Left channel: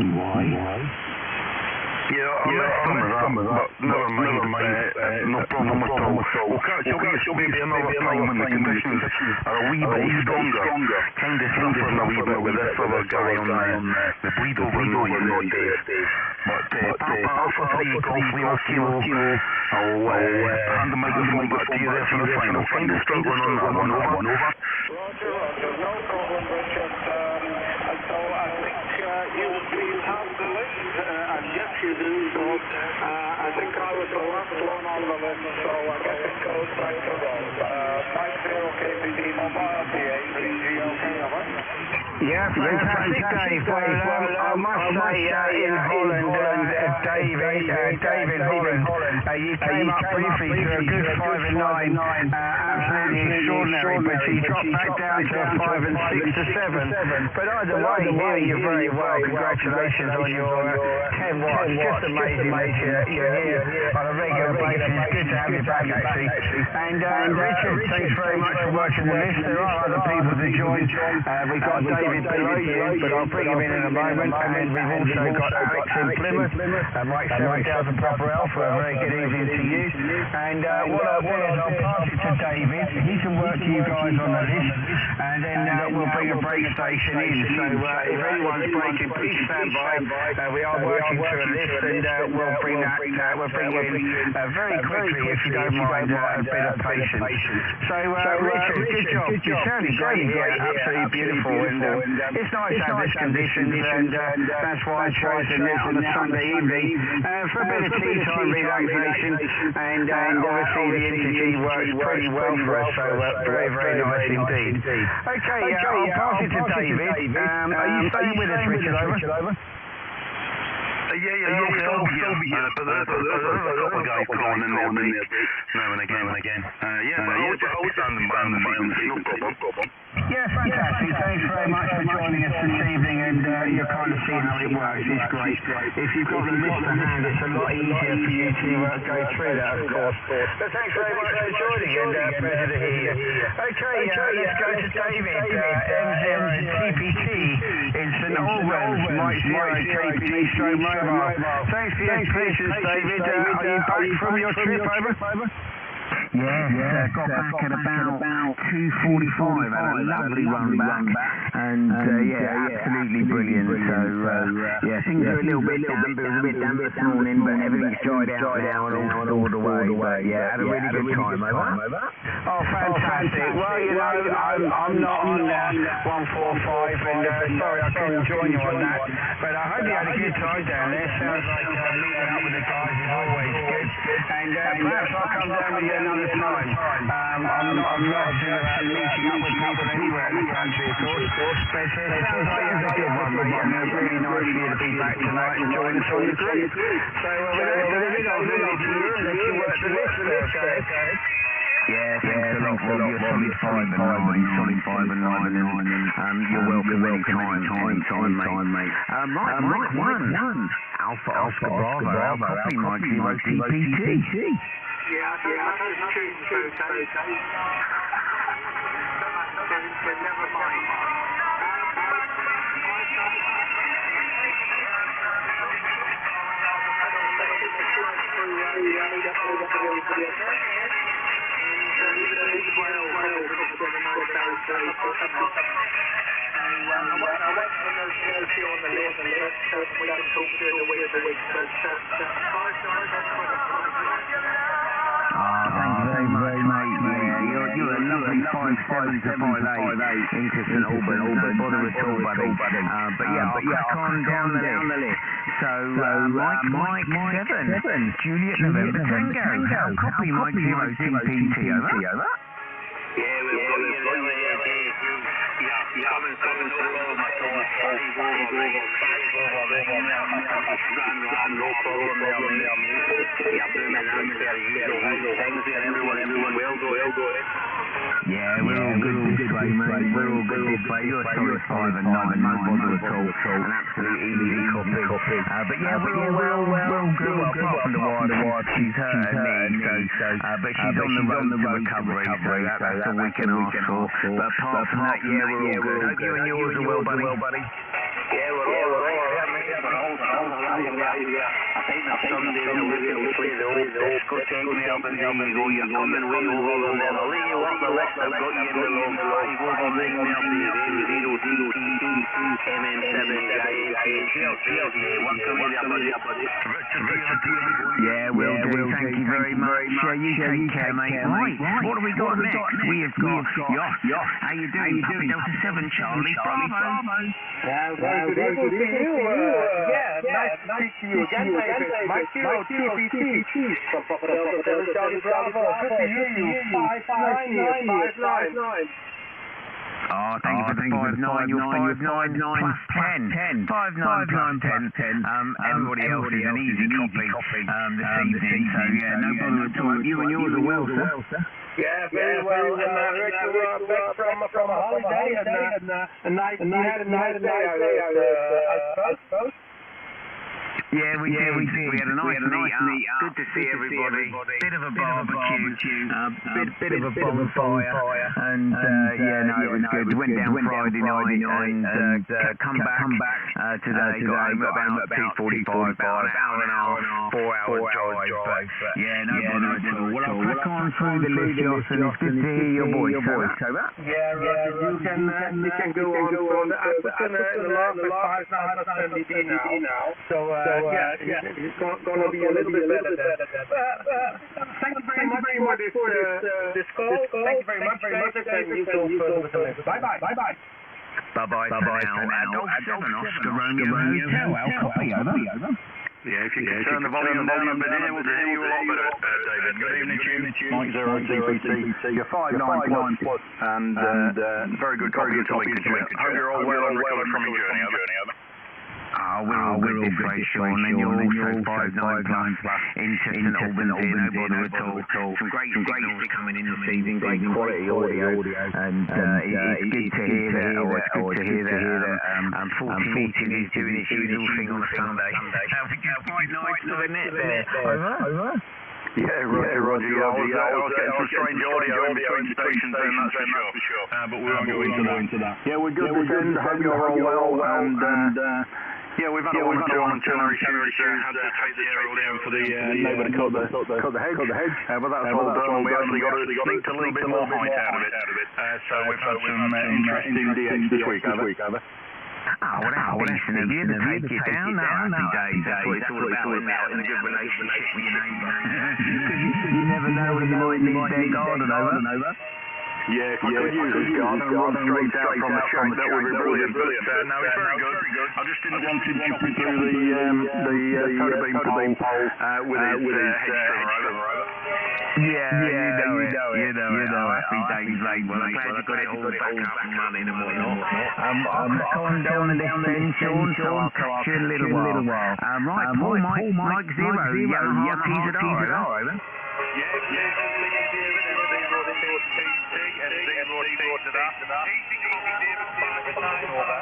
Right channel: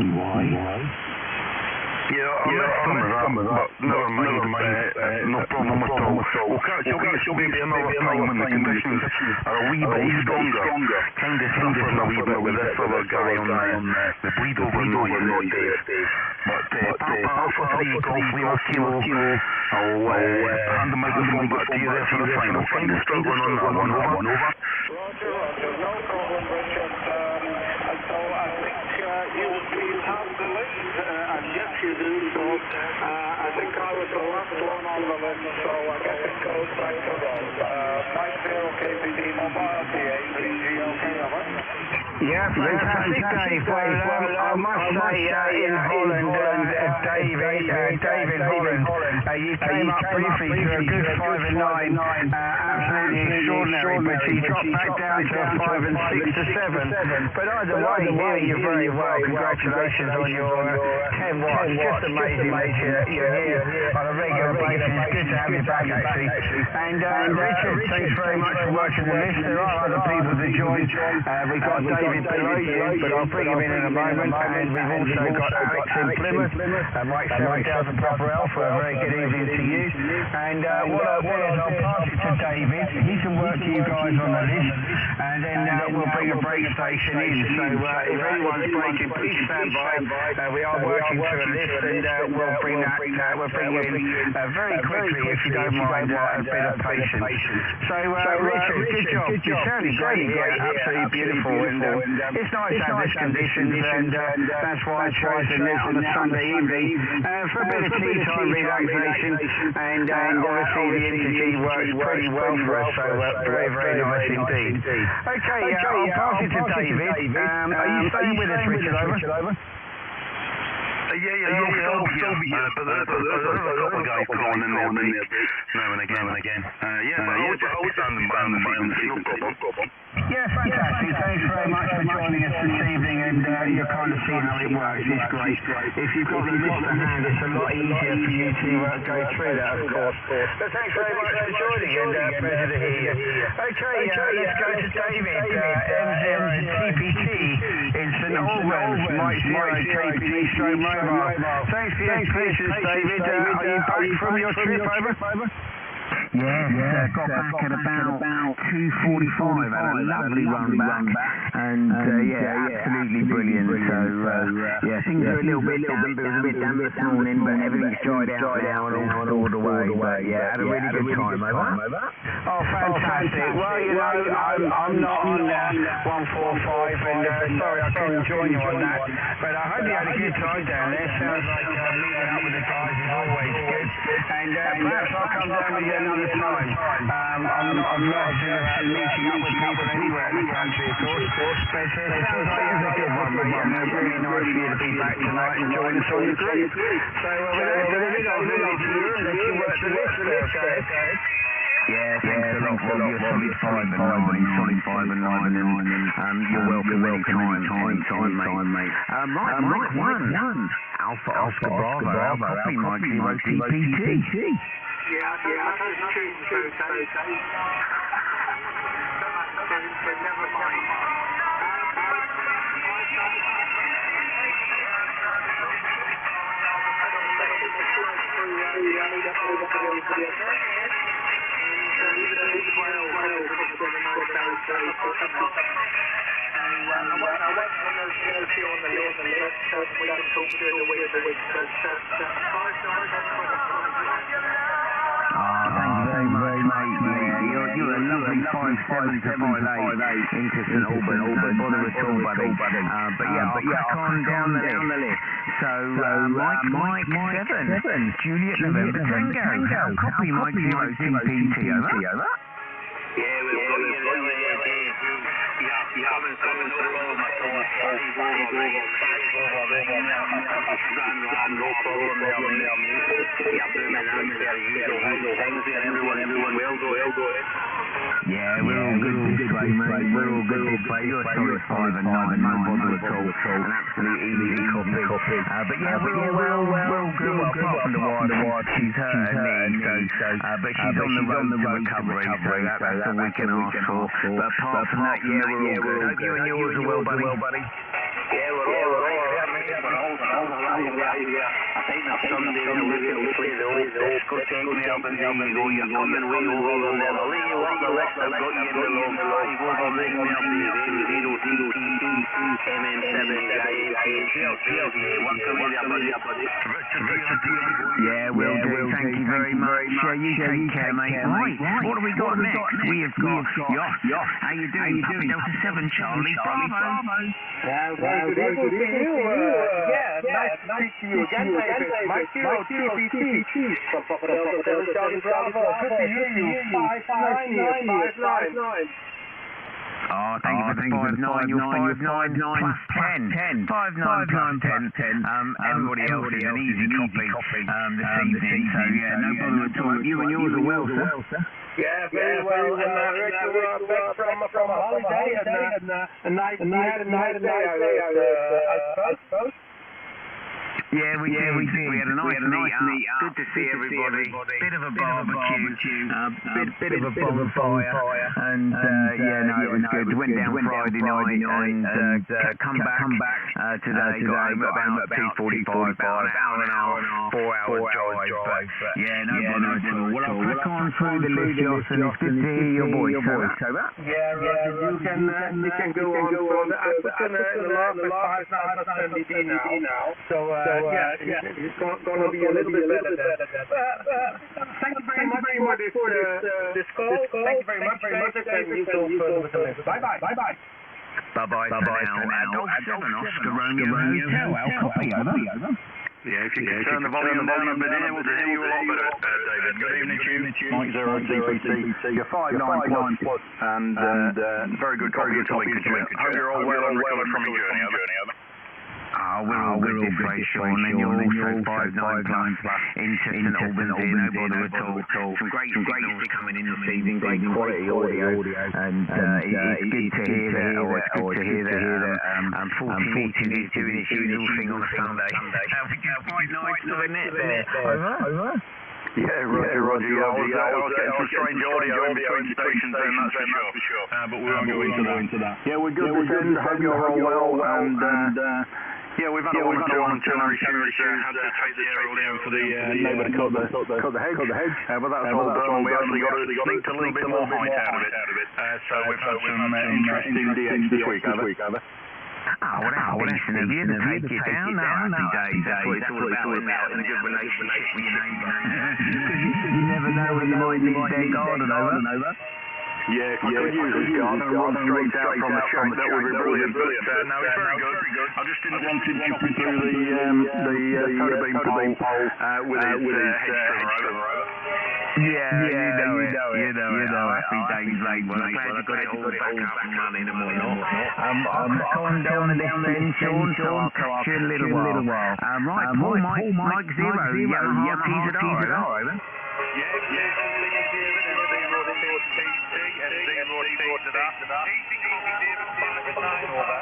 Why? Yeah, I messed some of that, but never mind, no problem at all. We'll catch up with you maybe another time when the conditions are a wee bit stronger. Kind of suffering a wee bit with this other guy on the bleed over noise there, Dave. But Papa Alpha 3 Golf Lima Kilo, I'll hand the microphone back to you there for the final. Kind of struggling on that one, over. Roger, no problem, Richard. So I think you have the list, and yes you do, so I think I was the last one on the list, so I guess it goes back to Rob. 50 KPD Mobile PA, GOK, over. Yeah, fantastic, Dave. Well, I must say, in Holland, Dave in Holland, you came up briefly to a good 5 and 9, absolutely extraordinary, but you dropped back down to a 5 and 6 to 7. But either way, hearing you very well, congratulations on your 10 watts. Just amazing that you're here on a regular basis. It's good to have you back, actually. And Richard, thanks very much for working the list. There are other people to join. We've got David below you, but I'll bring him in a moment. And we've also got Alex in Plymouth, Mike 7 Delta Papa Alpha. A very good evening to you. And what I'll do is I'll pass it to David. He can work you guys on the list, and then we'll bring a break station in. So if anyone's breaking, please stand by. We are working to a list, and we'll bring you in very quickly, if you don't mind a bit of patience. So Richard, good job. You're sounding great here, absolutely beautiful, and it's nice to have this conditions, and that's why I chose the net on a Sunday evening for a bit of tea time relaxation, and obviously the Interg works pretty well for us, so very, very nice indeed. Okay, I'll pass it to David. Are you staying with us, Richard, over? Yeah, you'll still be here, but there's a couple of guys calling in their break now and again. Yeah, but I'll just be standing by on the frequency, no problem. Yeah, fantastic. Thanks very much for joining us this evening, and you'll kind of see how it works. It's great. If you've got the list to hand, it's a lot easier for you to go through that, of course. But thanks very much for joining, and pleasure to hear you. Okay, let's go to David, M0TPT in St Albans, Mike 0 KPD stroke mobile. Thanks for your patience, David. Are you back from your trip, over? Yes, got back at about 2:45, had a lovely run back, and yeah, absolutely brilliant. So yeah, things are a little bit damp. It was a bit damp this morning, but everything's dried out now and all stored away. But yeah, had a really good time, over. Oh, fantastic. Well, you know, I'm not on 145, and sorry I couldn't join you on that, but I hope you had a good time down there. Sounds like meeting up with the guys is always good, and perhaps I'll come down with you another time. I'm not averse to meeting up with people anywhere in the country, of course, but it sounds like you had a good one, mate, and really nice for you to be back tonight and join us on the group. So without David, I'll hand it to you and let you work the list there, okay? Yeah, thanks a lot, Rob. You're solid 5 and 9, and you're welcome anytime, mate. Right, Mike 1, Alpha Oscar Bravo, our copy, Mike 0 TPT. Yeah, I don't know the tunes, okay? But never mind. Thank you very much, mate. Yeah, you're a lovely 5'7" to 5'8" into St Albans. No bother at all, buddy. But yeah, I'll crack on down the list. So, Mike 7, Juliet November Tango. How copy, Mike 0 TPT, over? Yeah, we've got you there, Dave. Yeah, coming through, no problem at all. 5 over, ringing there. No problem there, mate. Yeah, booming out there, usual things there, everyone well, go ahead. Yeah, we're all good this way, mate. We're all good this way. You're a solid 5 and 9, no bother at all. An absolute easy copy. But yeah, we're all well. We're all good. Well, apart from the wife, she's hurt her knee, but she's on the road to recovery, so that's all we can ask for. But apart from that, yeah, we're all good. Hope you and yours are well, buddy. Yeah, we're all right. Yeah, mate. for all sorts of right. I think there's somebody that looking to play the old discotheque there, but there you go, you're coming way over them there. I'll let you up the list, I've got you in the log 5 over 9 there, baby, M0TTT, MM7JNT, welcome in there, buddy. Yeah, will do, thank you very much. You take care, mate. Right, what have we got next? We have got Yoss. How you doing? Puppy Delta 7 Charlie Bravo. Yeah, very good evening to you. Nice to speak to you again, David. Mike Hero, TPT from Papa Delta 7 Charlie Bravo. Good to hear you. 5-9 here, 5-9. Oh, thank you for the 5-9. You're 5-9 plus 10. 5-9 plus 10. Everybody else is an easy copy this evening, so yeah, no bother at all. You and yours are well, sir. Yeah, very well. And I heard you were back from a holiday, and you had a nice day, I suppose. Yeah, we did. We had a nice meet up. Good to see everybody. Bit of a barbecue, bit of a bonfire, and yeah, no, it was good. Went down Friday night and come back today. Got home at about 2:45, about an hour and a half, 4-hour drive. But yeah, no bother at all. Well, I'll crack on through the list, Yoss, and it's good to hear your voice. Yeah, Roger, you can go on further. I put in the log with 5-9 plus MDD now. So yeah, it's going to be a little bit better there. Thank you very much for this call. Thank you very much, David, and you go further with the list. Bye-bye. Bye-bye for now. Golf 7 Oscar Romeo Hotel. Our copy, over. Yeah, if you could turn the volume down, I've been able to hear you a lot better, David. Good evening to you. Mike 0 TPT. You're 5-9 plus, and very good copy into Lincolnshire. Hope you're all well and recovered from your journey, over. Oh, we're all good this way, Sean, and you're also 5-9 plus into St Albans here, no bother at all. Some great signals coming in this evening, great quality audio, and it's good to hear that, 40 metres is doing its usual thing on a Sunday, which is quite nice for the net there. Over? Yeah, Roger. Yeah, I was getting some strange audio in between stations then, that's for sure. But we won't go into that. Yeah, we're good this end. I hope you're all well. And yeah, we've had a one or two antenna issues. Had to take the aerial down for the neighbour to cut the hedge. But that's all done, and we actually got sneaked a little bit more height out of it. So we've had some interesting DX this week, have we? Oh, well, that's decent of you to take it down. No, happy days. That's what it's all about, isn't it? Having a good relationship with your neighbour. Because you never know when you might need their garden, over. Yeah, if I could use this garden and run straight out from the shack, that would be brilliant. But no, it's very good. I just didn't want him chopping through the soda bean pole with his hedge trimmer, over. Yeah, you know it. Oh, happy days, mate. Well, I'm glad you got it all back up and running and whatnot. I'll crack on down the list then, Sean, so I'll catch you in a little while. Right, Paul, Mike 0, Yamaha TZR, over. Yeah, please, David, and 0 TTT, and 0 TZR. Easy copy, David, 5-9, over.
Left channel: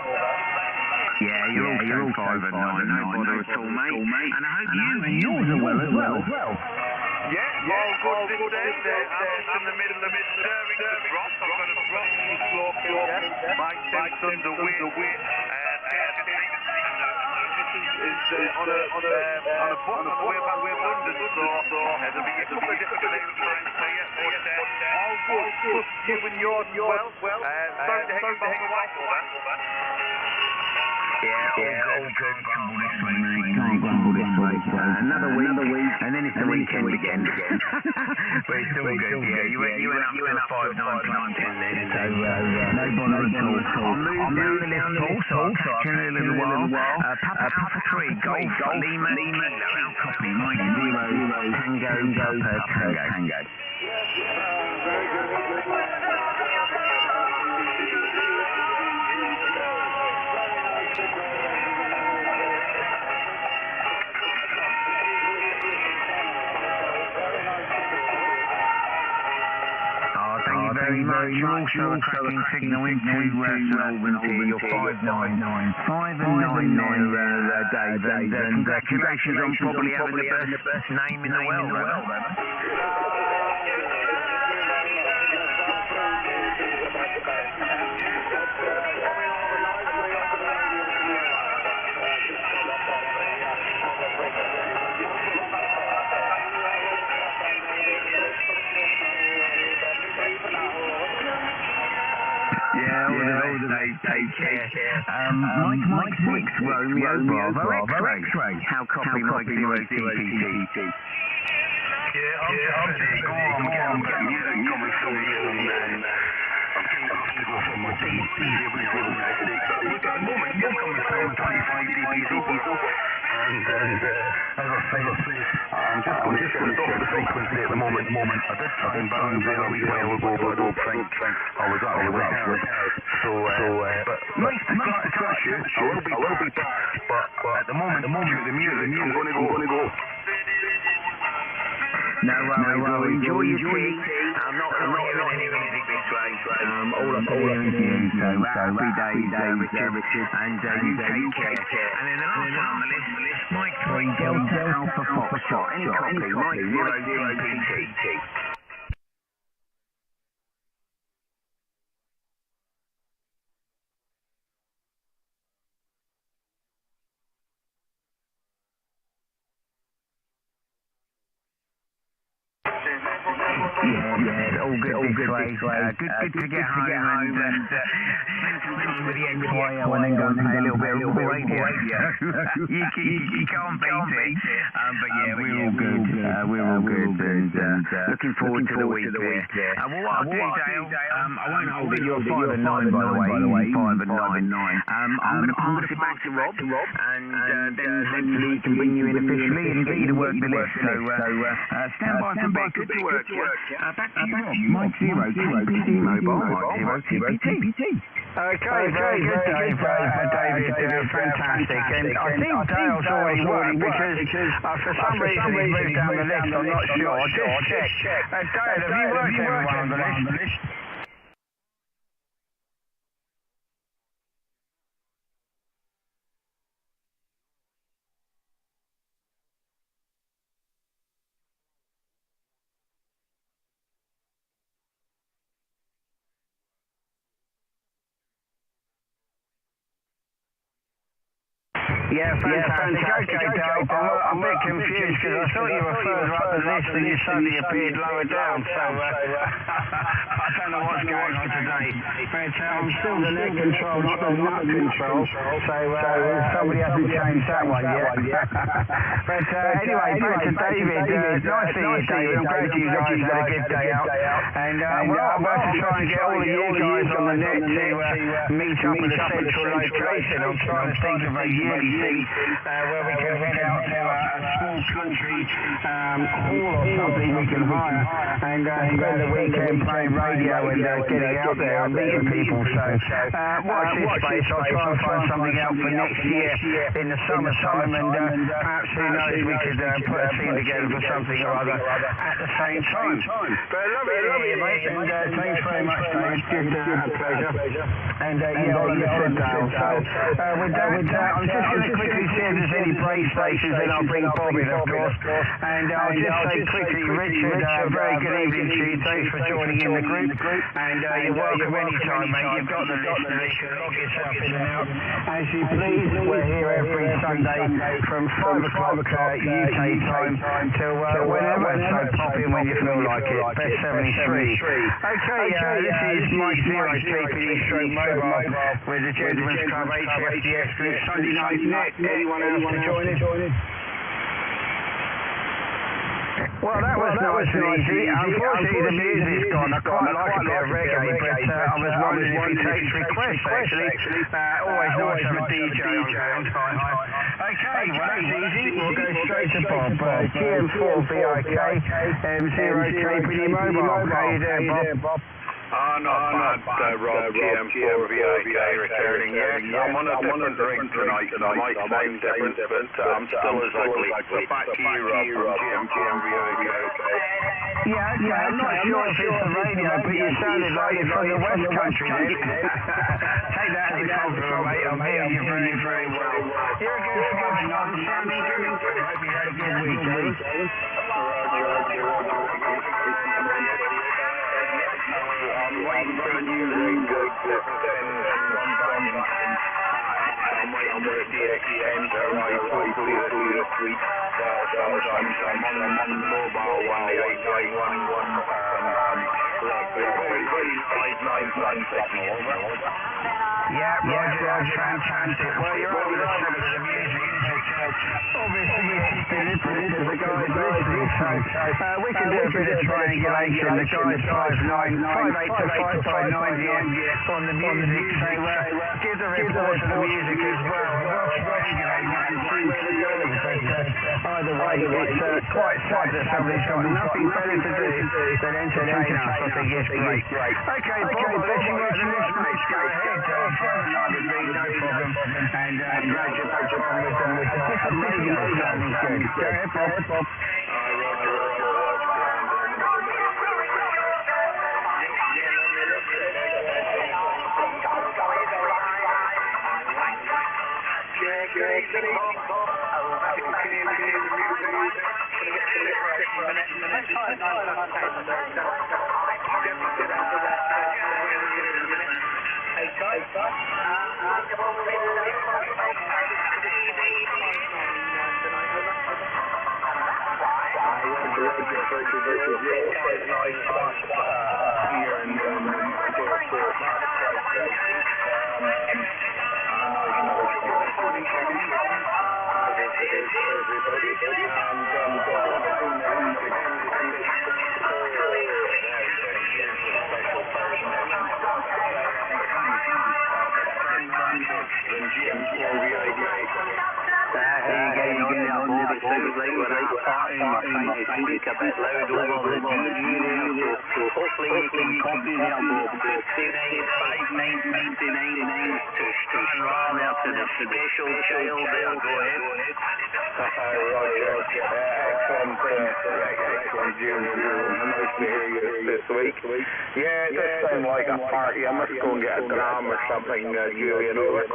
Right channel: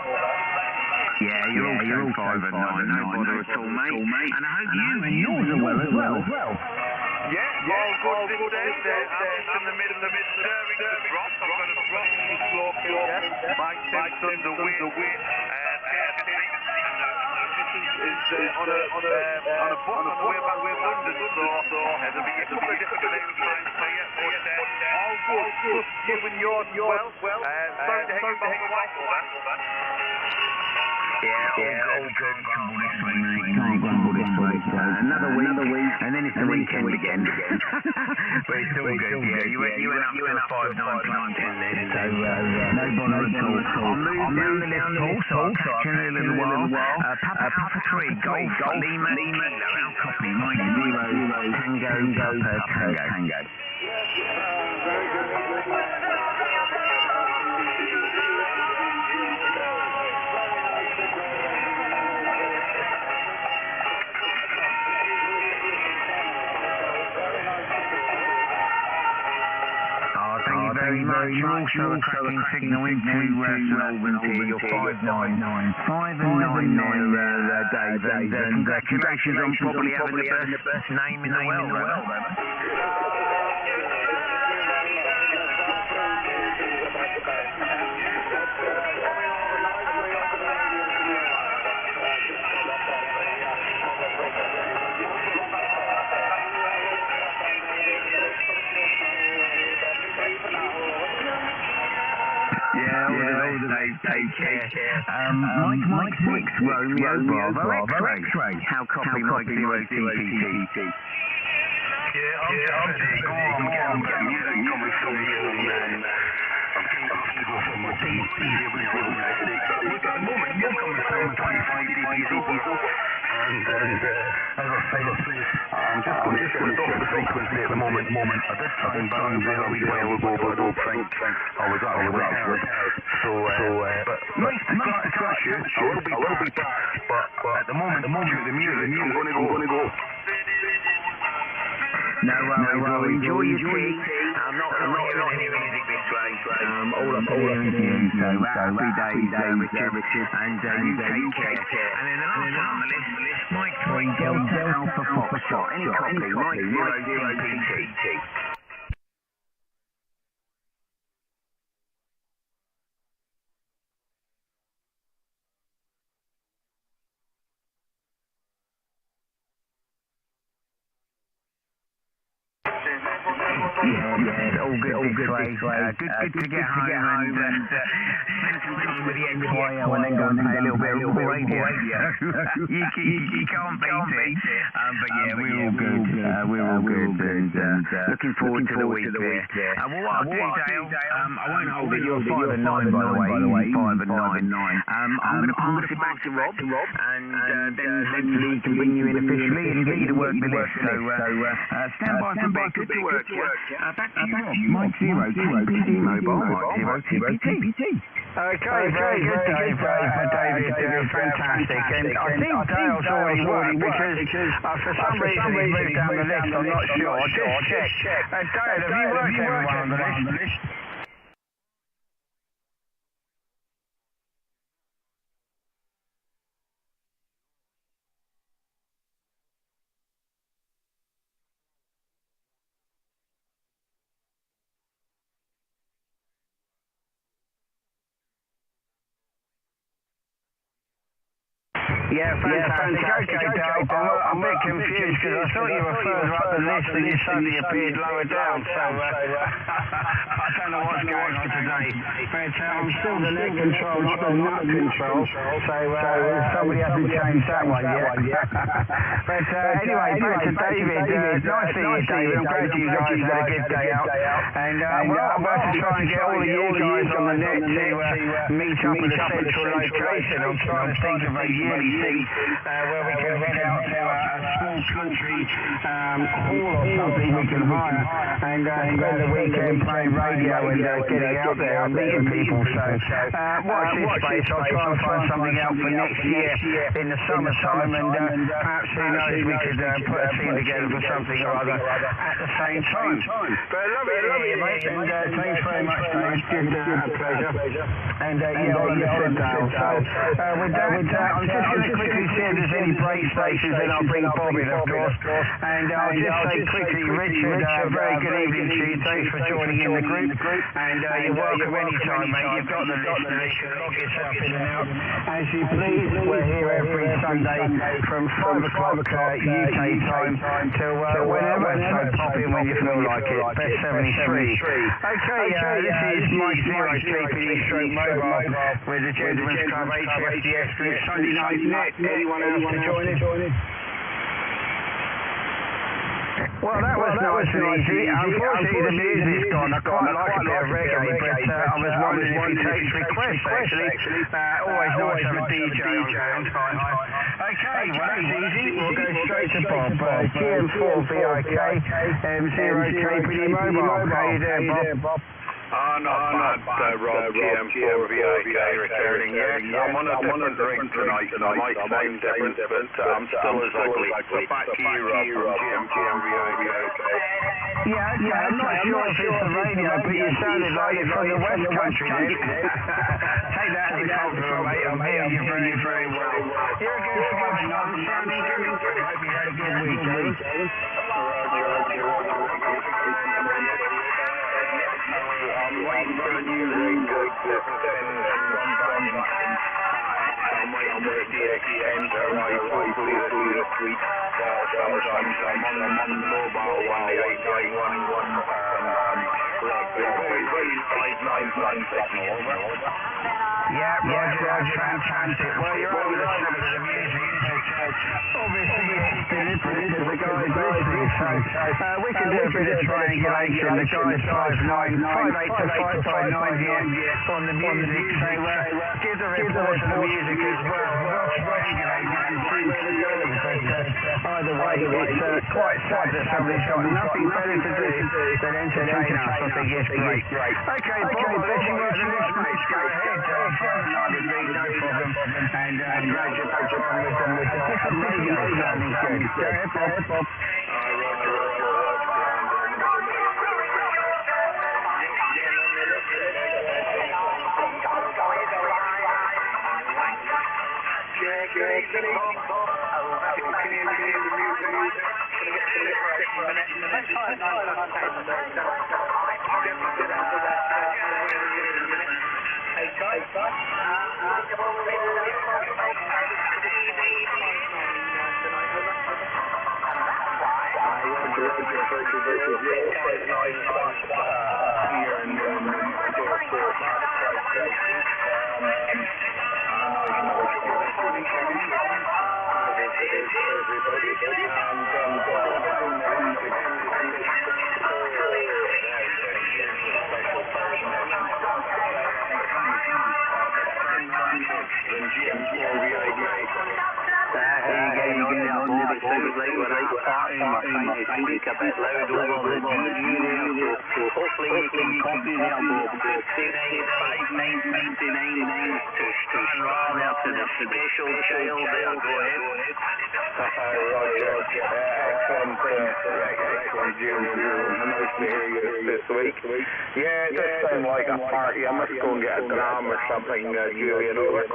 Yeah, you're also 5-9, no bother at all, mate. And I hope you and yours are well as well. Yeah, all good this end. I'm just in the middle of stirring the broth. I've got a broth in the slow cooker. My 10 tons of weight. Is on a bus on the way back to London, so there'll be a couple of different times here, but all good. Just you and yours as well. Sorry to hear about the wife, over. Yeah, all good. We can't grumble this way, mate. Can't grumble this way. Another week, and then it's the weekend again. But it's all good, yeah. You went up to a 5-9 plus 10 then, so no bother at all. I'll move down the list, Paul, so I'll catch you in a little while. Papa Alpha 3, Golf Lima Kilo, our copy, Mike 0, Tango Papa Tango. Thank you very much. You're also a cracking signal into St Albans here. You're 5-9. 5-9 there, Dave. And congratulations on probably having the best name in the world, right? take care. Mike 6, Romeo Bravo X-ray. How copy Mike 0 TPT? Yeah, I'm just ready to go. I'm getting a bit of music coming through here and I'm going to have to go for my DP here with a little bit of headache. But look, at the moment, you're coming through 25 dBs over. And as I said, I'm just going to shift off the frequency at the moment. I did try and bounce there a wee while ago, but I don't think I was actually heard. So, but nice to catch you. I will be back. But at the moment, due to the music, I'm going to go. No worries, well enjoy your tea. I'm not hearing any music this way. All I can hear is you, so happy days, Richard. And you take care. And then the last one on the list, Mike 3, Delta Alpha Foxtrot. Any copy, Mike 0 TPT. Yeah, all good this way. Good to get home and spend some time with the XYL and then go and play a little bit of radio. you can't beat it. But yeah, we're all good. And looking forward to the week there. Well, what I'll do, Dale, I won't hold it. You're 5 and 9, by the way. Easy 5 and 9. I'm going to pass it back to Rob, and then hopefully he can bring you in officially and get you to work the list. So stand by for a bit. Good to work, yeah. Back to you, Rob. Mike 0, KPD Mobile, Mike 0 TPT. Okay, very good, Dave. David, fantastic. And I think Dale's already worked because for some reason he's moved down the list. I'm not sure. Just check. Dale, have you worked everyone on the list? Yeah, fantastic. Okay, Dale, I'm a bit confused because I thought you were further up the list and you suddenly appeared lower down, so I don't know what's going on today. But I'm still the neck control, not the nut control, so somebody hasn't changed that one yet. But anyway, back to David. Nice seeing you, David. I'm glad you guys had a good day out. And, well, I'm about to try and get all of you guys on the net to meet up at a central location. I'm trying to think of a yearly thing where we can head out to a small country hall or something we can hire and spend the weekend playing radio and getting out there and meeting people. So watch this space. I'll try and find something out for next year in the summertime, and perhaps who knows, we could put a team together for something or other at the same time. But lovely to hear you, mate, and thanks very much, David. Good, pleasure. And yeah, all understood, Dale. So with that, I'm just going to quickly see if there's any break stations, and I'll bring Bob in, of course. And I'll just say quickly, Richard, very good evening to you. Thanks for joining in the group. And you're welcome anytime, mate. You've got the list there. You can log yourself in and out as you please. We're here every Sunday from 5 o'clock UK time till whenever. So pop in when you feel like it. Best 73. Okay, this is Mike 0 TPD Stroke Mobile with the Gentleman's Club Gchf Dx Net Sunday Night Net. Anyone else to join us? Well, that was nice and easy. Unfortunately, the music's gone. I quite like a bit of reggae, but I was wondering if he takes requests, actually. Always nice to have a DJ on hand. Hi. Okay, well, that's easy. We'll go straight to Bob. GM4VIK, M0 KPD Mobile. How you doing, Bob? Not bad, Rob, GM4VIK returning. Yes, I'm on a different rig tonight, so I might sound different, but I'm still as ugly. So back to you, Rob, from GM4VIK. Yeah, okay, I'm not sure if it's the radio, but you sounded like you're from the West Country then. Take that as a compliment, mate. I'm hearing you very, very well. You're a good 5 and 9, sounding good. I hope you had a good weekend. I'm waiting for a new rig that's gone back. I'm waiting for the DX10 to arrive, hopefully this week. Sometimes I'm on the mobile one, the 891 597 signal, over. Yeah, Roger, that's fantastic. Well, you're over the sound of the music, but obviously it's deliberate because the guy's listening, so we can do a bit of triangulation. The guy's 5'8" to 5'9" here on the music, so give the report to the music as well. We'll triangulate that and see where it goes, but either way, it's quite sad that somebody's got nothing better to do than entertain us. I think it's great. Okay, Bob, I'll let you work the list, mate. Go ahead. 5 and 9 would be no problem, and glad you're back on with different radio. Sounding good. Go ahead, Bob. How are you getting on there, Bob? It sounds like we're at a party and we're trying to speak a bit loud over the DG there, so hopefully you can copy there, Bob. 595959 to Stranraer there to the special child there, go ahead. Roger, excellent, Julian. Nice to hear you this week. Yeah, it does sound like a party. I must go and get a dram or something, Julian, over.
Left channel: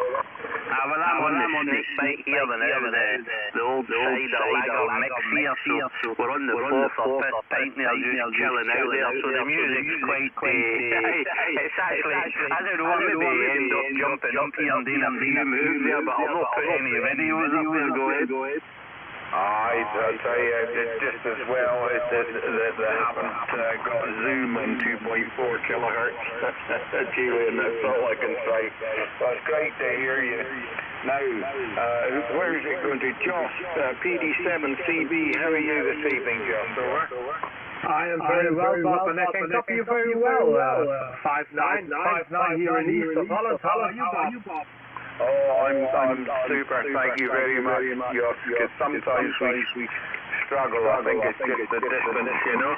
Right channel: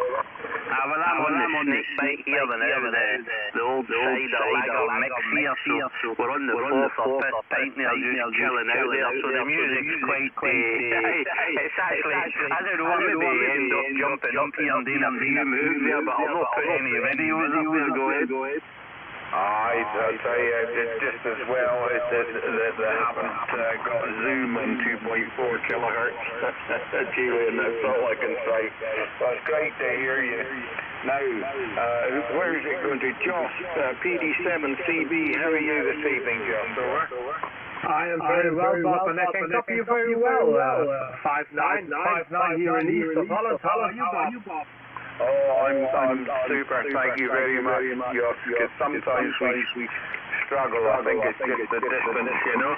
Well, I'm on the snake bite here now, the old cider lager mix here, so we're on the 4th or 5th pint there, just chilling out there, so the music's quite, it's actually, I don't know, I maybe end up jumping up here and doing a few moves there, but I'll not put any videos up there, go ahead. I'll tell you, just as well, they haven't got Zoom on 2.4 kilohertz, Julian, that's all I can say. Well, it's great to hear you. Now, where is it going to? Joss, PD7CB, how are you this evening, Joss? Over? I am very well, Bob, and I can copy you very well. 5'9" here in east of Holland. How are you, Bob? Oh, I'm super. Thank you very much, Joss, because sometimes we struggle. I think it's just the distance, you know,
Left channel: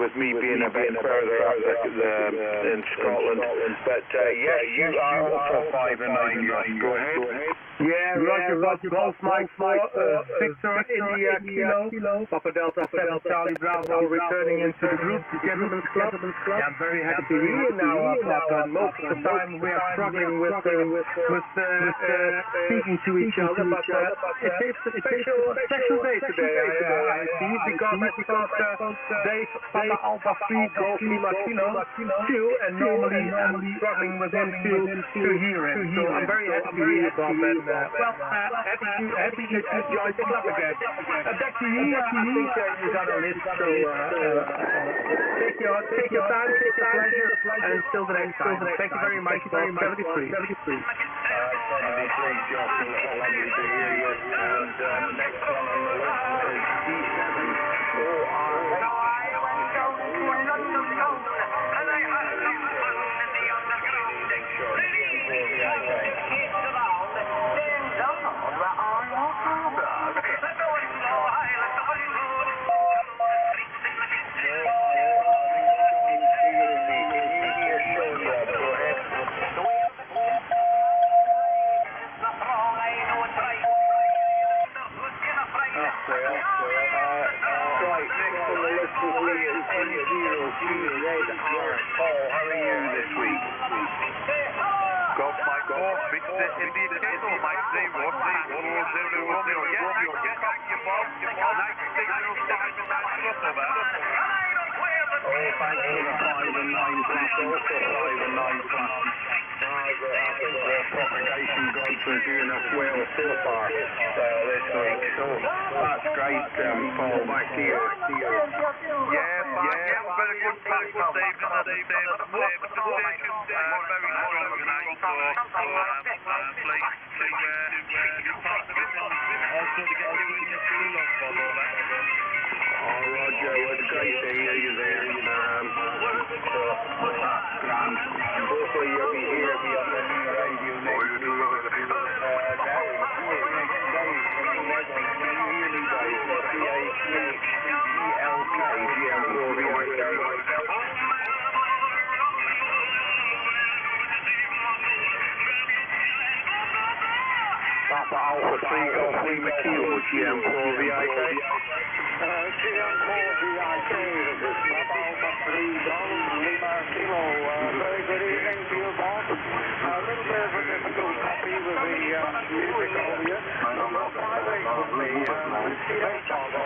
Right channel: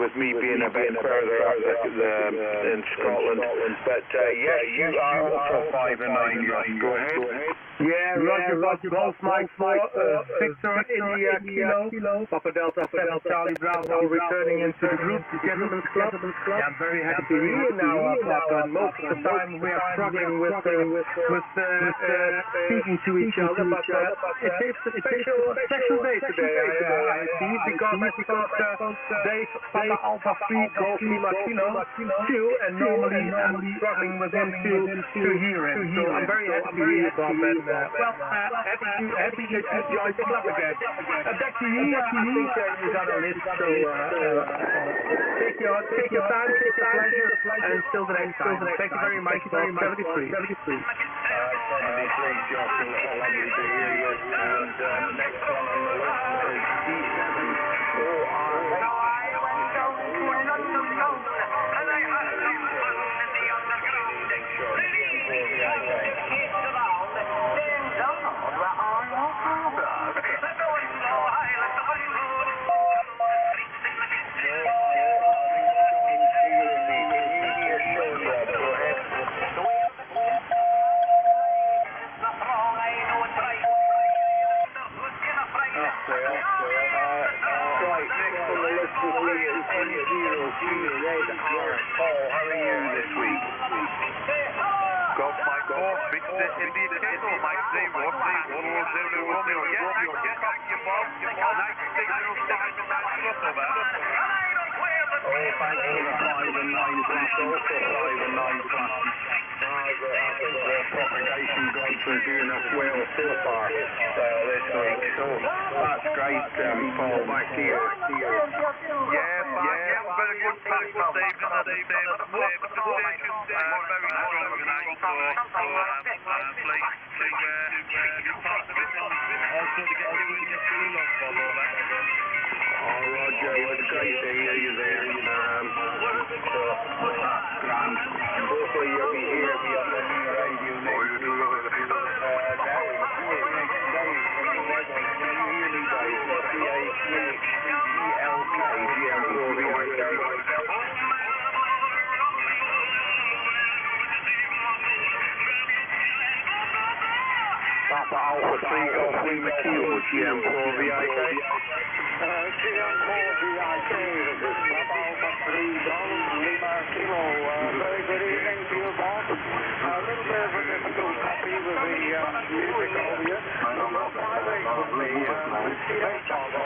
with me being a bit further up in Scotland. But yes, you are also 5 and 9, Joss. Go ahead. Yeah, Roger, Bob, Golf Mike 4, Victor, India, Kilo, Papa Delta 7, Charlie Bravo, returning into the group, the Gentleman's Club. Yeah, I'm very happy to hear you now, Bob, and most of the time we are struggling with speaking to each other, but it's a special day today, I see, because I spoke Dave, Papa Alpha 3, Golf Lima Kilo, 2, and normally I'm struggling with him to hear him, so I'm very happy to hear you, Bob, and happy that you joined the club again. Back to you, I think you got a list, so take your time, take your pleasure, and until the next time. Thank you very much, Bob. 73. 73, Josh, lovely to hear you. And next one on the list is D7. I went down to London town, and I had some fun in the underground. Right, next on the list will be M02 Red R. Paul, how are you this week? Golf Mike 4, Victor India Kilo, Mike 0, Tango Zulu Romeo. Yeah, nice to copy you, Bob. 9605 and that's Russell there. Oh, thanks for the 5 and 9 plus, also 5 and 9 plus. I think the propagation gods we're doing us well so far this week. So that's great, Paul. Back to you. Yeah, fine. Yeah, we've got a good pack this evening at the same. Most of the stations very strong tonight, so I'm pleased to be part of it and also to get you in the school on Bob over. Oh, Roger, it was great to hear you there. So that's grand. Hopefully you'll be here on the new radio next week. Can you hear me, guys? GLK, GM4VIK. Papa Alpha 3 Golf Lima Kilo, GM4VIK. GM4VIK, this is Papa Alpha 3 Golf Lima Kilo. Very good evening to you, Bob. A little bit of a difficult copy with the music over you.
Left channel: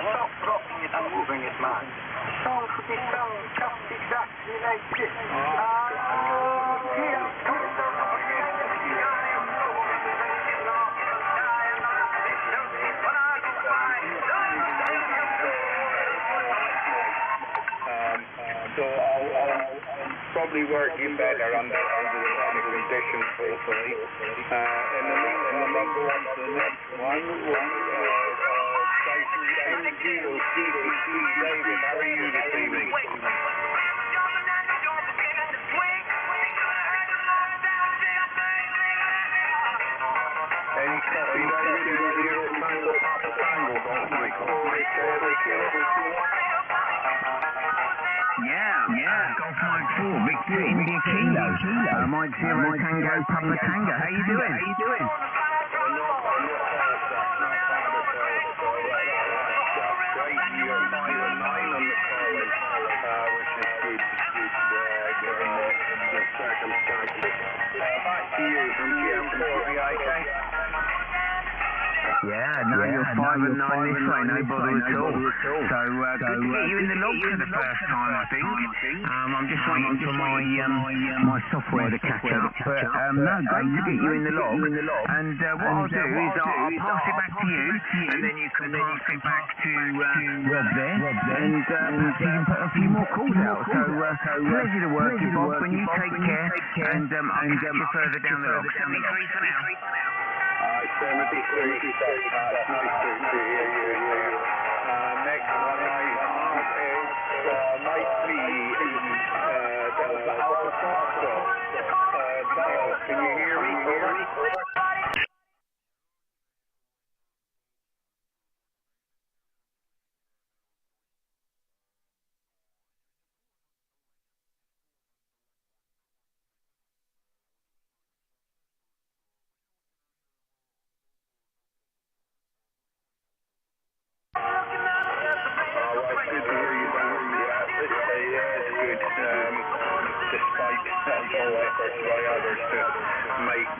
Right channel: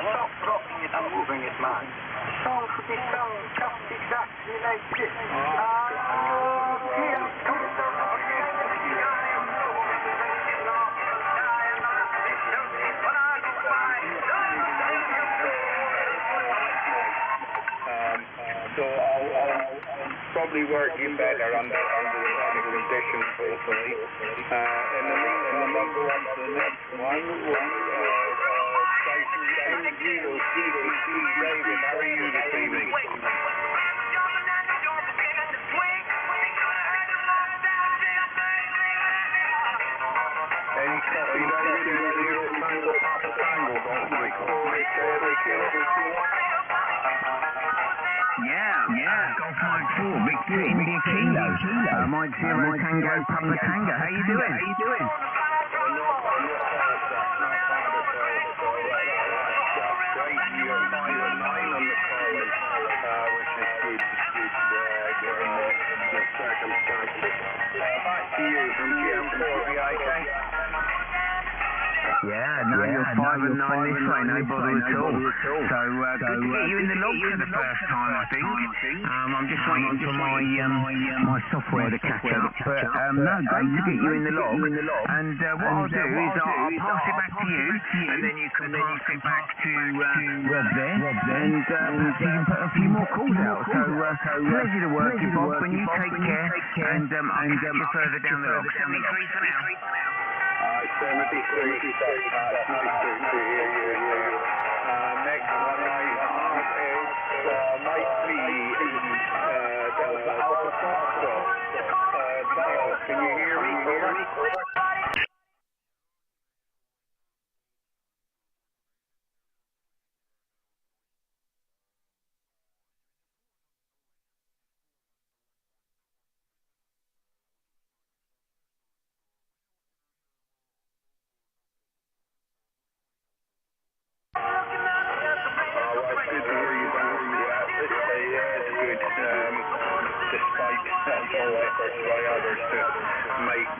Stop dropping it and moving it, man. Song for this song, just exactly like this. So I'll probably work you better under the better conditions, hopefully. In the meantime, I'll go on to the next one. Station N0CPT. David, how are you this evening? Any copy, David? N0 Tango Papa Tango, Golf Mike 4 Kilo. Yeah, Golf Mike 4, Victor India Kilo, Mike 0 Tango Papa Tango. How you doing? Back to you from GM4VIK. Yeah, no, you're 5 and 9 this way, no bother at all. So good to get you in the log for the first time, I think. I'm just waiting for my software to catch up, but no, great to get you in the log. And what I'll do is I'll pass it back to you, and then you can pass it back to Rob there, and perhaps you can put a few more calls out. So pleasure to work you, Bob. When you take care, and I'll catch you further down the log. 73 for now. 73. Nice to hear you there. Next one I have is might be Delta Alpha Foxtrot. Dial, can you hear me? Over. Good to hear you, Dan. Yeah, it's good. Despite all efforts by others to make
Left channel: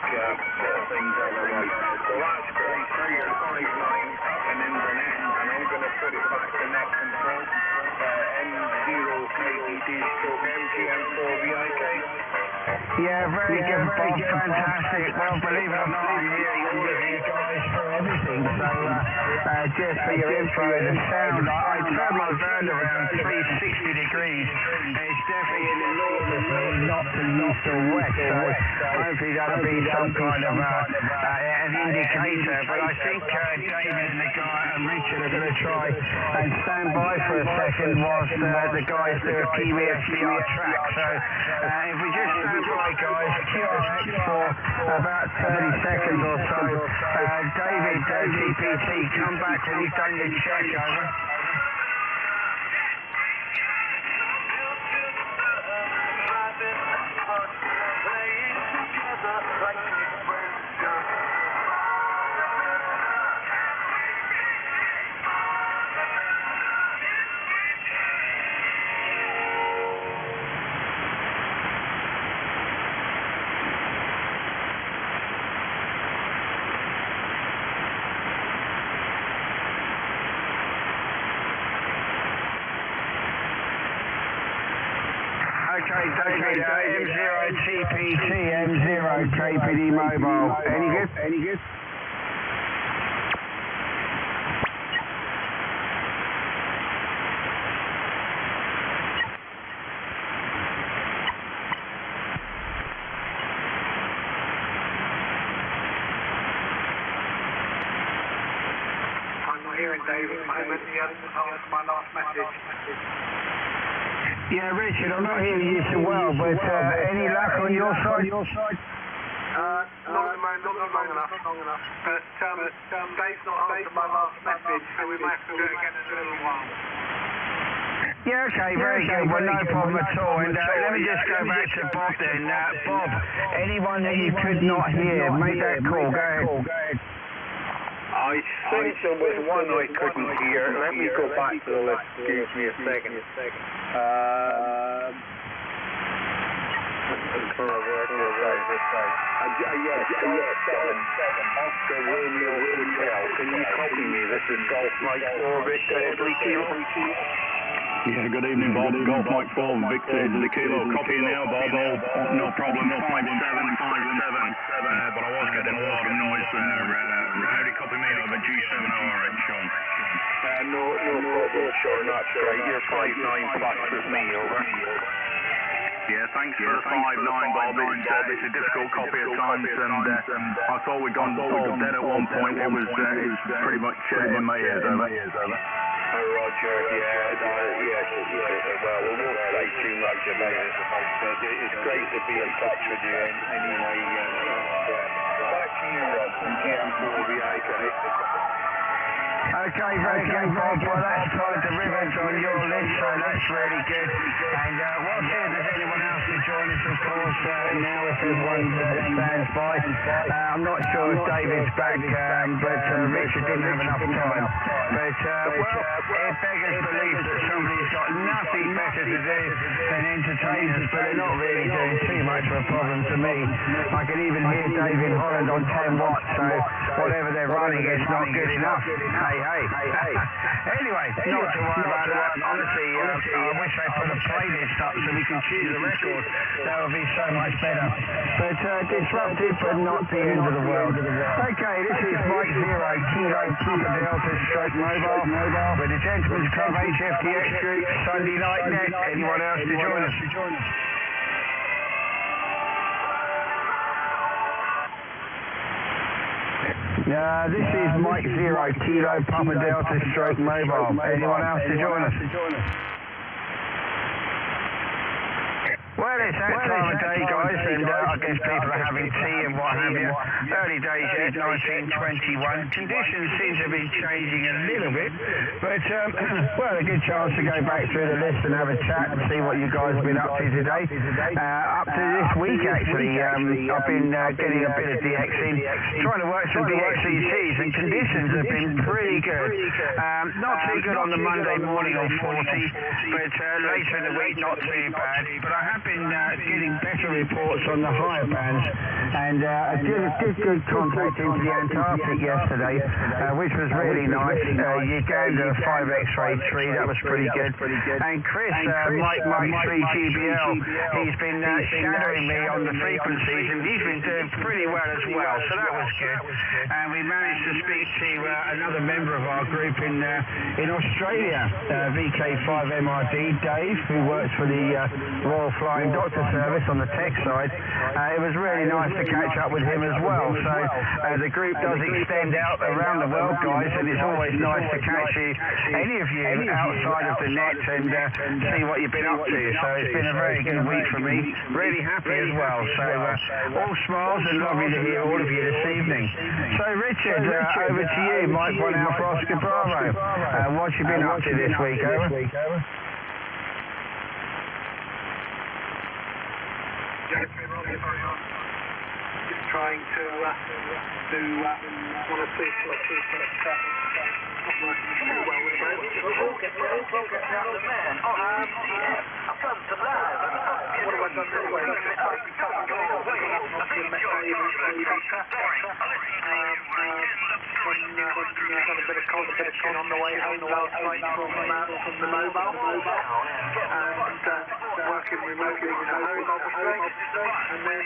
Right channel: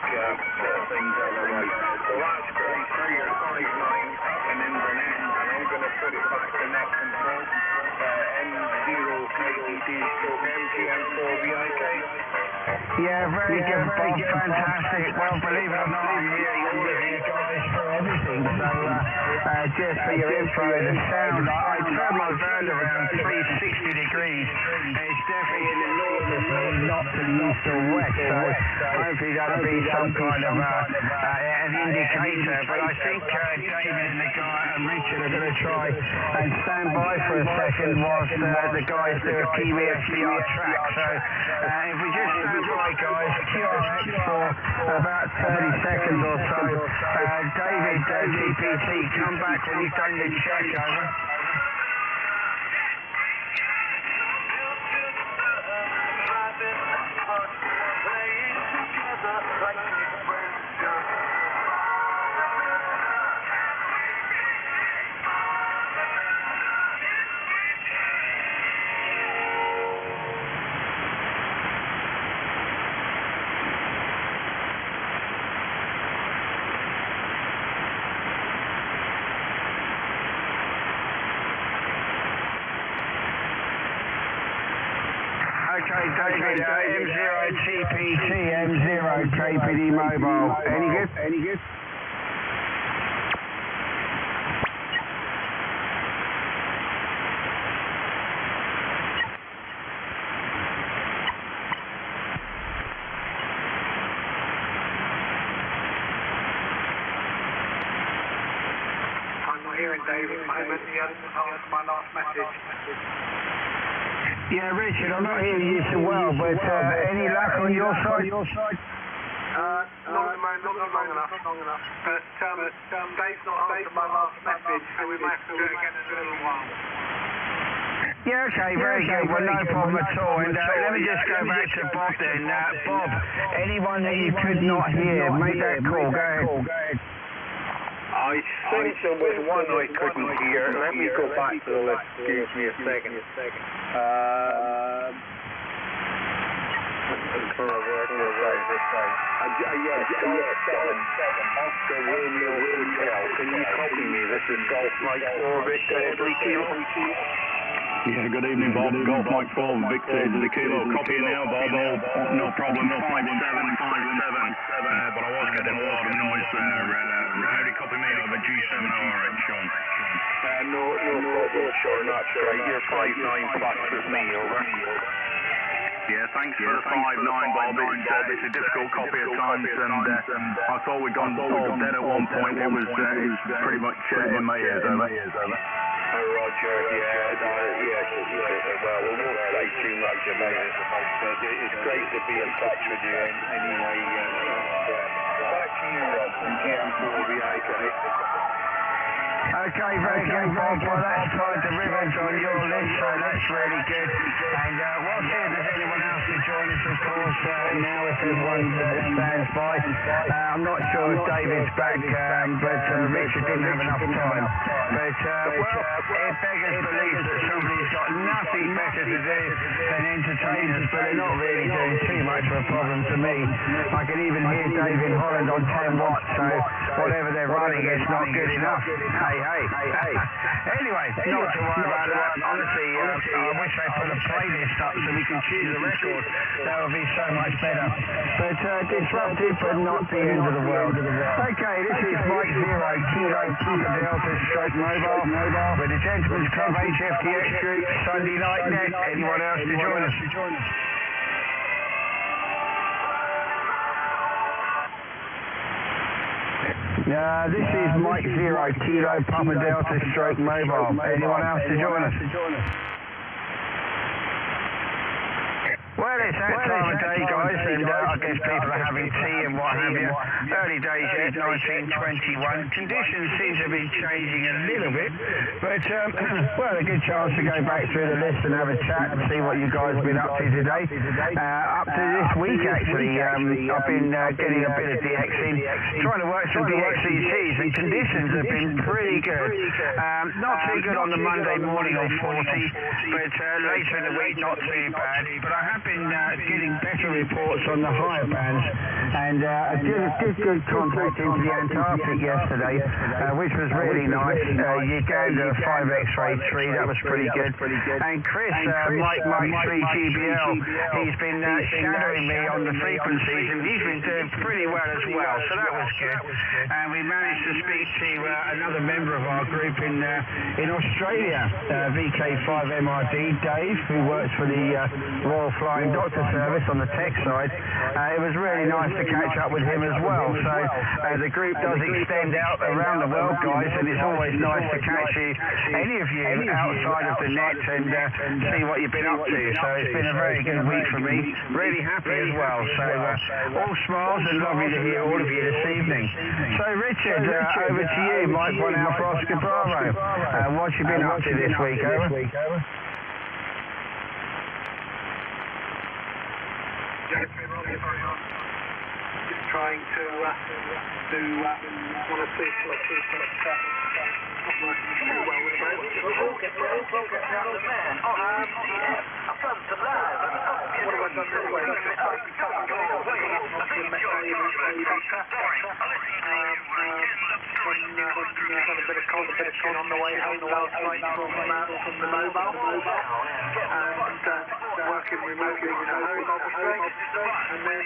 things otherwise. Well, that's great. So you're 5-9 up in Inverness, and I'm going to put it back to net control. M0KDD/MGM4VIK. Yeah, very good, Bob. Fantastic. Well, believe it or not, I'm hearing all of you guys for everything. So, just for your info, the sound, I turned my van around 360 degrees. It's definitely in the north of me, not to the east or west. So, hopefully that'll be some kind of an indicator. But I think David and the guy and Richard are going to try and stand by for a second whilst the guys do a Kiwi SVR track. So, if we just stand by, guys, QRX for about 30 seconds or so. David, GPT, come back when you've done your check, over. Okay, David, M0TPT, M0K APD mobile. Any good? I'm not hearing Dave at the moment. He hasn't answered my last message. Yeah, Richard, I'm not hearing you so well, but any luck on your side? Not at the moment, not long enough. But Dave's not answered my last message, so we might have to do it again in a little while. Yeah, okay, very good. Well, no problem at all. And let me just go back to Bob then. Bob, anyone that you could not hear, make that call. Go ahead. I think there was one I couldn't hear. Let me go back to the list. Excuse me a second. Yes, Golf 7, Oscar Romeo Hotel. Can you copy me? This is Golf Mike 4 Victor Italy Kilo. Yeah, good evening, Bob. Golf Mike 4, Victor Italy Kilo. Copy now, Bob. No problem. 5757. But I was getting a lot of noise there. How do you copy me over G7ORX, Sean? No problem, Sean. That's great. You're 59 plus with me, over. Yeah, thanks for the 5-9, Bob. It's a difficult copy at times, and I thought we'd gone all dead at one point. It's pretty much in my ears, over. Roger, yes. Well, we won't say too much about it, but it's great to be in touch with you anyway. Back to you, Rob, from GM4VIK. Okay, very good, Bob. Well, that's tied the ribbons on your list, so that's really good. And we'll see if there's anyone else to join us, of course, now if everyone stands by. I'm not sure if David's back, but Richard didn't have enough time. But, well, it beggars belief that somebody's got nothing better to do than entertain us, but they're not really doing too much of a problem to me. I can even hear David Holland on 10 watts, so whatever they're running, it's not good enough. Hey. Anyway, not to worry about that. Honestly, I wish they put a playlist up so we can choose a record. That would be so much better. But disruptive, but not the end of the world. Okay, this is Mike 0 Kilo Papa Delta Stroke Mobile with the Gentleman's Club Gchf Dx Group Sunday Night Net. Anyone else to join us? This is Mike 0 Kilo Papa Delta Stroke Mobile. Anyone else to join us? Well, it's that time of day, guys, and I guess people are having tea and what have you. Early days yet, 1921. Conditions seem to be changing a little bit, but, well, a good chance to go back through the list and have a chat and see what you guys have been up to today. Up to this week, actually, I've been getting a bit of DX in, trying to work some DXCCs, and conditions have been pretty good. Not too good on the Monday morning on 40, but later in the week, not too bad. But I have been getting better reports on the higher bands, and I did good contact into the Antarctic yesterday, which was really nice. Uganda 5 X-ray 3, that was pretty good. And Chris, Mike 3 GBL, he's been shadowing me on the frequencies, and he's been doing pretty well as well, so that was good. And we managed to speak to another member of our group in Australia, VK5MRD, Dave, who works for the Royal Flying Doctor Service on the tech side. It was really nice to catch up with him as well. So the group does extend out around the world, guys, and it's always nice to catch you, any of you, outside of the net and see what you've been up to. So it's been a very good week for me. Really happy as well. So all smiles and lovely to hear all of you this evening. So Richard, over to you, Mike 1 Alpha Oscar Bravo. What you been up to this week, over? Just trying to do one or two switches, but not working very well with those. Focus on the man on GCF. I've done some live and stuff. What have I done this week? Had a bit of competition on the way home last night from the mobile, and working remotely at home, obviously. And then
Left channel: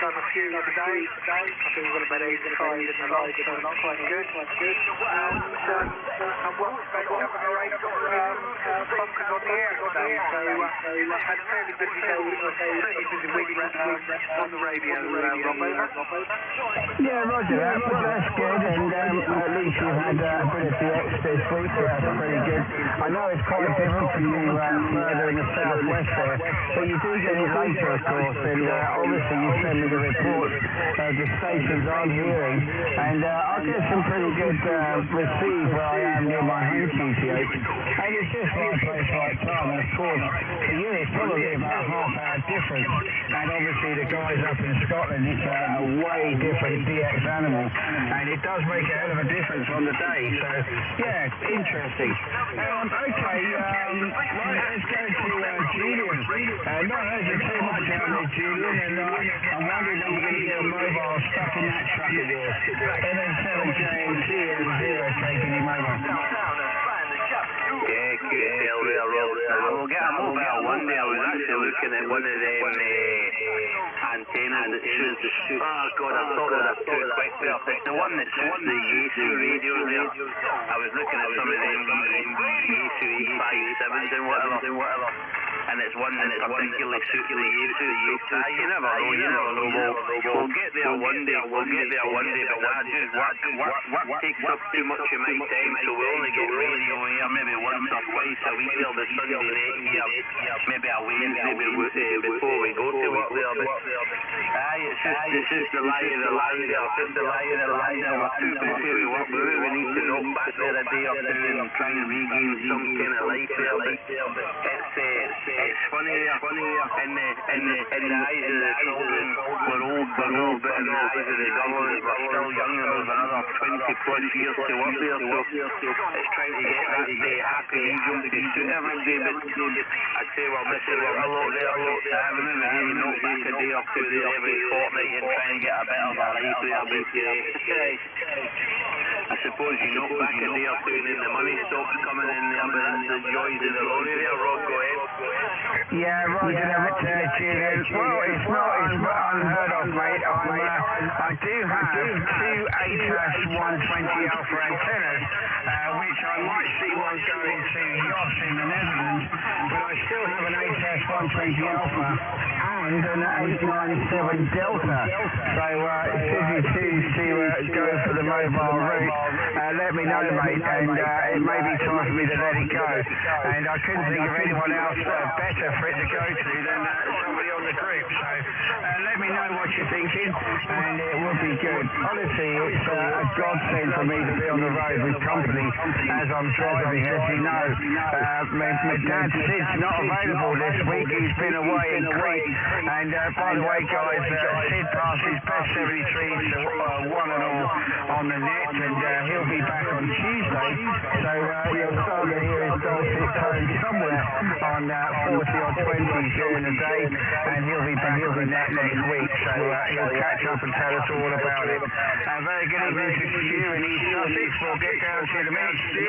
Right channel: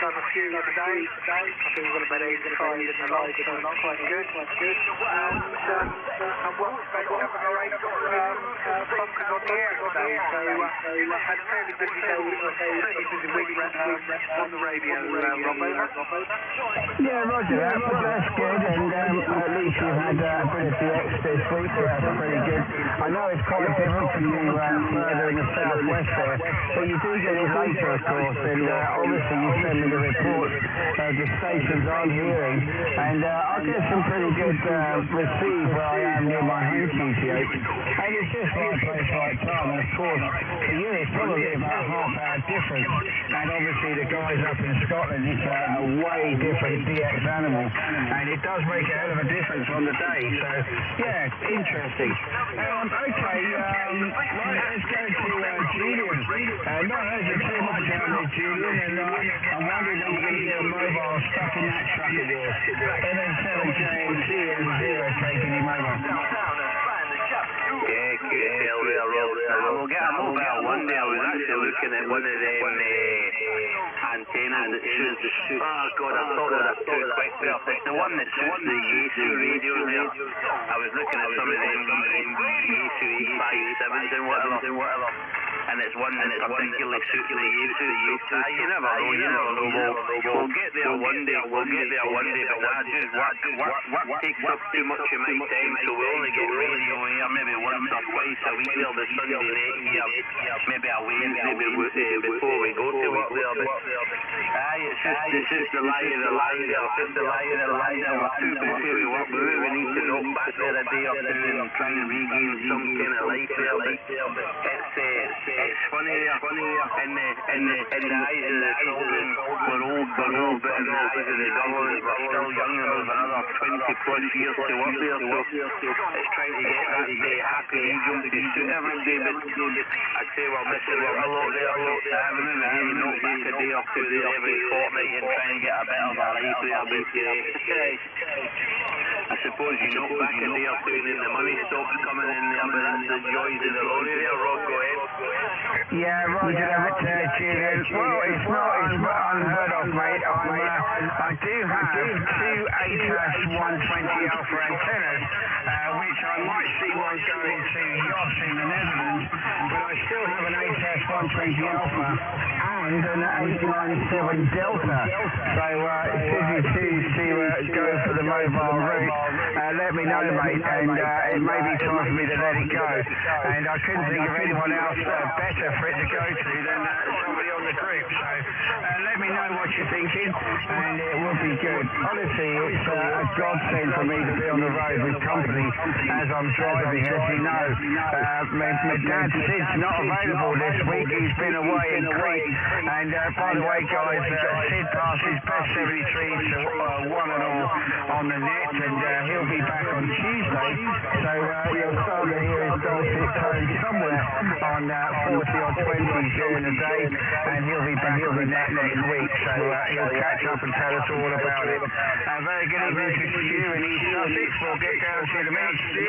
done a few today. I think we've got about 85 in the log, so it's quite good. And well, about 7 or 8 bunkers on the air today, so had a fairly busy day, fairly busy week on the radio, Rob, over. Yeah, roger that. Well, that's good, and at least you've had a bit of DX this week, so that's pretty good. I know it's quite different for you further in the southwest there, but you do get it later, of course, and obviously you send me the reports, the stations I'm hearing, and I get some pretty good receive where I am near my home QTH, and it's just right place, right time, and of course, for you it's probably about a half-hour difference, and obviously the guys up in Scotland, it's a way different DX animal, and it does make a hell of a difference on the day, so yeah, interesting. Okay, right, let's go to Julian. Not heard you too much out there, Julian, and I'm wondering when you're going to get a mobile stuck in that truck of yours. NN7JMT and 0 taking your mobile. Yeah, QSL there, Rob. We'll get a mobile one day. I was actually looking at one of them antennas that suits. Oh God, I thought of that too quick there. It's the one that suits the Yaesu radios there. I was looking at some of them Yaesu 857s and whatever. And it's one that particularly suits the Yaesu. So you never know. We'll get there one day. But nah, just work takes up too much of my time, so we only get radio here maybe once or twice a week there, the Sunday night here, maybe a Wednesday before we go to work there. But it's just the lie of the land there. We're too busy with work. We really need to knock back there a day or two and try and regain some kind of life there. But it's funny there. In the eyes of the children, we're old buggers, but in the eyes of the government, we're still young and we've another 20 plus years to work there. So it's trying to get that happy medium to suit everybody. But I'd say we're missing out a lot there. So we maybe knock back a day or two there every fortnight and try and get a bit of a life there. But I suppose you knock back a day or two and then the money stops coming in there, but that's the joys of the lorry there. Rob, go ahead. Yeah, roger that, Julian. Well, it's not unheard of, mate. I do have two ATAS 120 Alpha antennas, which I might see one going to Jos in the Netherlands, but I still have an ATAS 120 Alpha and an 897 Delta. So should you choose to go for the mobile route, let me know, mate, and it may be time for me to let it go. And I couldn't think of anyone else better for it to go to than somebody on the group. So let me know what you're thinking, and it would be good. Honestly, it's a godsend for me to be on the road with company as I'm driving. As you know, my dad Sid's not available this week. He's been away in Crete. And by the way, guys, Sid passed his best 73s to 1 and all on the net, and he'll be back on Tuesday. So you'll start to hear his dulcet tones somewhere on 40 or 20 during the day, and he'll be back on the net next week. So he'll catch up and tell us all about it. Very good evening to Stu in East Sussex. We'll get down to you in a minute, Stu.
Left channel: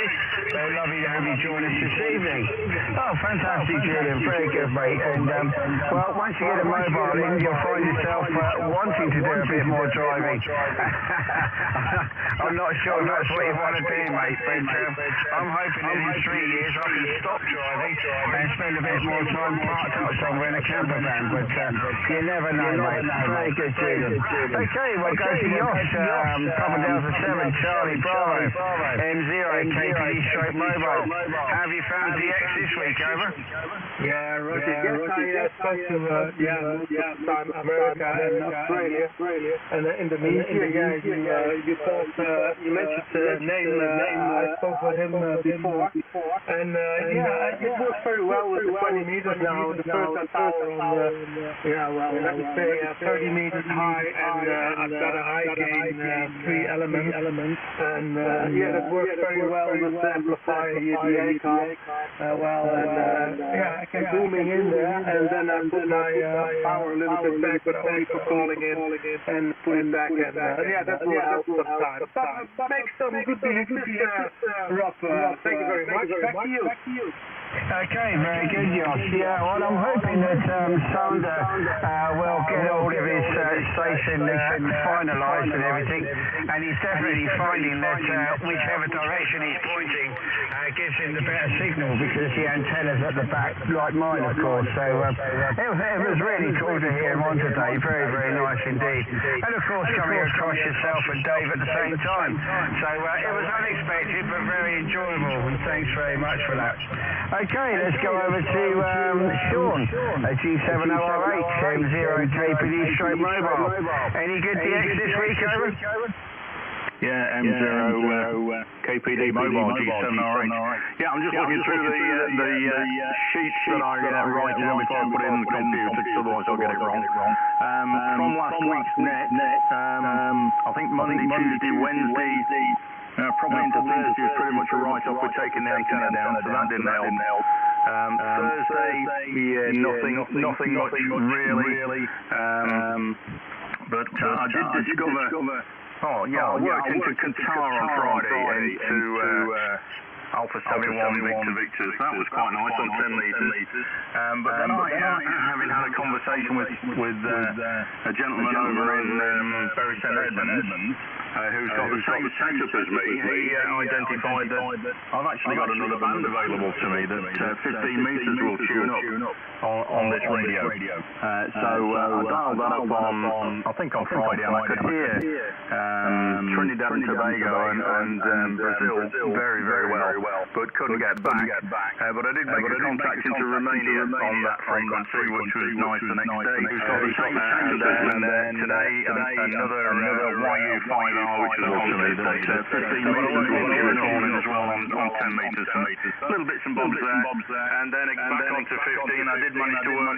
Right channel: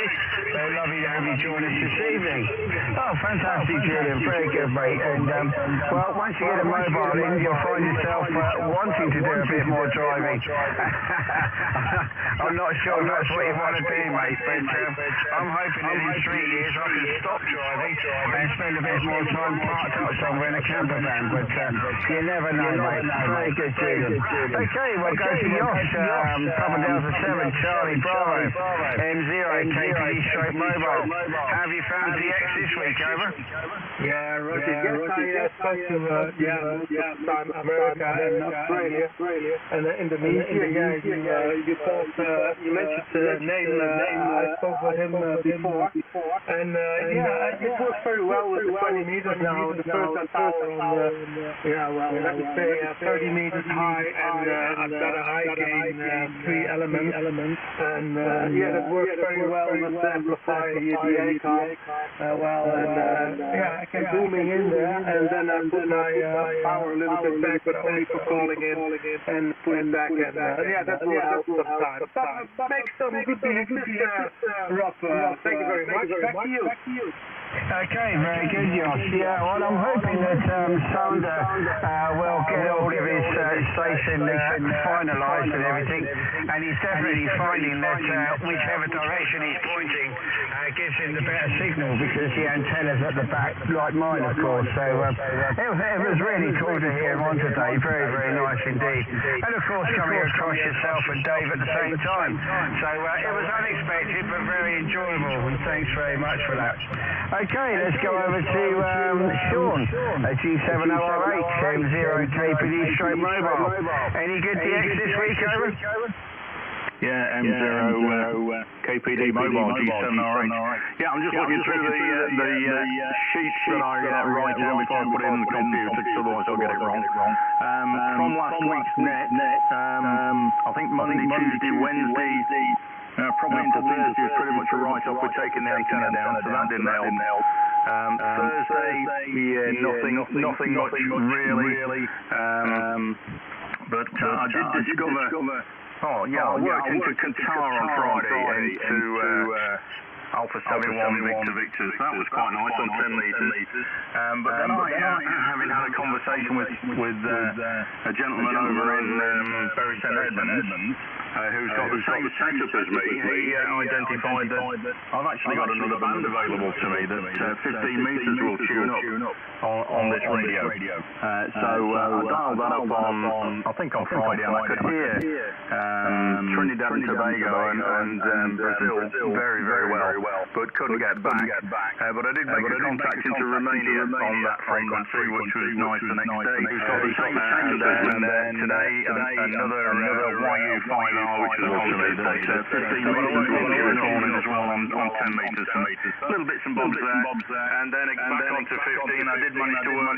Very lovely to have you join us this evening. Oh, fantastic, Julian. Very good, mate. And well, once you get a mobile in, you'll find yourself wanting to do a bit more driving. I'm not sure if that's what you want to do, mate, but I'm hoping that in 3 years I can stop driving and spend a bit more time parked up somewhere in a camper van, but you never know, mate. Very good, Julian. Okay, we'll go to Jos, Papa Delta 7, Charlie Bravo, M0, KPD Stroke Mobile. How have you found DX this week, over? Yeah, Roger. Yes, I spoke to most of the time America and Australia and Indonesia. Yeah, you talked, you mentioned the name. I spoke with him before, and it works very well with the 20 meters now. The first tower on let me say 30 meters high, and I've got a high gain 3 elements, and that works very well with the amplifier here, the ACOM. I kept booming in there, and then I put my power a little bit back, but only for calling in, and put it back, and that will help sometimes. But make some good behaviors, Rob. Thank you very much. Back to you. Okay, very good, Josh. Yeah, well, I'm hoping that Sander will get all of his station finalised and everything, and he's definitely finding that whichever direction he's pointing gives him the better signal, because the antenna's at the back, like mine, of course. So it was really cool to hear him on today. Very, very nice indeed. And of course, coming across yourself and Dave at the same time. So it was unexpected, but very enjoyable, and thanks very much for that. Okay, let's go over to Sean at G70RH, M0 KPD straight mobile. Any good DX this week, over? Yeah, M0 KPD mobile, G7RH. Yeah, I'm just looking through the sheets that I write down before I put it in the computer, because otherwise I'll get it wrong. From last week's net, I think Monday, Tuesday, Wednesday, probably into Thursday was pretty much a write-off with taking the antenna down, so that didn't help. Thursday, yeah, nothing much really. But I did discover. Oh yeah, I worked into Qatar on Friday, into Alpha 71 Victor. That was quite nice on 10 metres. But then I, having had a conversation with a gentleman over in Bury St Edmunds, who's got the same setup as me, he identified that I've actually got another band available to me that 15 metres will tune up on this radio. So I dialed that up on, I think on Friday, and I could hear Trinidad and Tobago and Brazil very, very well, but couldn't get back. But I did make a contact into Romania on that frequency, which was nice the next day. Who's got the same setup as me today, another YU5R, which was on to me, that 15 metres will tune on as well on 10 metres. So little bits and bobs there. And then back onto 15, I did manage to work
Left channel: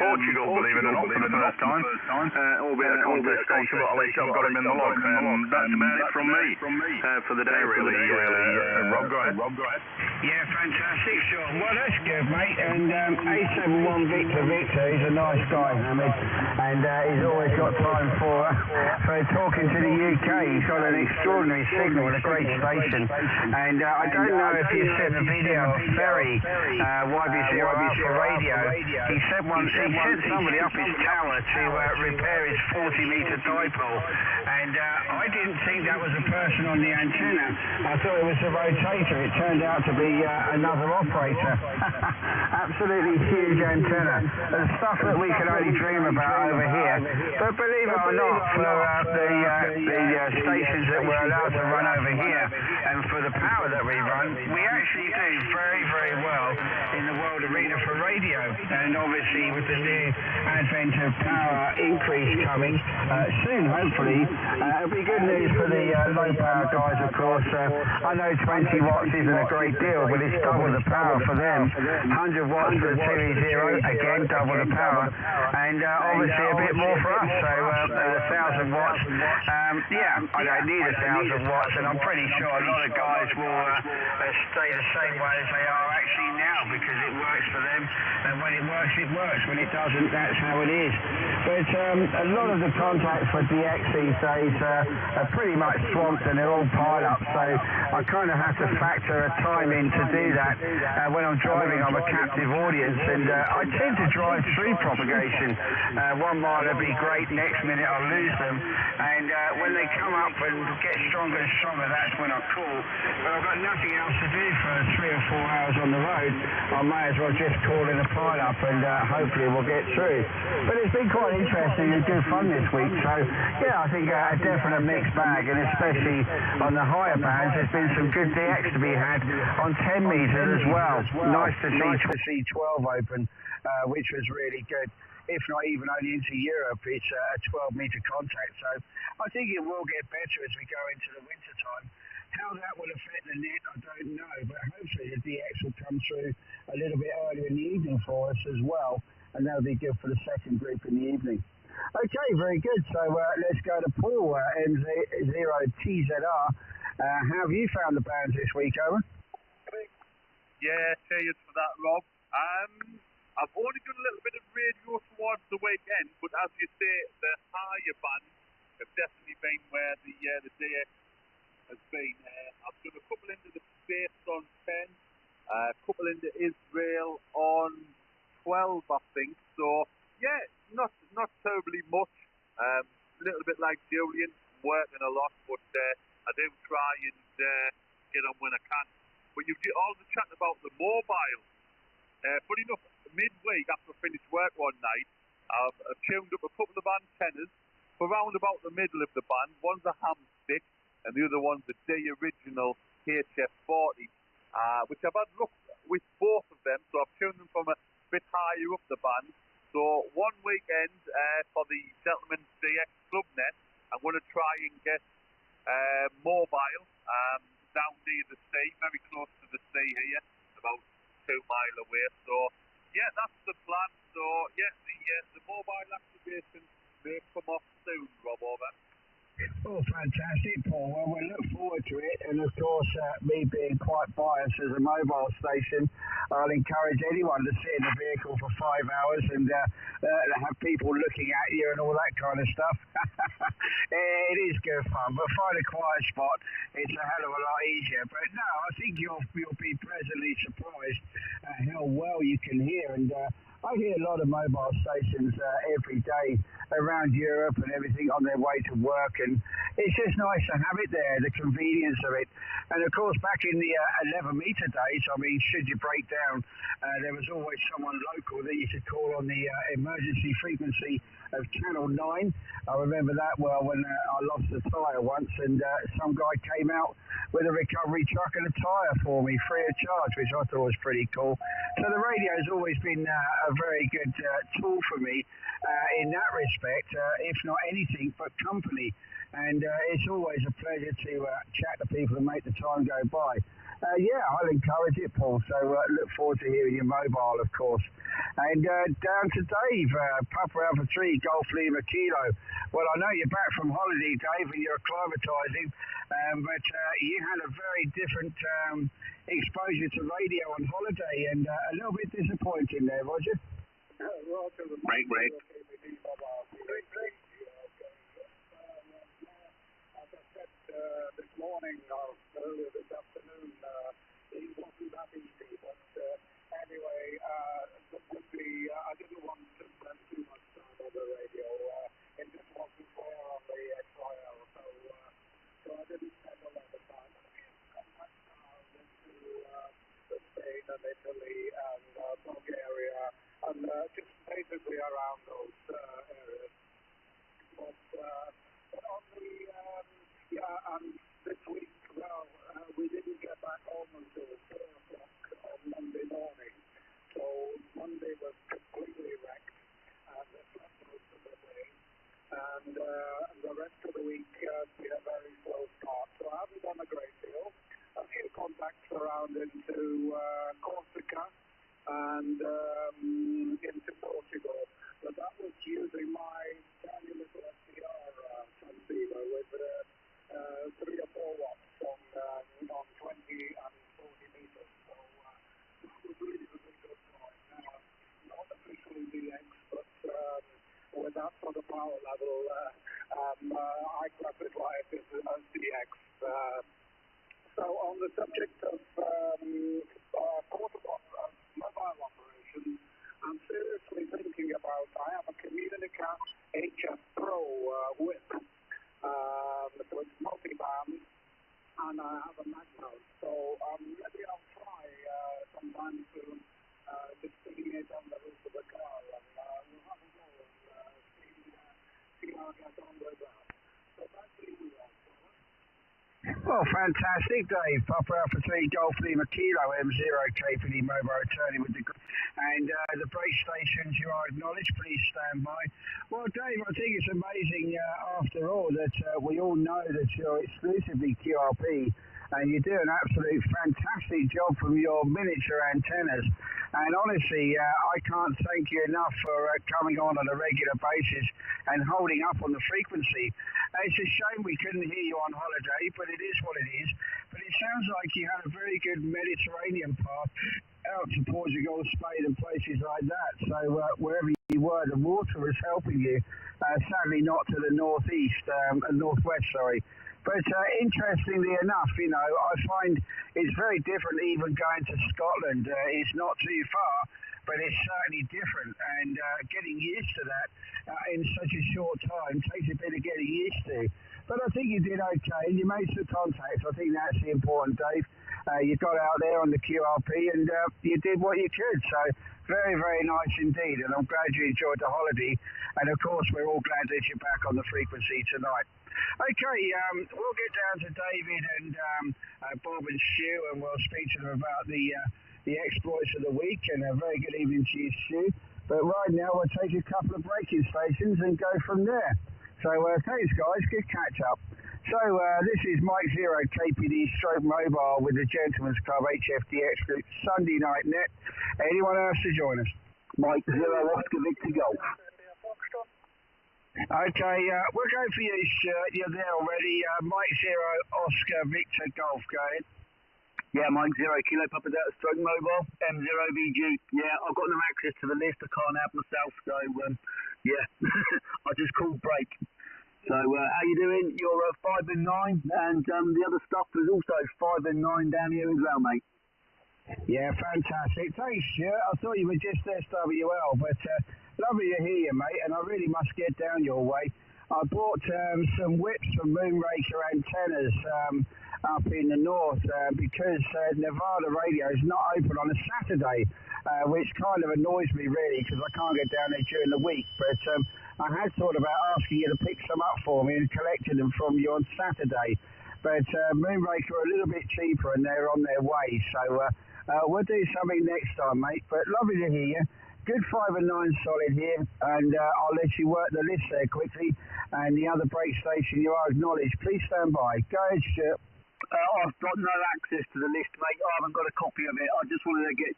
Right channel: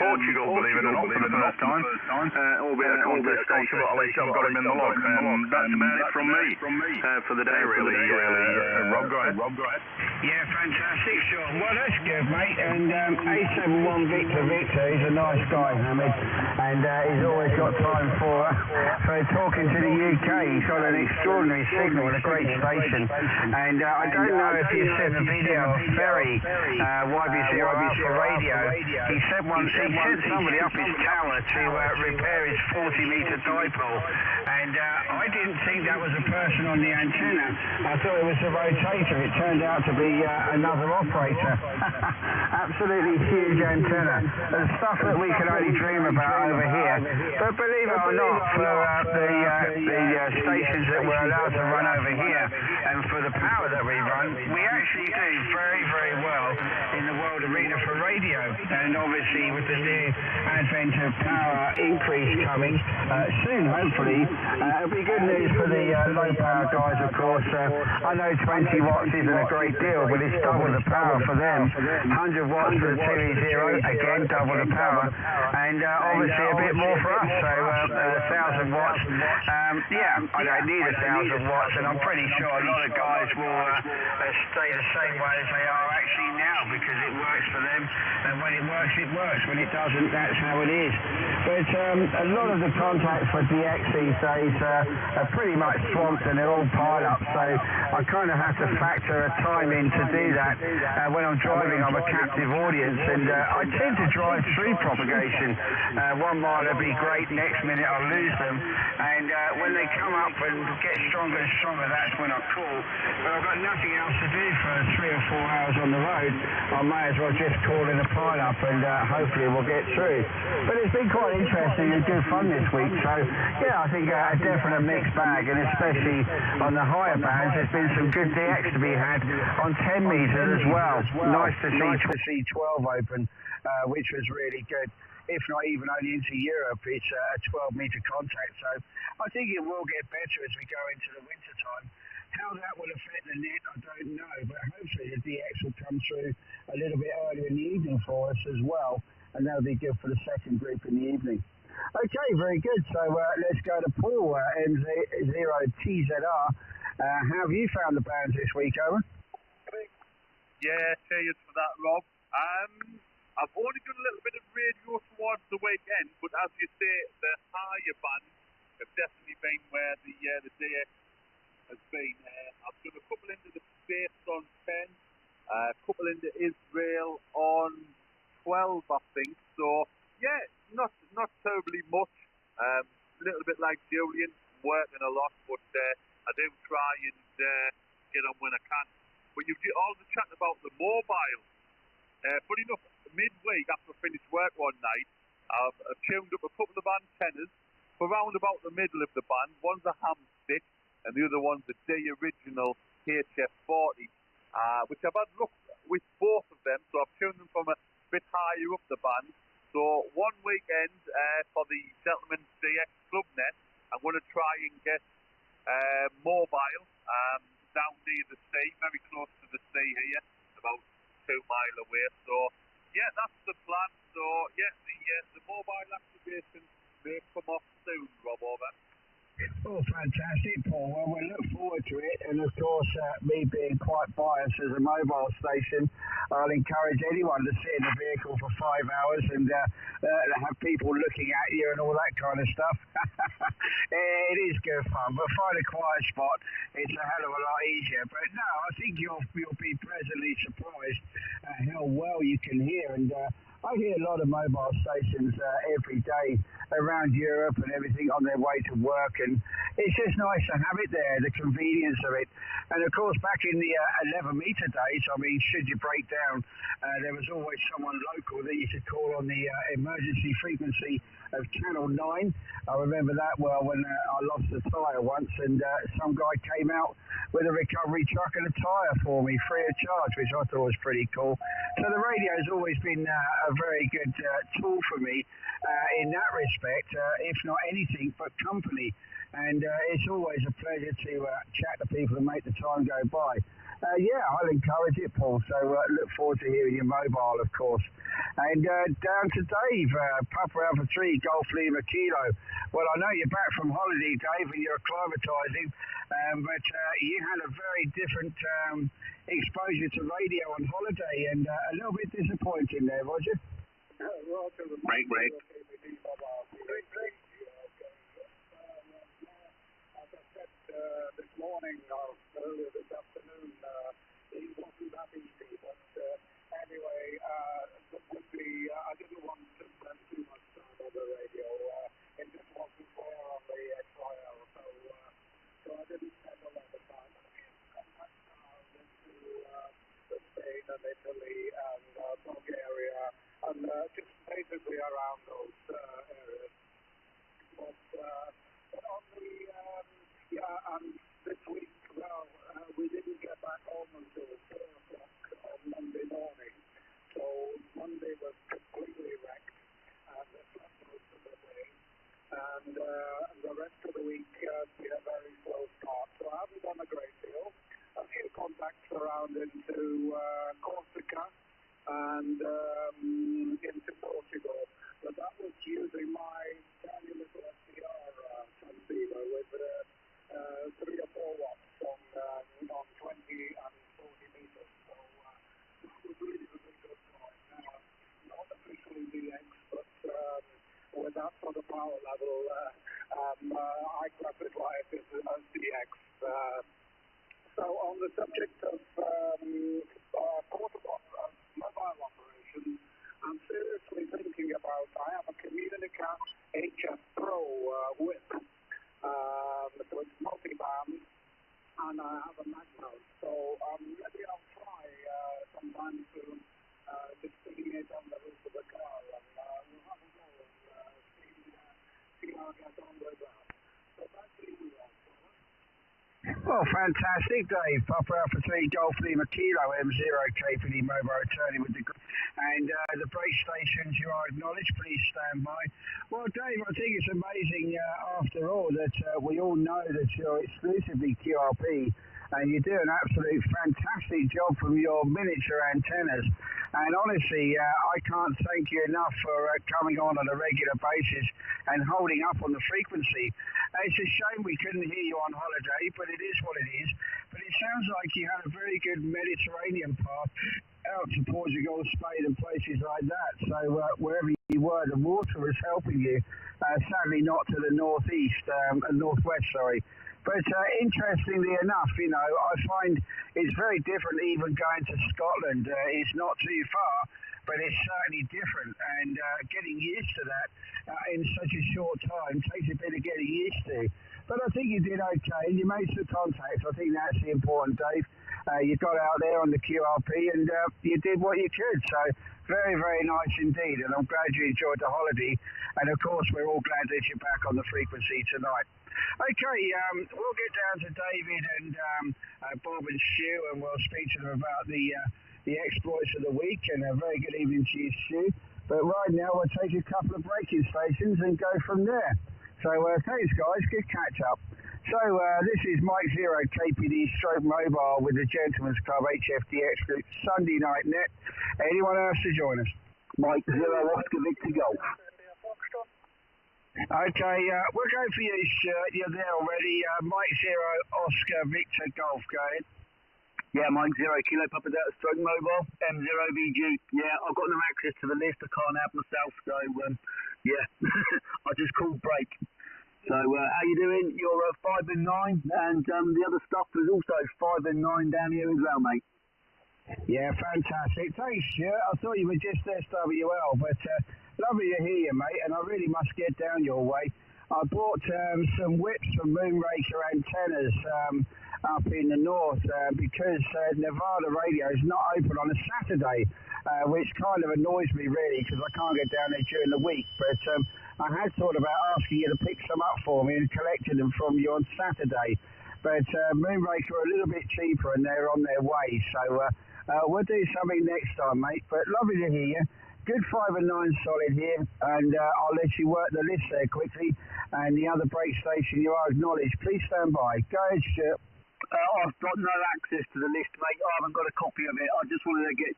Portugal, believe it or not, for the first time, albeit a contest station, but at least I've got him in the log. That's about it from me for the day, really. Rob, go ahead. Yeah, fantastic, Sean. Well, that's good, mate. And 871 Victor, he's a nice guy, Hamid, and he's always got time for talking to the UK. He's got an extraordinary signal and a great station. And I don't know if you've seen the video of Ferry, YB0 Alpha Radio. He sent somebody up his tower to repair his 40-metre dipole, and I didn't think that was a person on the antenna. I thought it was a rotator. It turned out to be another operator. Absolutely huge antenna. The stuff that we can only dream about over here. But believe it or not, for the stations that we're allowed to run over here, and for the power that we run, we actually do very, very well in the world arena for radio. And obviously with the new advent of power increase coming soon, hopefully, it'll be good news for the low power guys, of course. I know 20 watts isn't a great deal, but it's double the power for them. 100 watts for the 2E0, again double the power, and obviously a bit more for us. So 1,000 watts. Yeah, I don't need 1,000 watts, and I'm pretty sure a lot of guys will stay the same way as they are actually now, because it works for them, and when it works, it works. When it doesn't, that's how it is. But a lot of the contacts for DX these days are pretty much swamped, and they're all pile-ups, so I kind of have to factor a time in to do that. When I'm driving, I'm a captive audience, and I tend to drive through propagation. 1 mile would be great, next minute I'll lose them, and when they come up and get stronger and stronger, that's when I call. But I've got nothing else to do for 3 or 4 hours on the road. I may as well just call in a pile-up, and hopefully we'll get through. But it's been quite interesting and good fun this week, so yeah, I think a definite mixed bag, and especially on the higher bands, there's been some good DX to be had on 10 metres as well. Nice to see 12 open, which was really good. If not even only into Europe, it's a 12-metre contact. So I think it will get better as we go into the winter time. How that will affect the net, I don't know, but hopefully the DX will come through a little bit earlier in the evening for us as well, and that'll be good for the second group in the evening. Okay, very good. So let's go to Paul, M0TZR. How have you found the bands this week, Owen? Yeah, cheers for that, Rob. I've only done a little bit of radio towards the weekend, but as you say, the higher bands have definitely been where the DX has been. I've done a couple into the States on 10, a couple into Israel on 12, I think. So, yeah, not terribly much. A little bit like Julian, working a lot, but I do try and get on when I can. But you've all the chat about the mobile. Funny enough, midweek after I finished work one night, I've tuned up a couple of antennas for round about the middle of the band. One's a ham stick, and the other one's a D original Gchf 40, which I've had luck with both of them, so I've tuned them from a bit higher up the band. So one weekend for the Gentleman's Dx Net, I'm going to try and get mobile down near the sea, very close to the sea here, about 2 miles away. So yeah, that's the plan. So yeah, the mobile activation may come off soon, Rob, over. Oh, fantastic, Paul. Well, we look forward to it. And, of course, me being quite biased as a mobile station, I'll encourage anyone to sit in a vehicle for 5 hours and have people looking at you and all that kind of stuff. It is good fun, but find a quiet spot. It's a hell of a lot easier. But, no, I think you'll be pleasantly surprised at how well you can hear. And I hear a lot of mobile stations every day around Europe and everything on their way to work, and it's just nice to have it there, the convenience of it. And of course, back in the 11-meter days, I mean, should you break down, there was always someone local that you could call on the emergency frequency of Channel 9. I remember that well when I lost a tyre once, and some guy came out with a recovery truck and a tyre for me, free of charge, which I thought was pretty cool. So the radio has always been a very good tool for me in that respect, if not anything but company. And it's always a pleasure to chat to people and make the time go by. Yeah, I'll encourage it, Paul. So look forward to hearing your mobile, of course. And down to Dave, Papa Alpha 3, Golf Lima Kilo. Well, I know you're back from holiday, Dave, and you're acclimatising, but you had a very different exposure to radio on holiday, and a little bit disappointing there, was you? Break. This morning or earlier this afternoon, he wasn't that easy, but anyway, I didn't want to spend too much time on the radio. It just wasn't fair on the XYL, so I didn't spend a lot of time. I did come back into Spain and Italy and Bulgaria and just basically around those areas. But on the and this week, well, we didn't get back home until 4 o'clock on Monday morning. So Monday was completely wrecked, and the slept most of the day. And the rest of the week, we had a very slow start. So I haven't done a great deal. A few contacts around into Corsica and into Portugal. But that was using my tiny little SDR transceiver with 3 or 4 watts on 20 and 40 meters. So that was really a good point. Not officially DX, but with that sort of power level, I classify it as DX. So on the subject of portable mobile operations, I'm seriously thinking about, I have a Communica HF Pro whip. So it's multi-band, and I have a mag mount. So maybe I'll try sometime soon just sticking it on the roof of the car, and we'll have a go and see how I get on with that. So back to you, Well, fantastic, Dave. Papa Alpha 3, Golf Lima Kilo, M0K for the mobile returning with the... And the break stations you are acknowledged, please stand by. Well, Dave, I think it's amazing, after all, that we all know that you're exclusively QRP, and you do an absolute fantastic job from your miniature antennas. And honestly, I can't thank you enough for coming on a regular basis and holding up on the frequency. It's a shame we couldn't hear you on holiday, but it is what it is. But it sounds like you had a very good Mediterranean path and places like that. So wherever you were, the water was helping you. Sadly, not to the northeast and northwest, sorry. But interestingly enough, you know, I find it's very different even going to Scotland. It's not too far, but it's certainly different. And getting used to that in such a short time takes a bit of getting used to. But I think you did okay. You made some contacts. I think that's the important, Dave. You got out there on the QRP and you did what you could. So very, very nice indeed. And I'm glad you enjoyed the holiday. And of course, we're all glad that you're back on the frequency tonight. Okay, we'll get down to David and Bob and Stu, and we'll speak to them about the exploits of the week. And a very good evening to you, Stu. But right now, we'll take a couple of braking stations and go from there. So thanks, guys. Good catch up. So this is Mike Zero, KPD Stroke Mobile with the Gentleman's Club Gchf Dx Group Sunday Night Net. Anyone else to join us? Mike Zero, Oscar Victor Golf. Okay, we're going for you, Stuart. You're there already. Mike Zero, Oscar Victor Golf. Go ahead. Yeah, Mike Zero, Kilo Papa Delta Stroke Mobile, M0BG. Yeah, I've got no access to the list. I can't help myself, so yeah, I just called break. So how you doing? You're 5 and 9, and the other stuff is also 5 and 9 down here as well, mate. Yeah, fantastic. Thanks, Stuart. I thought you were just SWL, but lovely to hear you, mate, and I really must get down your way. I bought some whips from Moonraker antennas up in the north because Nevada radio is not open on a Saturday, which kind of annoys me really because I can't get down there during the week. But I had thought about asking you to pick some up for me and collecting them from you on Saturday. But Moonraker are a little bit cheaper and they're on their way. So we'll do something next time, mate. But lovely to hear you. Good 5 and 9 solid here, and I'll let you work the list there quickly. And the other brake station you are acknowledged. Please stand by. Go ahead, Stuart. I've got no access to the list, mate. I haven't got a copy of it. I just wanted to get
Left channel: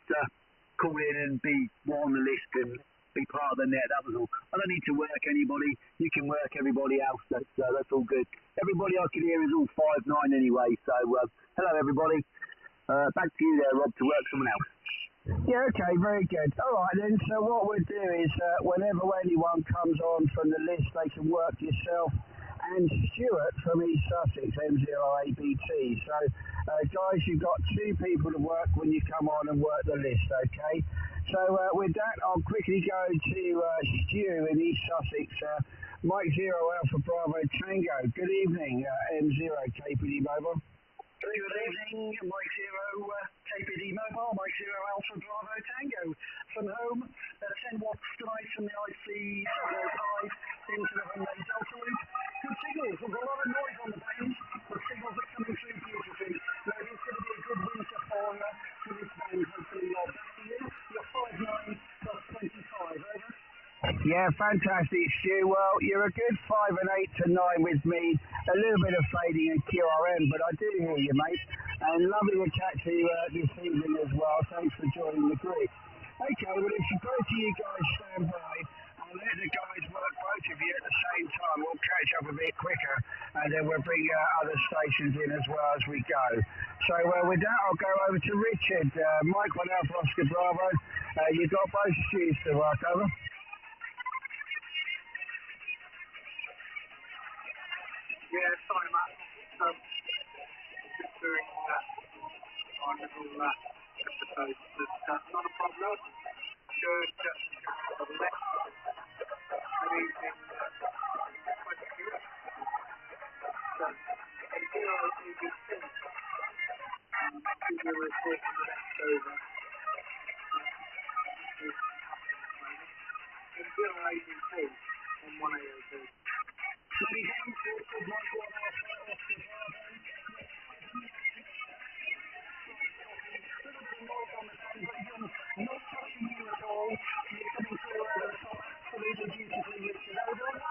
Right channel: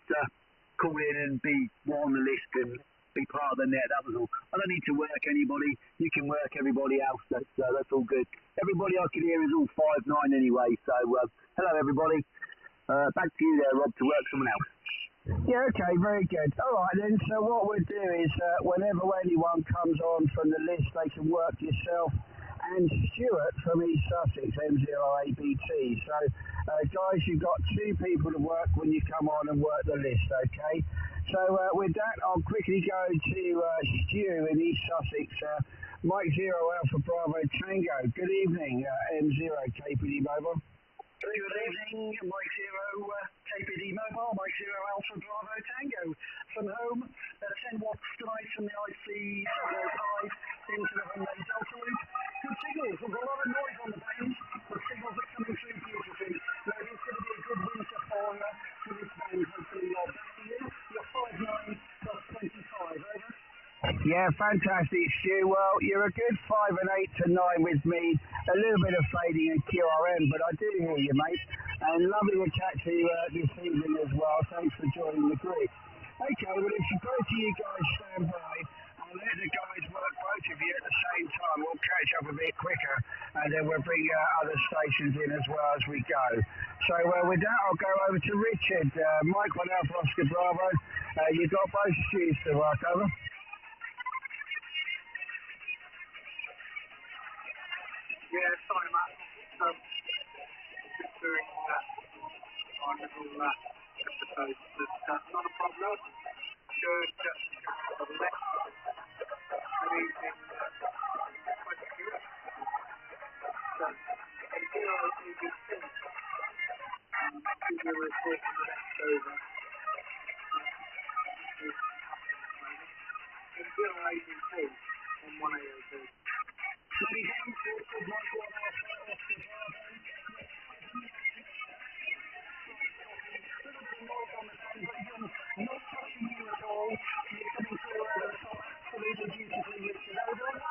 call in and be on the list and be part of the net. That was all. I don't need to work anybody. You can work everybody else. That's all good. Everybody I can hear is all 5-9 anyway. So hello, everybody. Back to you there, Rob, to work someone else. Yeah, okay, very good. All right then, so what we'll do is whenever anyone comes on from the list, they can work yourself and Stuart from East Sussex, M0ABT. So, guys, you've got 2 people to work when you come on and work the list, okay? So, with that, I'll quickly go to Stu in East Sussex. Mike Zero Alpha Bravo Tango. Good evening, M0 KPD Mobile. Good evening, Mike Zero, KPD Mobile, Mike Zero Alpha Bravo Tango. From home, 10 watts tonight from the IC 705 into the Hyundai Delta route. Good signals, there's a lot of noise on the band. The signals are coming through beautifully. Now, it's going to be a good winter for this band, hopefully. Back to you, you're 5-9 plus 25, over. Yeah, fantastic, Stu. Well, you're a good 5 and 8 to 9 with me. A little bit of fading at QRM, but I do hear you, mate. And lovely to catch you this evening as well. Thanks for joining the group. Okay, well, if both of you guys stand by, I'll let the guys work both of you at the same time. We'll catch up a bit quicker, and then we'll bring other stations in as well as we go. So with that, I'll go over to Richard. Mike 1 Alpha Oscar Bravo. You've got both Stu's to work over. Yeah, sorry, Matt. Just doing our little episode. That's not a problem. Should have left maybe in 22. So, and here I think it's still give you a report on the next over. And here I can see on 1AOB. Ladies and gentlemen, Mike 1 Alpha Oscar Bravo. Not touching you at all. You're coming through over the top, absolutely beautifully, Richard. Over.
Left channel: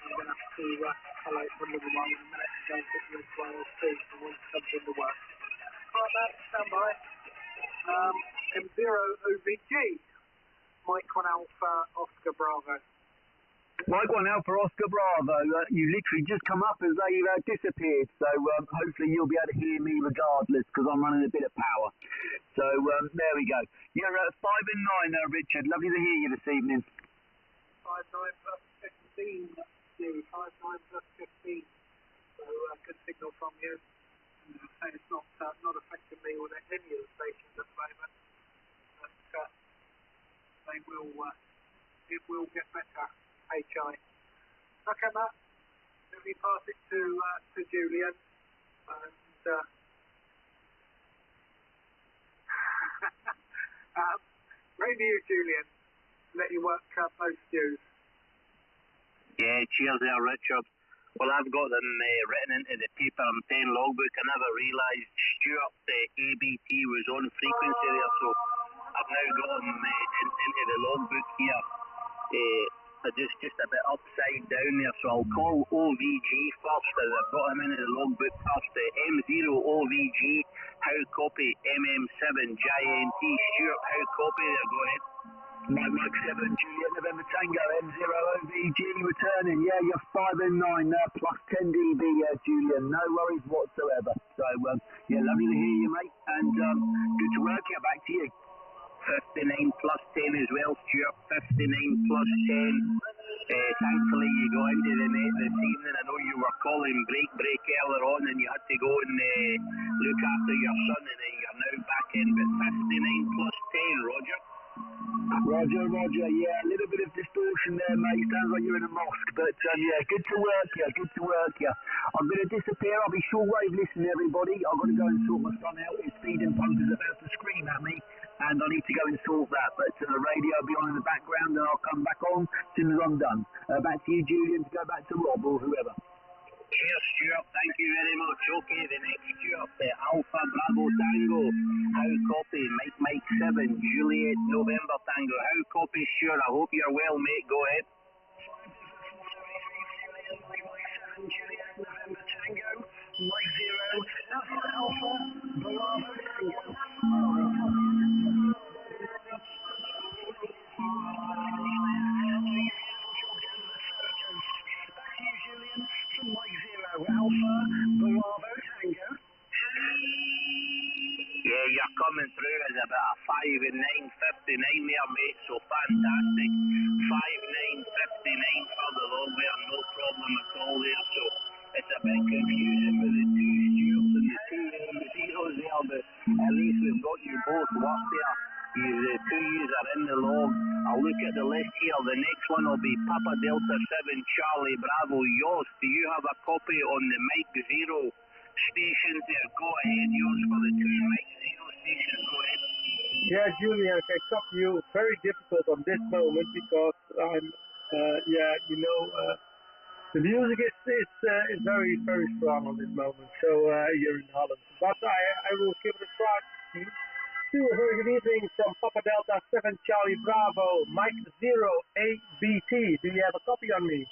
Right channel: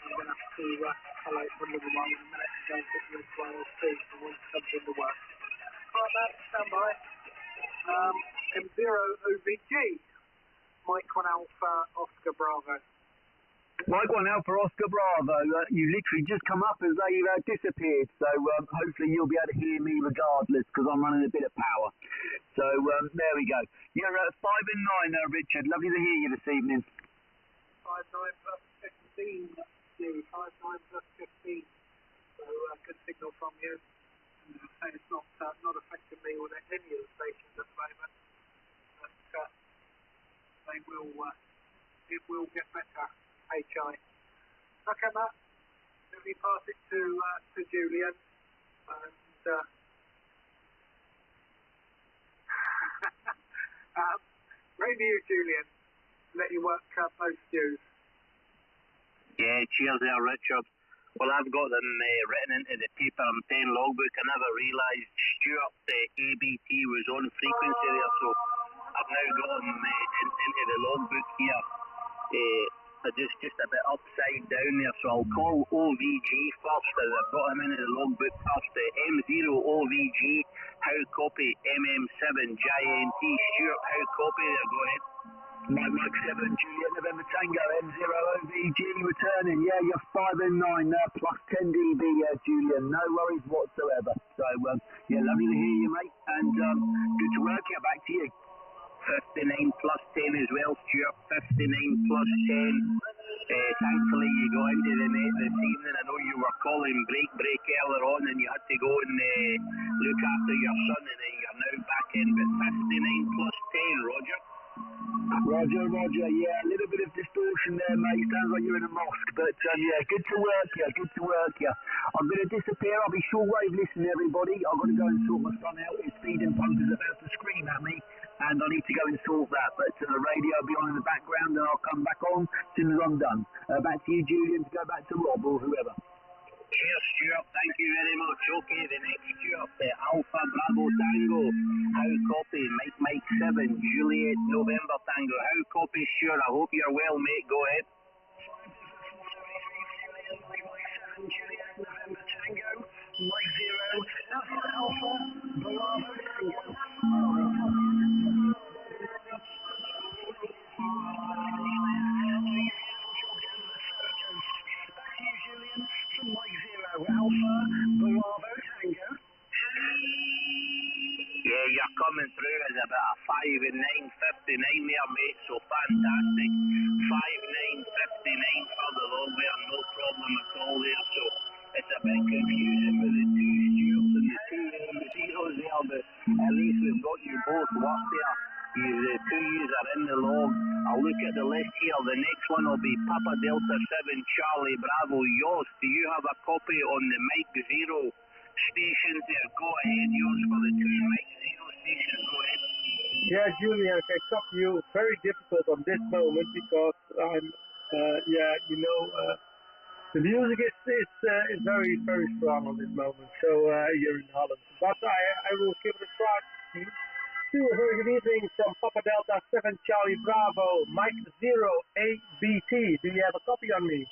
I'm going to have to highlight one little one in a minute and go and put you into IL2 for once it comes into work. Alright, Matt, stand by. M0 OVG. Mike 1 Alpha Oscar Bravo. Mike 1 Alpha Oscar Bravo, you literally just come up as they disappeared, so hopefully you'll be able to hear me regardless, because I'm running a bit of power. So there we go. You're at 5 and 9 Richard. Lovely to hear you this evening. 5-9 plus 15. 5-9 plus 15. So good signal from you. It's not affecting me with any of the stations at the moment. But it will get better. HI. Okay, Matt. Let me pass it to Julian. And maybe you, Julian. Let you work most dues. Yeah, cheers there, Richard. Well, I've got them written into the paper. I'm saying logbook. I never realised Stuart ABT was on frequency there, so I've now got them into the logbook here. Just a bit upside down there, so I'll call OVG first, as I've got him into the logbook first. M0 OVG, how copy? MM7 JNT, Stuart, how copy there? Go ahead. Mike 7 Juliet November Tango M0 OVG returning. Yeah, you're 5 and 9 plus 10 dB, Julian. No worries whatsoever. So yeah, lovely to hear you, mate, and good to work. Yeah, back to you. 59 plus 10 as well, Stuart. 59 plus 10. Thankfully you got into the net this evening. I know you were calling break earlier on and you had to go and look after your son, and you're now back in. But 59 plus 10, Roger. Roger, yeah, a little bit of distortion there, mate. Sounds like you're in a mosque, but yeah, good to work you. I'm going to disappear. I'll be shortwave listening, everybody. I've got to go and sort my son out. His feeding pump is about to scream at me, and I need to go and sort that. But the radio will be on in the background, and I'll come back on as soon as I'm done. Back to you, Julian, to go back to Rob or whoever. Cheers, Stuart. Thank you very much. Okay, the next Stuart, Alpha Bravo Tango. How copy? Mike 7, Juliet November Tango. How copy, Stuart? I hope you're well, mate. Go ahead. Juliet November Tango. Mike 0, Alpha Bravo Tango. Julian from Mike 0, Alpha Bravo Tango. Yeah, you're coming through as about a 5 and 9, 59 there, mate, so fantastic. 5, 9, 59 for the long way, no problem at all there, so it's a bit confusing with the two Stuarts and the two zeros there, but at least we've got you both worked there. The two U's are in the log. I'll look at the list here. The next one will be Papa Delta 7 Charlie Bravo Yost. Do you have a copy on the Mike 0 stations there? Go ahead, yours for the two Mike 0 stations. Go ahead. Yeah, Julian, I can copy you. Very difficult on this moment because I'm, the music is very, very strong on this moment. So here in Holland, but I will give it a try. A very good evening from Papa Delta 7 Charlie Bravo, Mike 0 ABT. Do you have a copy on me?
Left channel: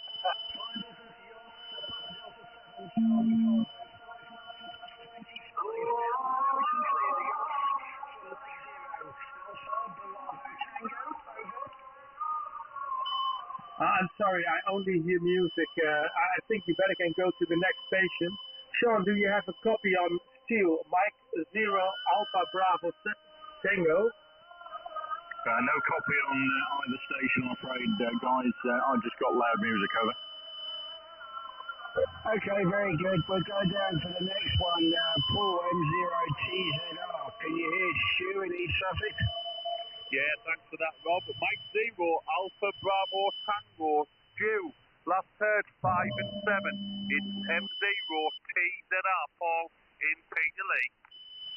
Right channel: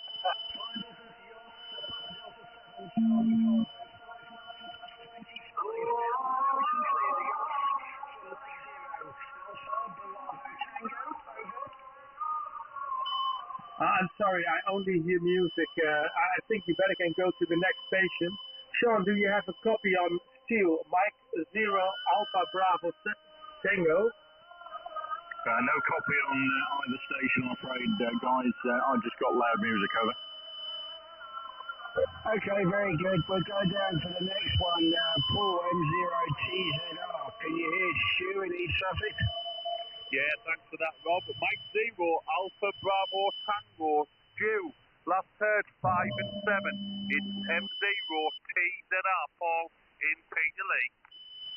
I'm sorry, I only hear music. I think you better can go to the next station. Sean, do you have a copy on Steel, Mike 0 Alpha Bravo Tango? No copy on either station, I'm afraid, guys. I just got loud music, over. Okay, very good. We'll go down to the next one. Paul M0TZR. Can you hear Stu in East Sussex? Yeah, thanks for that, Rob. Mike 0 Alpha Bravo Tango Stu. Last heard 5 and 7. It's M0 TZR Paul in Peterlee.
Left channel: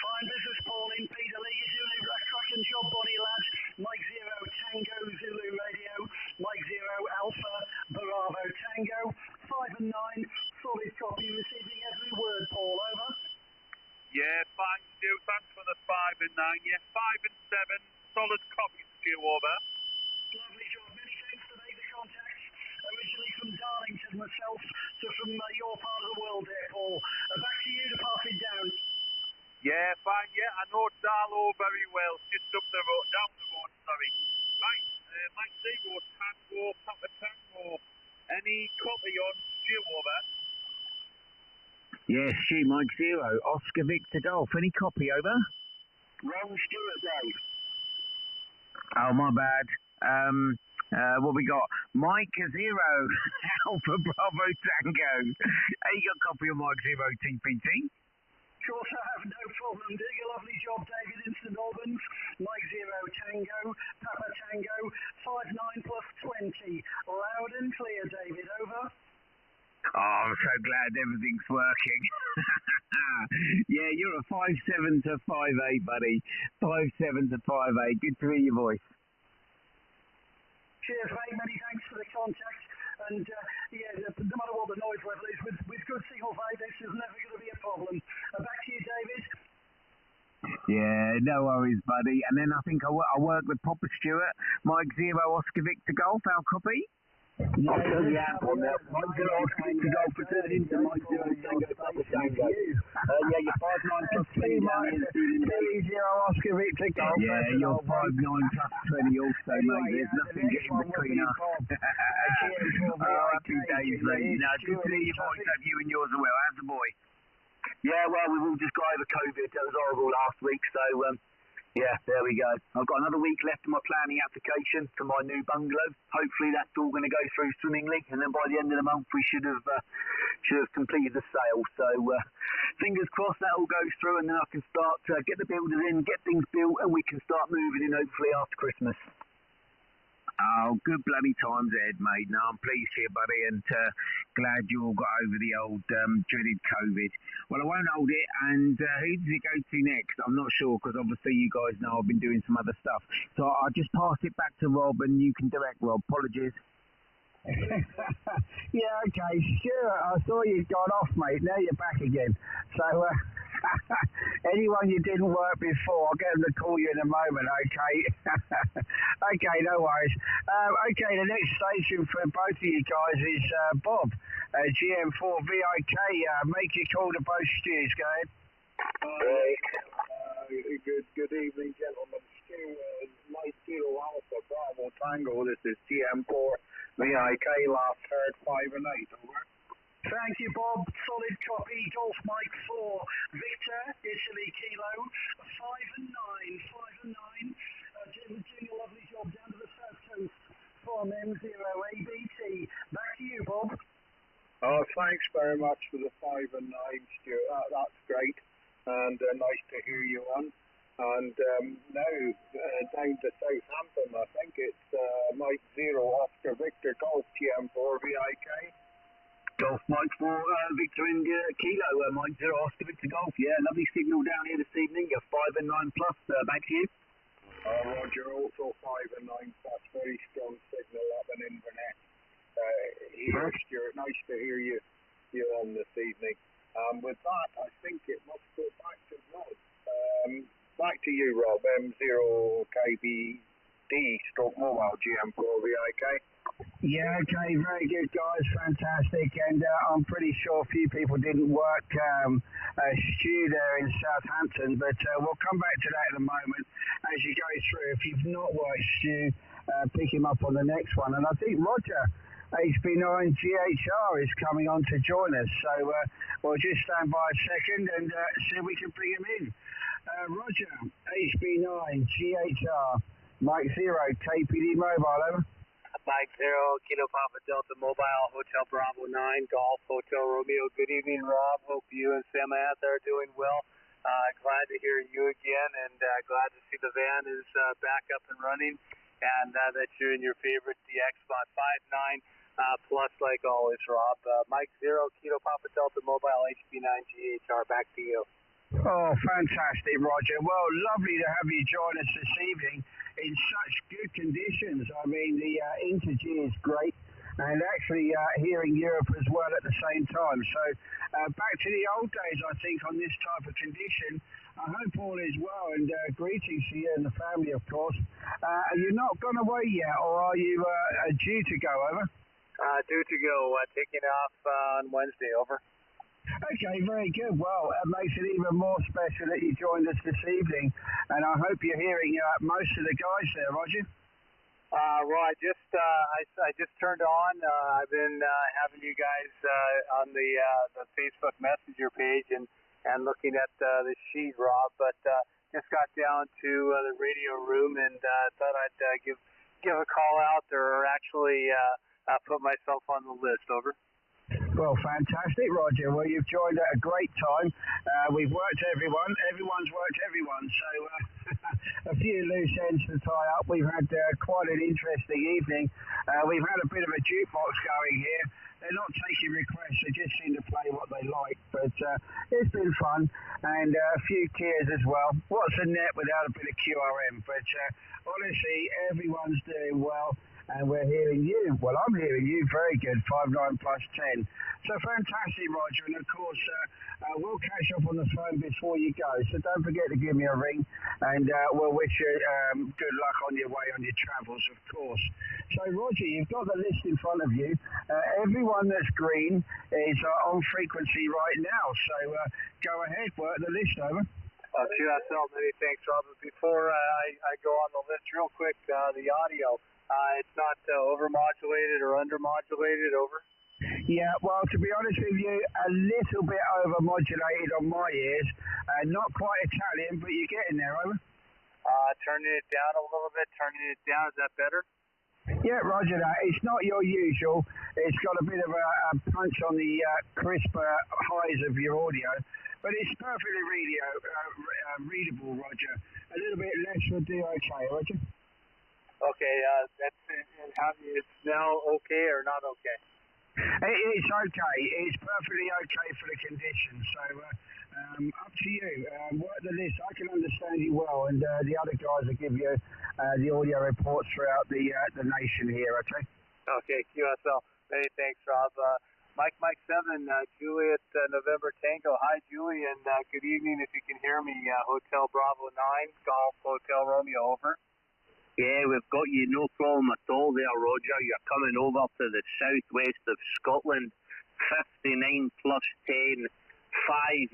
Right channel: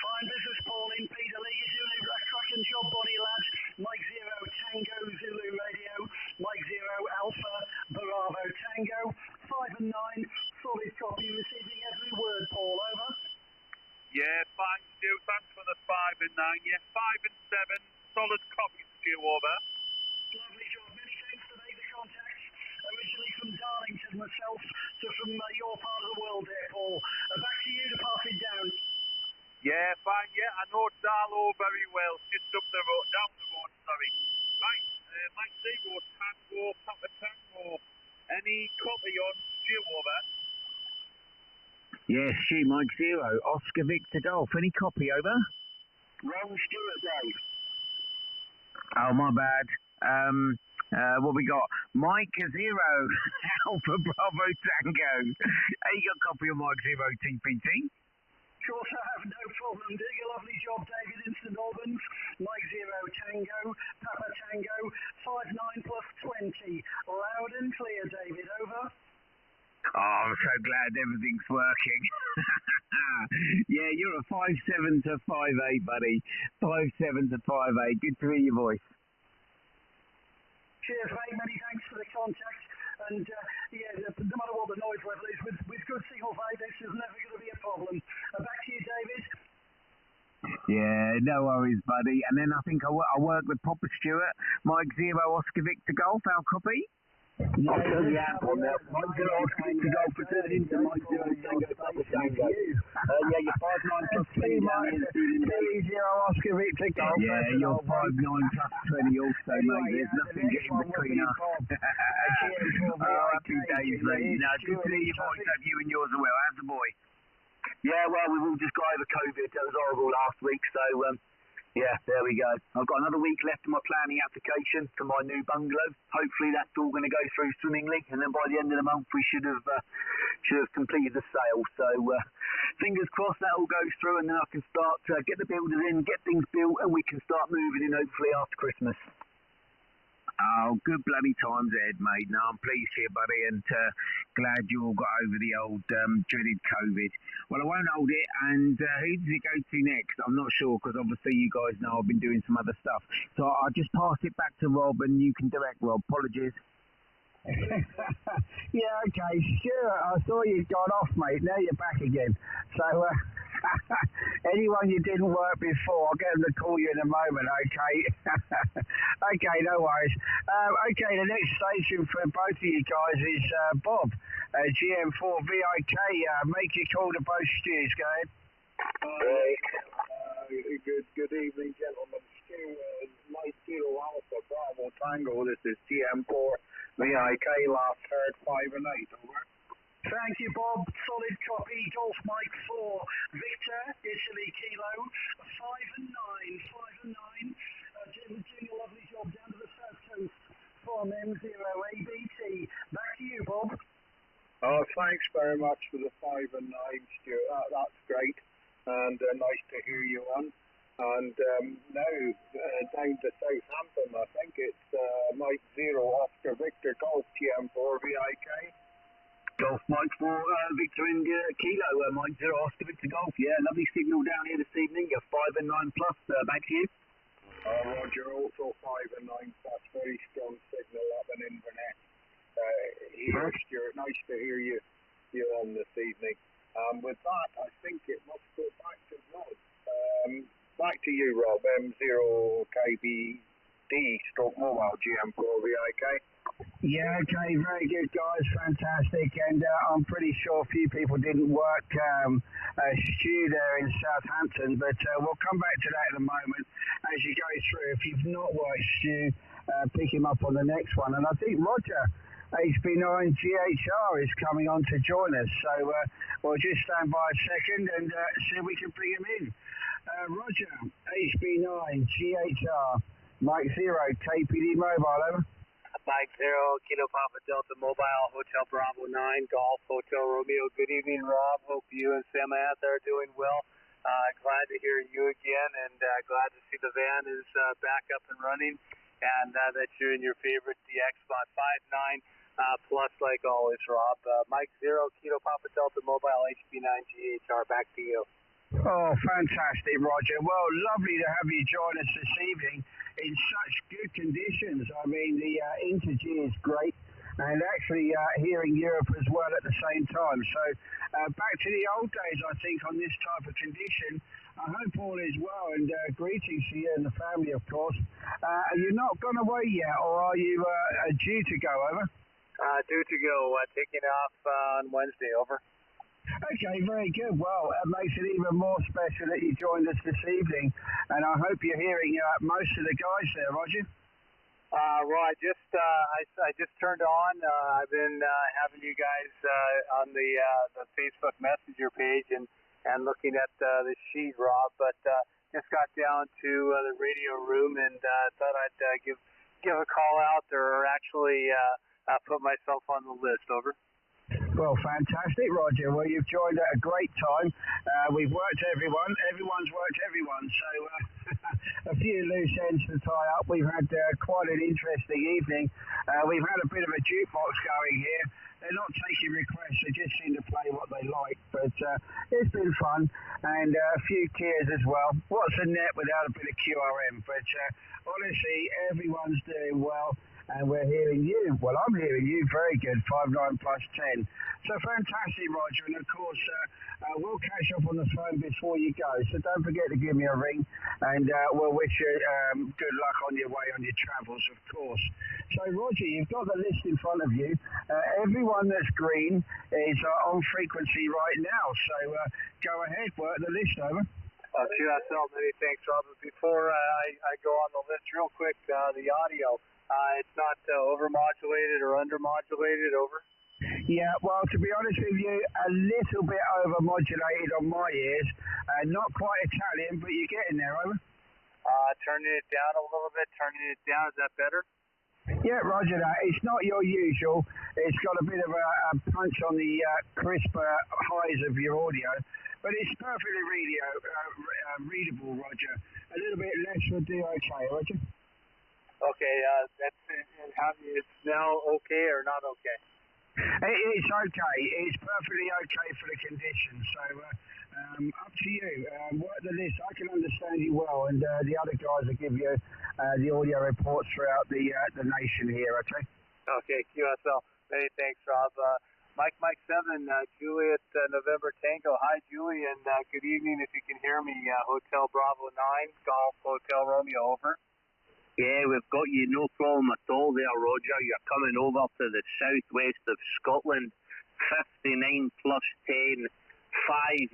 Fine business, Paul in Peterlee. You're doing a cracking job, buddy, lads. Mike 0 Tango Zulu Radio. Mike 0 Alpha Bravo Tango. 5 and 9. Solid copy. Receiving every word, Paul. Over. Yeah, fine, Stu. Thanks for the 5 and 9. Yeah, 5 and 7. Solid copy, Stu. Over. Lovely job. Many thanks for making the contact. Originally from Darlington myself to from your part of the world there, Paul. Back to you to pass it down. Yeah, fine, yeah, I know Darlow very well, just up the road, down the road, sorry. Right, Mike Zero, Tango, Papa Tango. Any copy on Stu over? Yes, Stu, Mike Zero, Oscar Victor Golf. Any copy, over? Ron Stewart, Dave. Oh, my bad. What we got? Mike Zero, Alpha Bravo Tango. Hey, you got a copy of Mike Zero TPT? Sure, sir, no problem. Doing a lovely job, David, in St Albans. Mike Zero Tango, Papa Tango, 59 plus 20. Loud and clear, David, over. Oh, I'm so glad everything's working. Yeah, you're a 5'7" to 5'8", buddy. 5'7" to 5'8". Good to hear your voice. Cheers, mate. Many thanks for the contact. And yeah, no matter what the noise level is, with good signal flight, this is never going to be a problem. Back to you, David. Yeah, no worries, buddy. And then I think I work with Papa Stewart, Mike Zero, Oscar Victor Golf. Our copy? Yeah, I'll the app on there. Mike Zero, Oscar Victor Golf for turning into Mike Zero Tango, Papa Tango. Yeah, you're 5'9" plus 20 down here this evening. Zero Oscar Victor Golf. Yeah, you're 5'9" plus 20 also, mate. There's nothing getting between us. Happy days, mate. No, good to hear your voice. Hope you and yours are well. How's the boy? Yeah, well, we've all just got over COVID. That was horrible last week, so yeah, there we go. I've got another week left of my planning application for my new bungalow. Hopefully that's all going to go through swimmingly, and then by the end of the month we should have completed the sale. So fingers crossed that all goes through, and then I can start get the builders in, get things built, and we can start moving in hopefully after Christmas. Oh, good bloody times ahead, mate. No, I'm pleased here, buddy, and glad you all got over the old dreaded COVID. Well, I won't hold it, and who does it go to next? I'm not sure, because obviously you guys know I've been doing some other stuff. So I'll just pass it back to Rob, and you can direct Rob. Apologies. Yeah, okay, sure. I saw you'd gone off, mate. Now you're back again. So, anyone you didn't work before, I'll get them to call you in a moment, okay? Okay, no worries. Okay, the next station for both of you guys is Bob, GM4 VIK. Make your call to both steers, go ahead. Good evening, gentlemen. Stu, Mike Kilo Alpha Bravo Tango. This is GM4 VIK. Last heard 5 and 8. Over. Thank you, Bob. Solid copy. Golf Mike 4. Victor, Italy Kilo, 5 and 9. 5 and 9. Doing a lovely job down to the south coast from M0 ABT. Back to you, Bob. Oh, thanks very much for the 5 and 9, Stu. That's great, and nice to hear you on. And now down to Southampton, I think it's Mike Zero Oscar Victor Golf GM4 VIK. Golf Mike 4 Victor India Kilo, Mike Zero Oscar Victor Golf. Yeah, lovely signal down here this evening. You're 5 and 9 plus. Back to you. Roger, also 5 and 9 plus. Very strong signal up in Inverness. Here, Stuart, nice to hear you on this evening. With that, I think it must go back to Rob. Back to you, Rob. M0KBD stroke mobile GM4 VIK. Yeah, okay, very good, guys, fantastic. And I'm pretty sure a few people didn't work Stu there in Southampton, but we'll come back to that in a moment as you go through. If you've not worked Stu, pick him up on the next one. And I think Roger, HB9 GHR, is coming on to join us, so we'll just stand by a second and see if we can bring him in. Roger, HB9 GHR, Mike Zero, KPD Mobile, over. Mike Zero, Kilo Papa Delta Mobile, Hotel Bravo 9, Golf Hotel Romeo. Good evening, Rob. Hope you and Sam Ath are doing well. Glad to hear you again, and glad to see the van is back up and running, and that you're in your favorite DX spot 5-9 plus, like always, Rob. Mike Zero, Kilo Papa Delta Mobile, HB9 GHR. Back to you. Oh, fantastic, Roger. Well, lovely to have you join us this evening in such good conditions. I mean, the Interg is great, and actually here in Europe as well at the same time. So back to the old days, I think, on this type of condition. I hope all is well, and greetings to you and the family, of course. Are you not gone away yet, or are you due to go, over? Due to go, taking off on Wednesday, over. Okay, very good. Well, it makes it even more special that you joined us this evening, and I hope you're hearing most of the guys there, Roger. Right, I just turned on. I've been having you guys on the Facebook Messenger page and looking at the sheet, Rob. But just got down to the radio room and thought I'd give a call out or actually put myself on the list. Over. Well, fantastic, Roger. Well, you've joined at a great time. We've worked everyone. Everyone's worked everyone. So a few loose ends to tie up. We've had quite an interesting evening. We've had a bit of a jukebox going here. They're not taking requests. They just seem to play what they like. But it's been fun. And a few Kias as well. What's a net without a bit of QRM? But honestly, everyone's doing well. And we're hearing you. Well, I'm hearing you very good, 5.9 plus 10. So fantastic, Roger. And of course, we'll catch up on the phone before you go. So don't forget to give me a ring. And we'll wish you good luck on your way on your travels, of course. So, Roger, you've got the list in front of you. Everyone that's green is on frequency right now. So go ahead, work the list over. QSL, many thanks, Robert. Before I go on the list real quick, the audio. It's not overmodulated or undermodulated, over? Yeah, well, to be honest with you, a little bit overmodulated on my ears. Not quite Italian, but you're getting there, over. Turning it down a little bit, is that better? Yeah, Roger that. It's not your usual. It's got a bit of a punch on the crisp highs of your audio, but it's perfectly readable, Roger. A little bit less would do okay, Roger. Okay, it's now okay or not okay? It's okay. It's perfectly okay for the conditions. So up to you. Work the list. I can understand you well, and the other guys will give you the audio reports throughout the nation here. Okay. Okay, QSL. Many thanks, Rob. Mike 7, Juliet November Tango. Hi, Julie, and good evening. If you can hear me, Hotel Bravo 9, Golf Hotel Romeo, over. Yeah, we've got you, no problem at all there, Roger. You're coming over to the southwest of Scotland, 59 plus 10,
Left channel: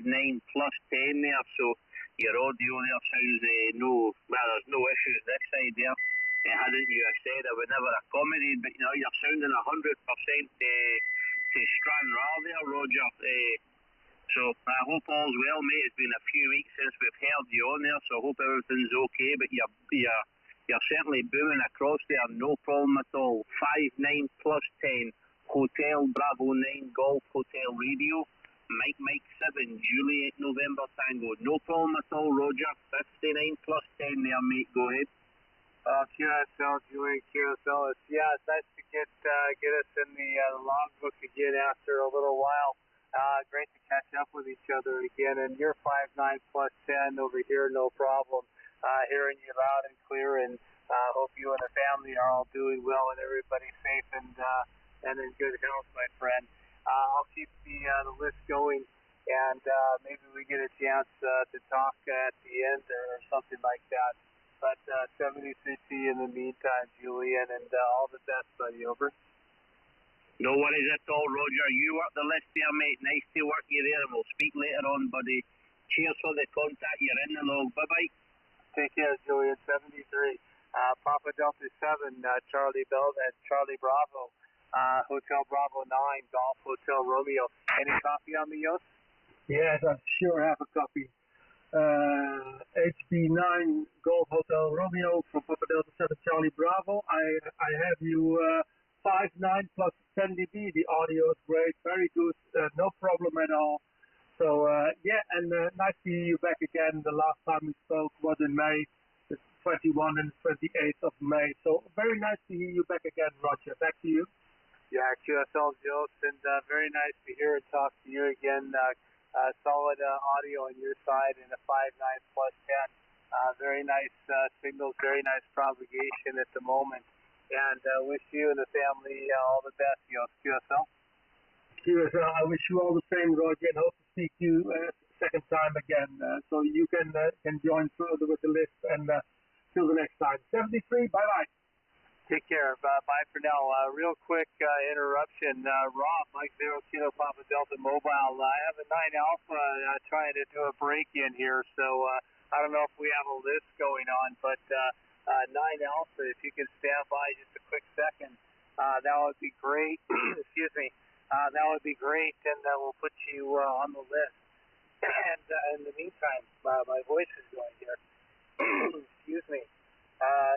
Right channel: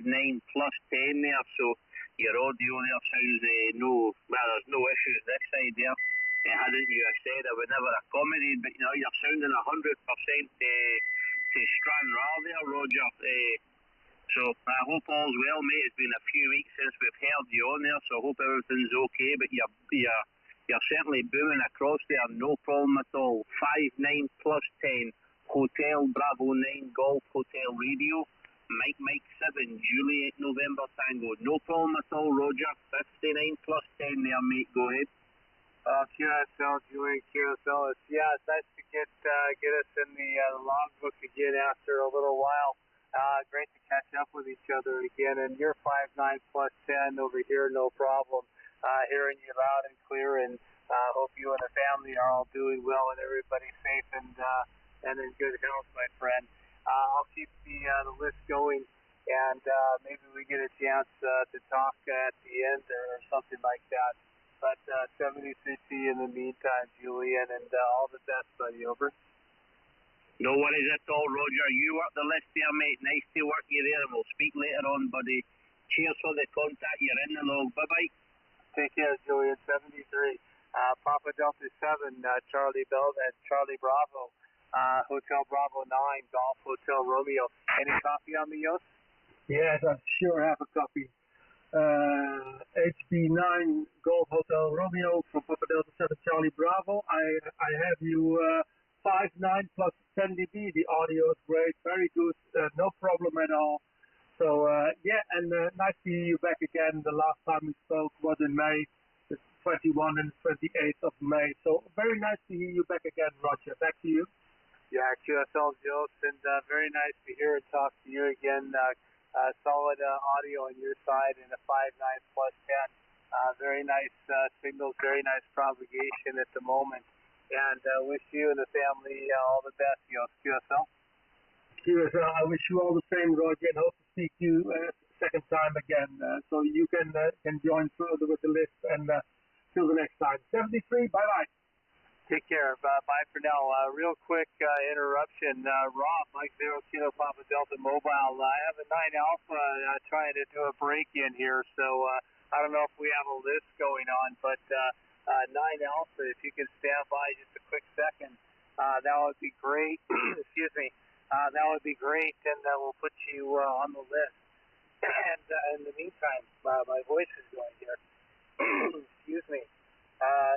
59 plus 10 there, so your audio there sounds there's no issues this side there. Hadn't you said I would never accommodate, but you're sounding 100% to Stranraer there, Roger. So I hope all's well, mate. It's been a few weeks since we've heard you on there, so I hope everything's okay, but you're certainly booming across there, no problem at all. 59 plus 10, Hotel Bravo 9, Golf Hotel Radio, Mike 7, Juliet November Tango. No problem at all, Roger. 59 plus 10 there, mate. Go ahead. QSL, Juliet QSL. It's nice to get us in the logbook again after a little while. Great to catch up with each other again. And you're 59 plus 10 over here, no problem. Hearing you loud and clear, and hope you and the family are all doing well and everybody's safe and in good health, my friend. I'll keep the list going, and maybe we get a chance to talk at the end or something like that. But 73T in the meantime, Julian, and all the best, buddy, over. No worries at all, Roger. You work the list there, mate. Nice to work you there, and we'll speak later on, buddy. Cheers for the contact. You're in the log. Bye-bye. Take care, Julian. 73. Papa Delta 7, Charlie Bravo, Hotel Bravo 9, Golf Hotel Romeo. Any copy on me, Yost? Yes, I sure have a copy. HB9 Golf Hotel Romeo from Papa Delta 7 Charlie Bravo. I have you 59 plus 10 dB. The audio is great, very good, no problem at all. So nice to hear you back again. The last time we spoke was in May, the 21 and 28th of May. So very nice to hear you back again, Roger. Back to you. Yeah, QSL Jost, and very nice to hear and talk to you again. Solid audio on your side and a 59 plus 10. Very nice signals, very nice propagation at the moment. And wish you and the family all the best, QSL. QSL, I wish you all the same, Roger, and hope to speak to you second time again. So you can join further with the list, and till the next time. 73, bye-bye. Take care. Bye for now. Real quick interruption. Rob, Mike 0 Kilo Papa Delta Mobile. I have a 9 Alpha trying to do a break-in here, so I don't know if we have a list going on, but 9 Alpha, if you can stand by just a quick second, that would be great. Excuse me. That would be great, and we'll put you on the list. And in the meantime, my voice is going here. Excuse me.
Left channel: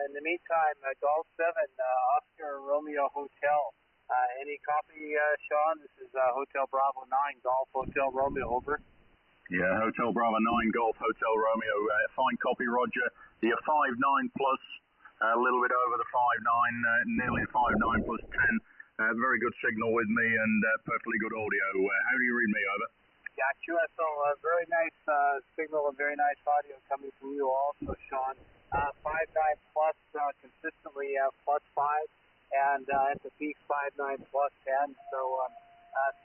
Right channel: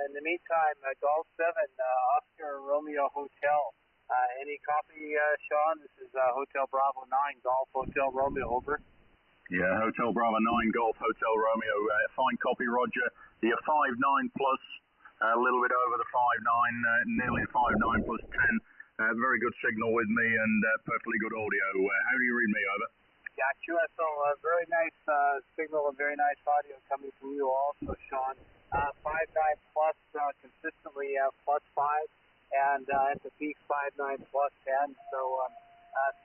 In the meantime, Golf 7, Oscar Romeo Hotel. Any copy, Sean? This is Hotel Bravo 9, Golf Hotel Romeo, over. Yeah, Hotel Bravo 9, Golf Hotel Romeo. Fine copy, Roger. You're 5.9 plus, a little bit over the 5.9, nearly 5.9 plus 10. Very good signal with me and perfectly good audio. How do you read me, over? Yeah, QSL, very nice signal and very nice audio coming from you also, Sean. 5.9 plus, consistently plus 5, and at the peak 5.9 plus 10, so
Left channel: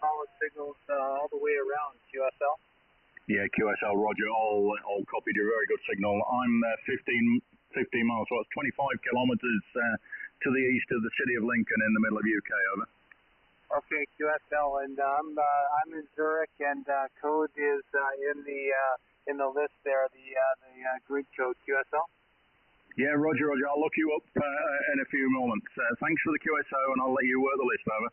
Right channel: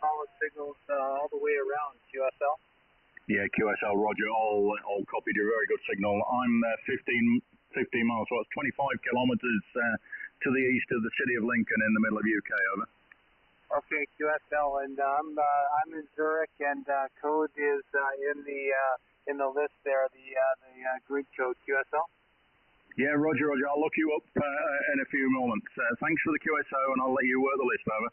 solid signals all the way around, QSL. Yeah, QSL, Roger, all copied your very good signal. I'm 15 miles, so it's 25 kilometres to the east of the city of Lincoln in the middle of UK, over. Okay, QSL, and I'm in Zurich, and code is in the list there, the grid code, QSL. Yeah, Roger, I'll look you up in a few moments. Thanks for the QSO, and I'll let you work the list, over.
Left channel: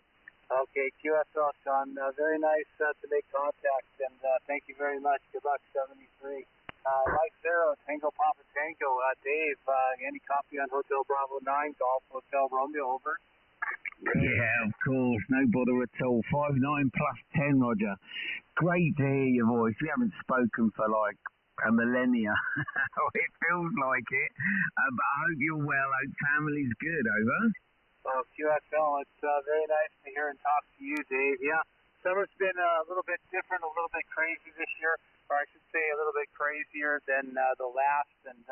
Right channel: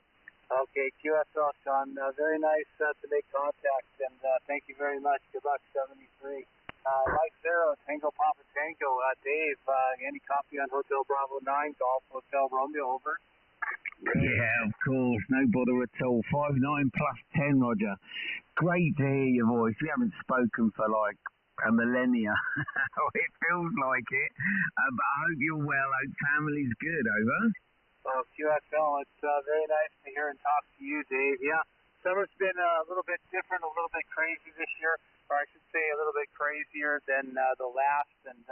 Okay, QSL, Sean. Very nice to make contact, and thank you very much. Good luck, 73. Mike 0, Tango Papa Tango. Dave, any copy on Hotel Bravo 9, Golf Hotel Romeo, over? Yeah, of course, no bother at all. 5.9 plus 10, Roger. Great to hear your voice. We haven't spoken for like a millennia. It feels like it. But I hope you're well. I hope family's good, over. Well, QSL, it's very nice to hear and talk to you, Dave. Yeah, summer's been a little bit different, a little bit crazy this year, or I should say a little bit crazier than the last, and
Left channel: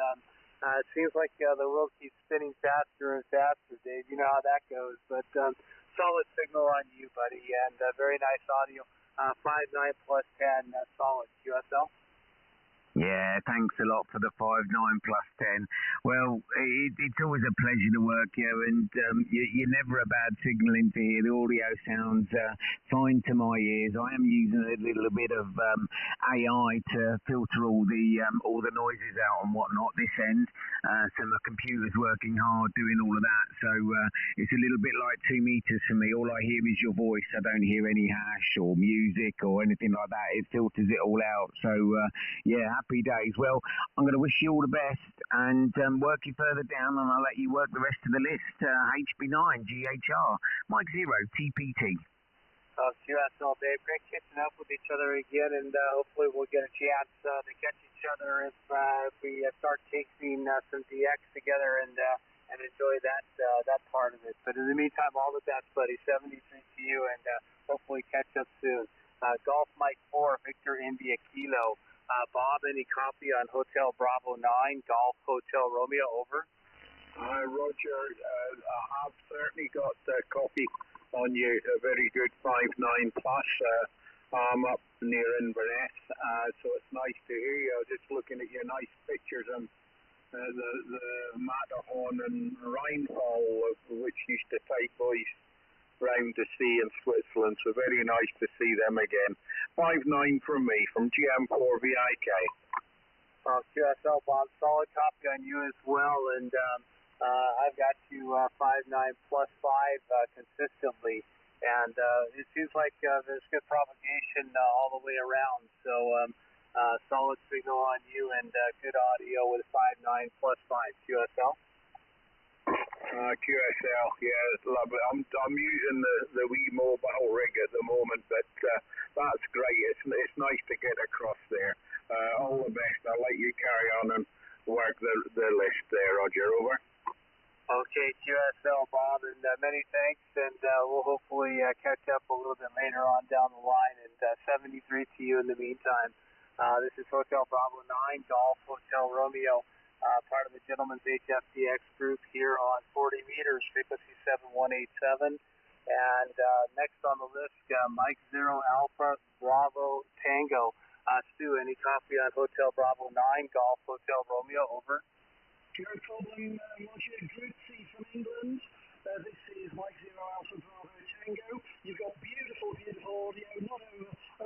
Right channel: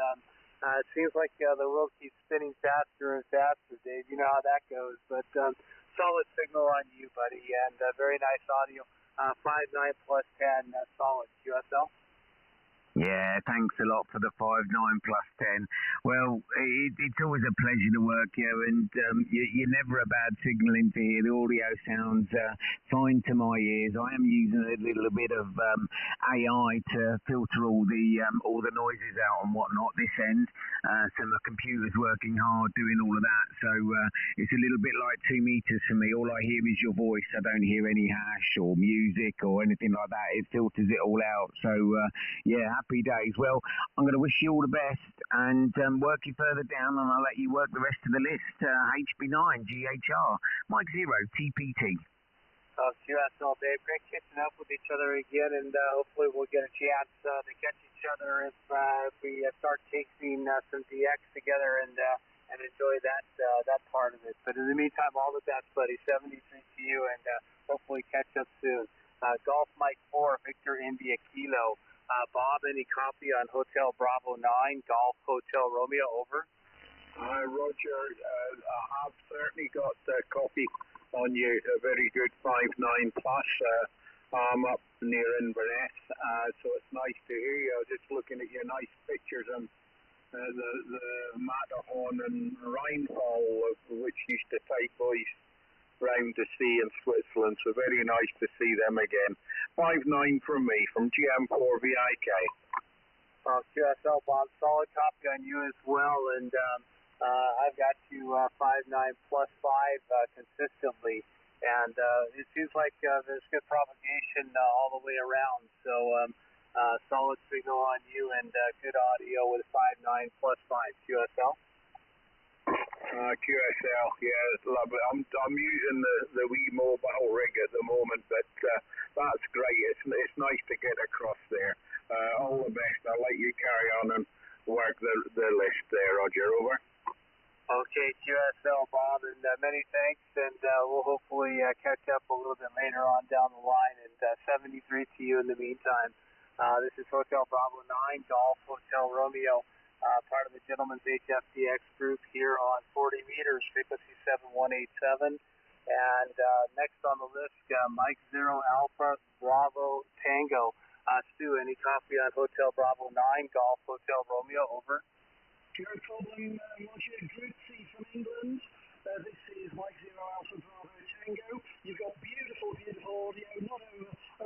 it seems like the world keeps spinning faster and faster, Dave. You know how that goes, but solid signal on you, buddy, and very nice audio. 5.9 plus 10, solid. QSL? Yeah, thanks a lot for the 5.9 plus 10. Well, it's always a pleasure to work here, and you're never a bad signaling to hear. The audio sounds fine to my ears. I am using a little bit of AI to filter all the noises out and whatnot this end. So my computer's working hard doing all of that. So it's a little bit like 2 meters for me. All I hear is your voice. I don't hear any hash or music or anything like that. It filters it all out. So yeah, happy days. Well, I'm going to wish you all the best and work you further down, and I'll let you work the rest of the list. HB9, GHR, Mike 0, TPT. QSL, Dave, great catching up with each other again, and hopefully we'll get a chance to catch each other if we start tasting some DX together and enjoy that part of it. But in the meantime, all the best, buddy. 73 to you, and hopefully catch up soon. Golf Mike 4, Victor India Kilo. Bob, any copy on Hotel Bravo 9, Golf Hotel Romeo, over? Roger, I have certainly got a copy on you, a very good 5.9 plus. I'm up near Inverness, so it's nice to hear you. I was just looking at your nice pictures and the Matterhorn and Rheinfall, which used to take boys round to sea in Switzerland, so very nice to see them again. 5.9 from me, from GM4 VIK. QSL, Bob, solid copy on you as well, and I've got you 5.9 plus 5 consistently, and it seems like there's good propagation all the way around, so solid signal on you and good audio with 5.9 plus 5. QSL? QSL, yeah, it's lovely. I'm using the wee mobile rig at the moment, but that's great. It's nice to get across there. All the best. I'll let you carry on and work the list there, Roger. Over. Okay, QSL, Bob, and many thanks, and we'll hopefully catch up a little bit later on down the line, and 73 to you in the meantime. This is Hotel Bravo 9, Golf Hotel Romeo. Part of the Gentleman's Gchf Dx group here on 40 meters, frequency 7187. And next on the list, Mike 0 Alpha Bravo Tango. Stu, any copy on Hotel Bravo 9, Golf Hotel Romeo, over? No problem, Roger. Grutzi from England. This is Mike Zero Alpha Bravo Tango. You've got beautiful, beautiful audio, not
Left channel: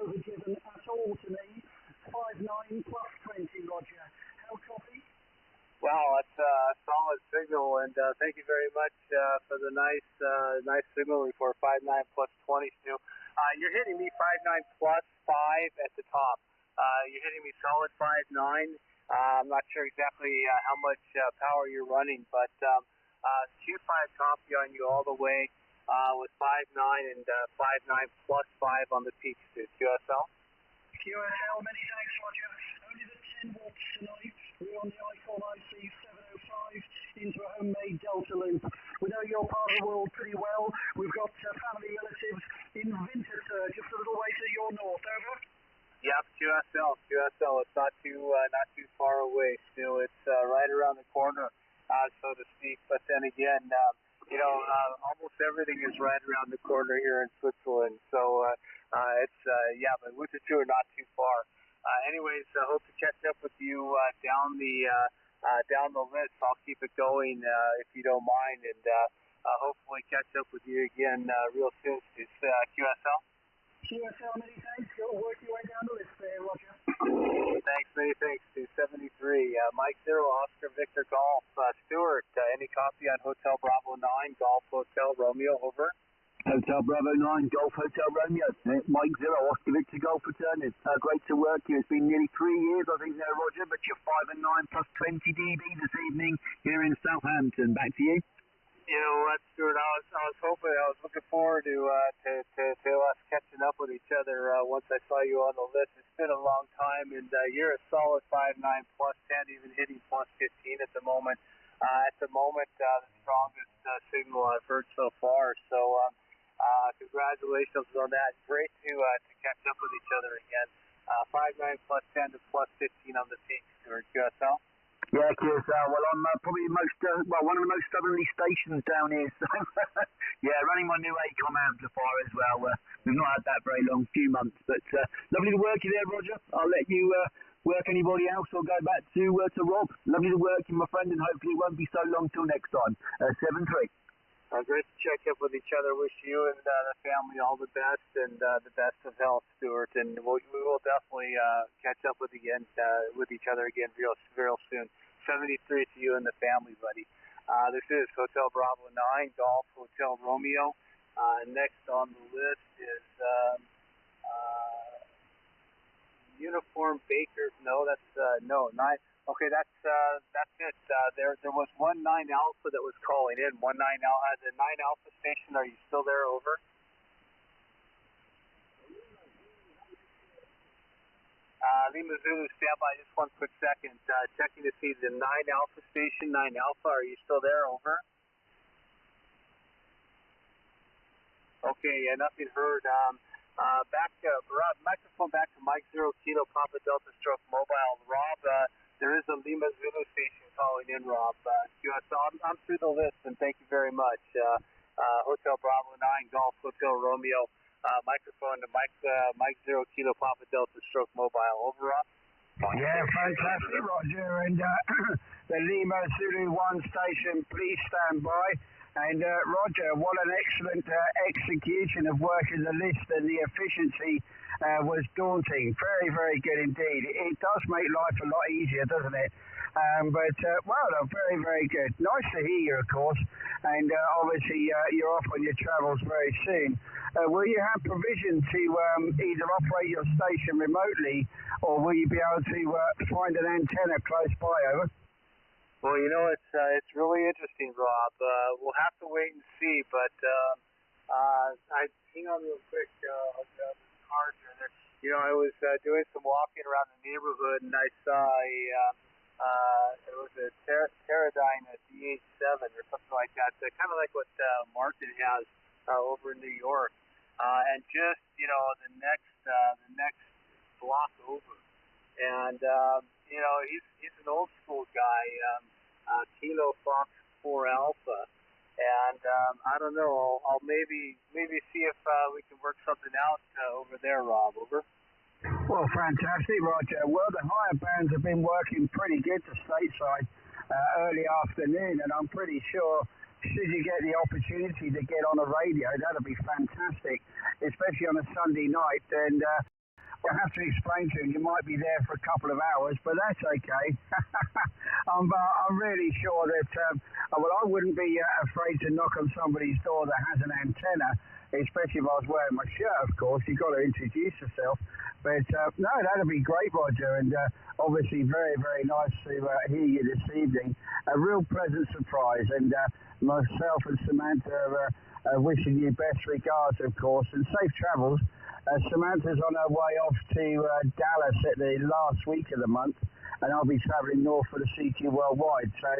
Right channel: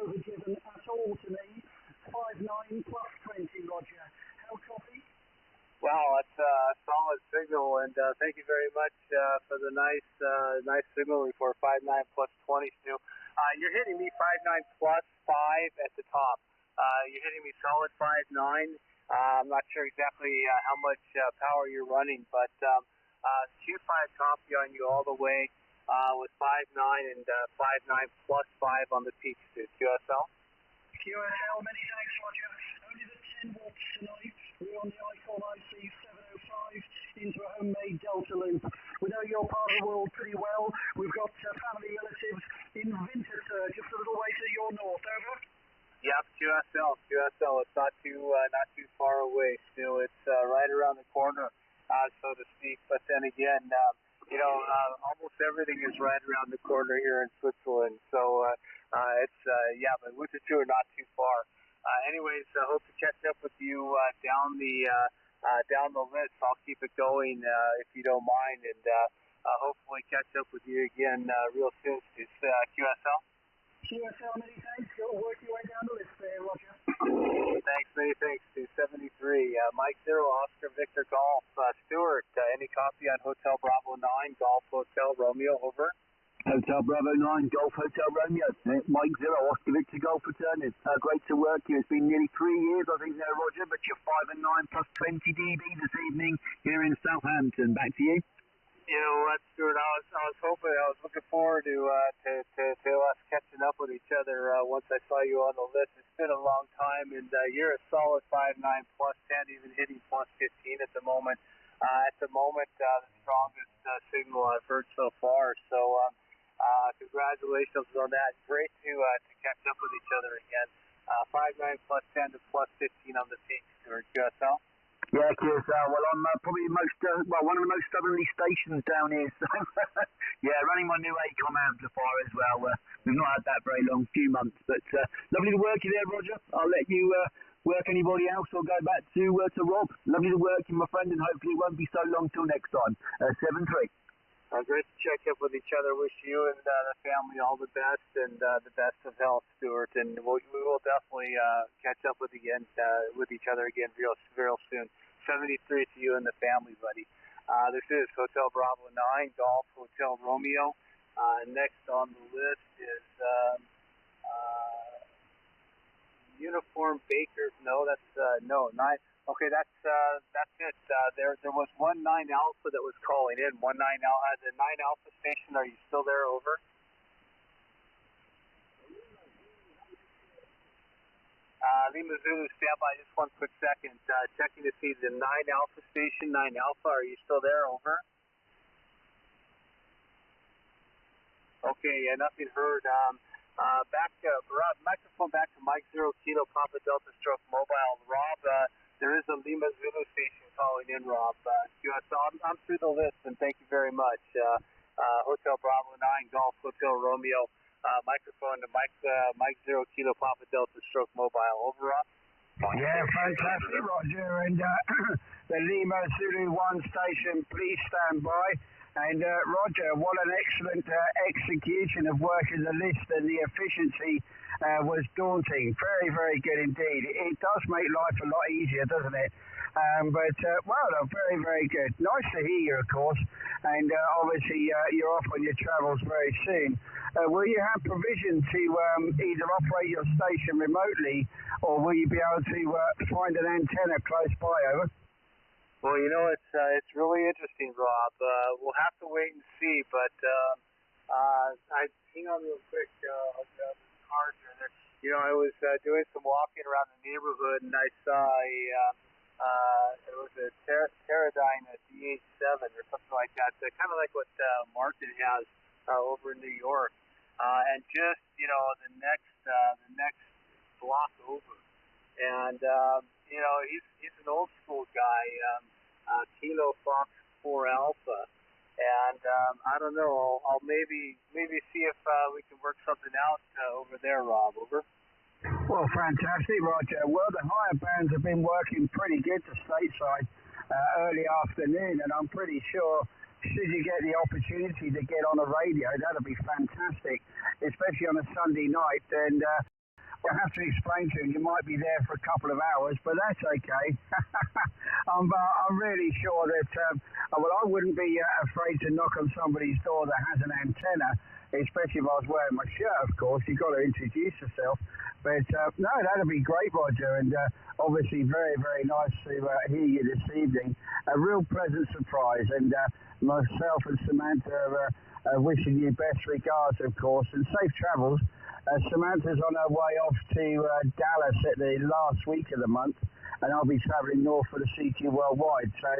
overdriven at all to me. 59 plus 20, Roger. How copy? Wow, that's a solid signal, and thank you very much for the nice signal report. 59 plus 20, Stu. You're hitting me 59 plus 5 at the top. You're hitting me solid 59. I'm not sure exactly how much power you're running, but Q5 copy on you all the way with 59 and 59 plus 5 on the peaks, Stu. QSL? QSL, many thanks, Roger. Only the 10 watts tonight. We're on the ICOM IC 705 into a homemade Delta loop. We know your part of the world pretty well. We've got family relatives in Winterthur, just a little way to your north. Over. Yep, QSL. It's not too far away. Still, it's right around the corner, so to speak. But then again, almost everything is right around the corner here in Switzerland. So but Winterthur not too far. Anyways, I hope to catch up with you down the list. I'll keep it going if you don't mind, and hopefully catch up with you again real soon. It's QSL. QSL, many thanks. Go work your way down the list there, Roger. Thanks, many thanks. 273. Mike Zero, Oscar Victor Golf. Stuart, any copy on Hotel Bravo 9, Golf Hotel Romeo, over? Hotel Bravo 9, Golf Hotel Romeo. Mike Zero, Oscar Victor Golf returning. Great to work you. It's been nearly 3 years, I think, now, Roger, but you're 5 and 9 plus 20 dB this evening here in Southampton. Back to you. You know what, Stuart? I was looking forward to us catching up with each other once I saw you on the list. It's been a long time, and you're a solid 5'9 plus 10, even hitting plus 15 at the moment. The strongest signal I've heard so far. So congratulations on that. Great to catch up with each other again. 5'9 plus 10 to plus 15 on the peak, Stuart. QSL. Yeah, QSL. Well, I'm probably one of the most southerly stations down here. So, yeah, running my new ACOM amplifier as well. We've not had that very long, few months, but lovely to work you there, Roger. I'll let you work anybody else or go back to Rob. Lovely to work you, my friend, and hopefully it won't be so long till next time. 7-3. Great to check up with each other. Wish you and the family all the best and the best of health, Stuart. And we will definitely catch up with each other again real soon. 73 to you and the family, buddy. This is Hotel Bravo 9, Golf Hotel Romeo. Next on the list is Uniform Baker. No, that's 9. Okay, that's it. There was 19 Alpha that was calling in. 19 Alpha, the 9 Alpha station. Are you still there? Over. Lima Zulu, stand by just one quick second. Checking to see the 9 Alpha station. 9 Alpha, are you still there? Over. Okay, nothing heard. Rob, microphone back to Mike Zero Kilo Papa Delta Stroke Mobile. Rob, there is a Lima Zulu station calling in, Rob. I'm through the list, and thank you very much. Hotel Bravo 9, Golf Hotel Romeo. Microphone to Mike Zero Kilo Papa Delta Stroke Mobile. Over, Rob. Yeah, fantastic, Roger. And the Lima Zulu 1 station, please stand by. And Roger, what an excellent execution of working the list, and the efficiency was daunting. Very, very good indeed. It does make life a lot easier, doesn't it? Very, very good. Nice to hear you, of course. And obviously you're off on your travels very soon. Will you have provision to either operate your station remotely, or will you be able to find an antenna close by? Over. Well, it's really interesting, Rob. We'll have to wait and see, but hang on real quick. I'll grab this card here. I was doing some walking around the neighborhood, and I saw it was a Teradyne DH7 or something like that, kind of like what Martin has over in New York, and just the next block over, and he's an old school guy, Kilo Fox 4 Alpha, and I don't know. I'll maybe see if we can work something out over there, Rob. Over. Well, fantastic, Roger. Well, the higher bands have been working pretty good to stateside. early afternoon, and I'm pretty sure should you get the opportunity to get on a radio, that'll be fantastic, especially on a Sunday night. And I have to explain to him you might be there for a couple of hours, but that's okay. I'm really sure that, well, I wouldn't be afraid to knock on somebody's door that has an antenna, especially if I was wearing my shirt, of course. You've got to introduce yourself. But no, that'll be great, Roger, and obviously very, very nice to hear you this evening. A real pleasant surprise, and myself and Samantha are wishing you best regards, of course, and safe travels. Samantha's on her way off to Dallas at the last week of the month, and I'll be travelling north for the CQ Worldwide. So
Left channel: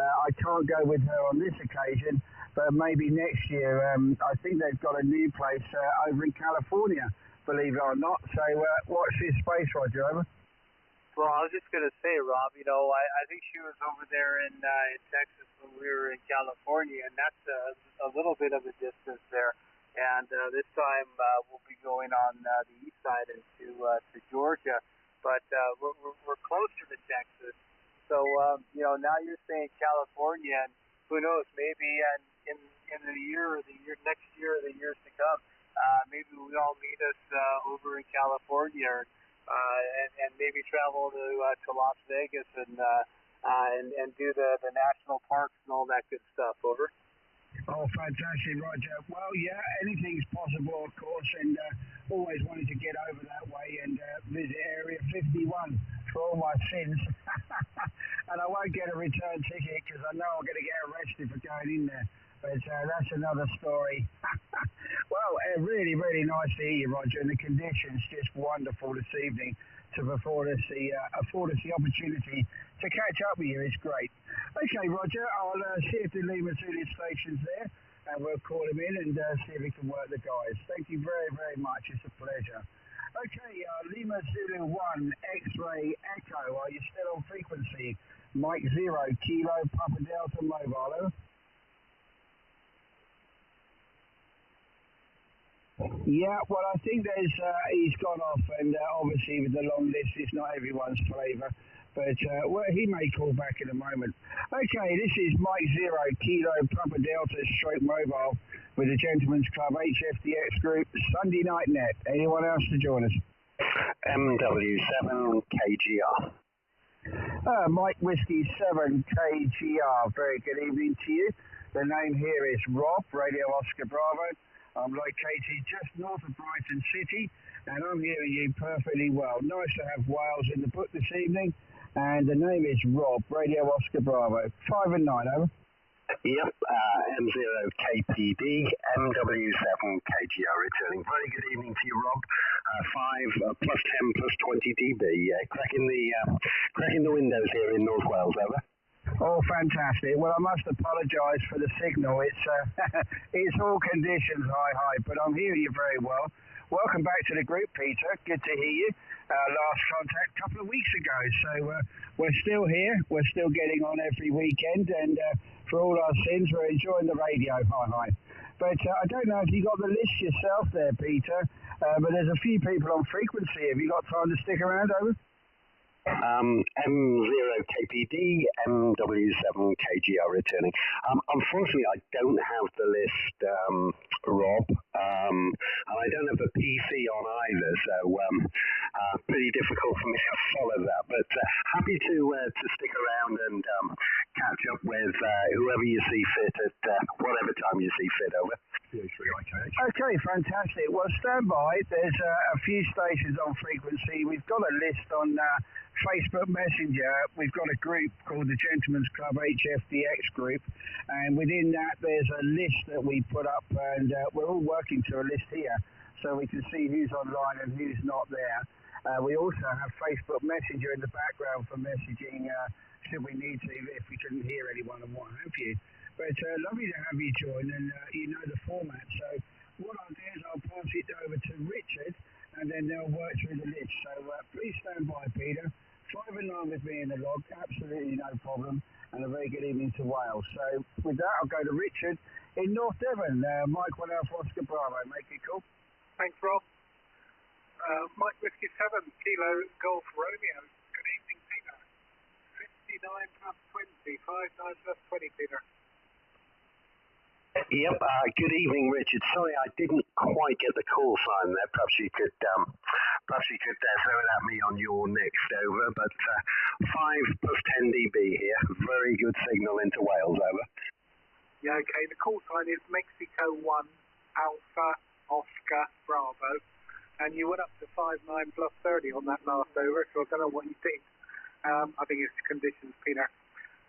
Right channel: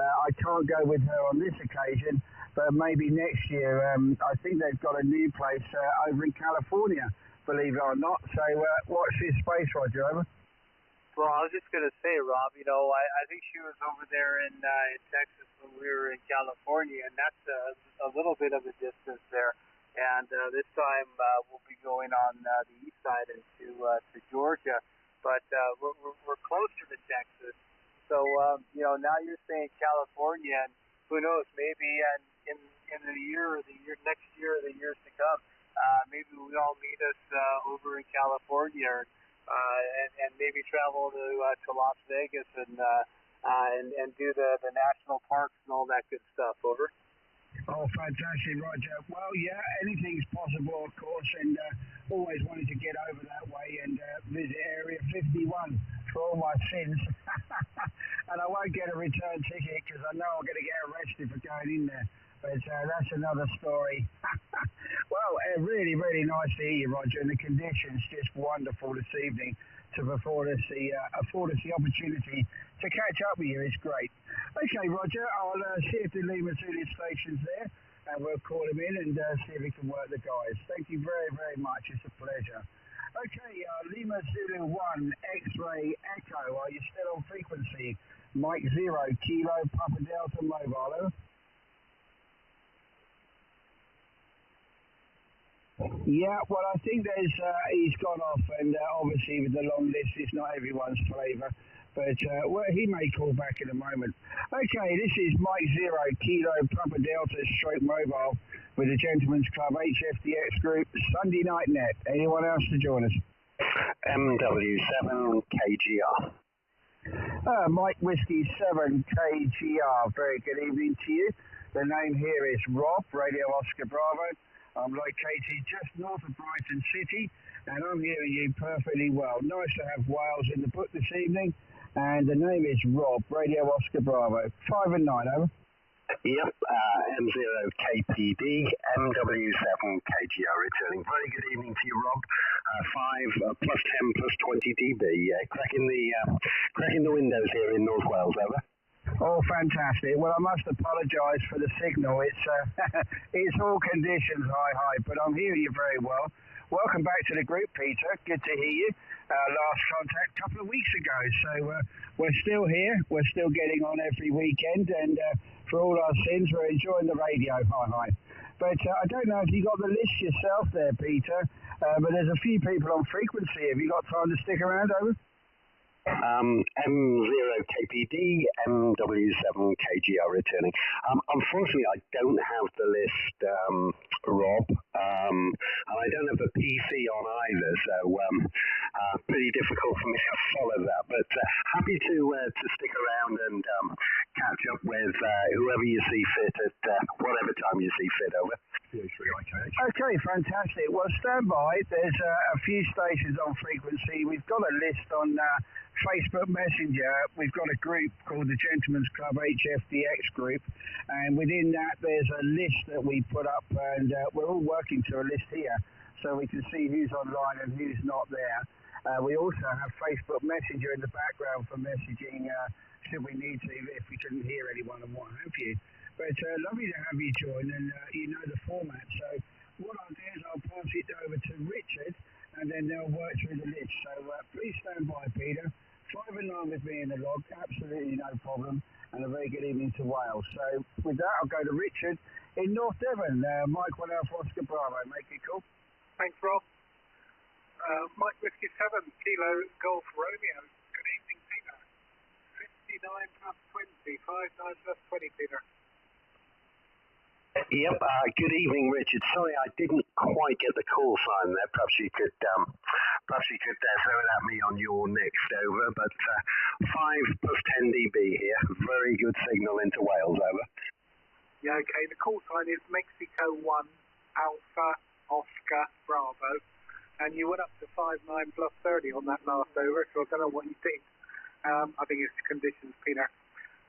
I can't go with her on this occasion, but maybe next year. I think they've got a new place over in California, believe it or not. So watch this space, Roger. Over. Well, I was just going to say, Rob, you know, I think she was over there in Texas when we were in California, and that's a little bit of a distance there. And this time we'll be going on the east side into to Georgia, but we're closer to Texas. So you know, now you're saying California, and who knows? Maybe in the year or the year next year or the years to come, maybe we all meet us over in California, and maybe travel to Las Vegas and do the national parks and all that good stuff. Over. Oh, fantastic, Roger. Well, yeah, anything's possible, of course, and always wanted to get over that way and visit Area 51 for all my sins. And I won't get a return ticket because I know I'm going to get arrested for going in there. But that's another story. Well, really, really nice to hear you, Roger, and the conditions just wonderful this evening to afford us the opportunity to catch up with you. It's great. Okay, Roger, I'll see if the Lima Zulu station's there, and we'll call him in and see if we can work the guys. Thank you very, very much. It's a pleasure. Okay, Lima Zulu 1, X-Ray Echo, are you still on frequency? Mike 0, Kilo, Papa Delta Mobile. Yeah, well, I think he's gone off, and obviously with the long list, it's not everyone's flavour. But well, he may call back in a moment. Okay, this is Mike 0, Kilo, Papa Delta, Stroke Mobile, with the Gentleman's Club Gchf Dx Group, Sunday Night Net. Anyone else to join us? MW7 KGR. Mike Whiskey 7 KGR. Very good evening to you. The name here is Rob, Radio Oscar Bravo. I'm located just north of Brighton City, and I'm hearing you perfectly well. Nice to have Wales in the book this evening, and the name is Rob, Radio Oscar Bravo. 5 and 9, over. Yep, M0KPD, MW7 KGR returning. Very good evening to you, Rob. 5 plus 10 plus 20 dB. Cracking the windows here in North Wales, over. Oh, fantastic. Well, I must apologise for the signal. It's all conditions, hi, but I'm hearing you very well. Welcome back to the group, Peter. Good to hear you. Last contact a couple of weeks ago. So we're still here. We're still getting on every weekend. And for all our sins, we're enjoying the radio. Hi. But I don't know if you got the list yourself there, Peter. But there's a few people on frequency. Have you got time to stick around, over? M0KPD, MW7 KGR returning. Unfortunately, I don't have the list, Rob, and I don't have the PC on either, so pretty difficult for me to follow that. But happy to stick around and catch up with whoever you see fit at whatever time you see fit, over. Okay, fantastic. Well, stand by. There's a few stations on frequency. We've got a list on Facebook Messenger. We've got a group called the Gentleman's Club Gchf Dx Group, and within that there's a list that we put up, and we're all working to a list here so we can see who's online and who's not there. We also have Facebook Messenger in the background for messaging should we need to, if we couldn't hear anyone and what have you. But lovely to have you join, and you know the format. So what I'll do is I'll pass it over to Richard, and then they'll work through the list. So please stand by, Peter. 5 and 9 with me in the log, absolutely no problem, and a very good evening to Wales. So with that, I'll go to Richard in North Devon. Mike 1 Alpha Oscar Bravo, make it cool. Thanks, Rob. Mike Whiskey 7, Kilo Golf Romeo. Good evening, Peter. plus 20, 59 plus 20, Peter. Yep, good evening, Richard. Sorry, I didn't quite get the call sign there. Perhaps you could throw it at me on your next over, but 5 plus 10 dB here. Very good signal into Wales, over. Yeah, okay, the call sign is Mexico 1, Alpha, Oscar, Bravo, and you went up to 59 plus 30 on that last over, so I don't know what you think. I think it's conditions, Peter.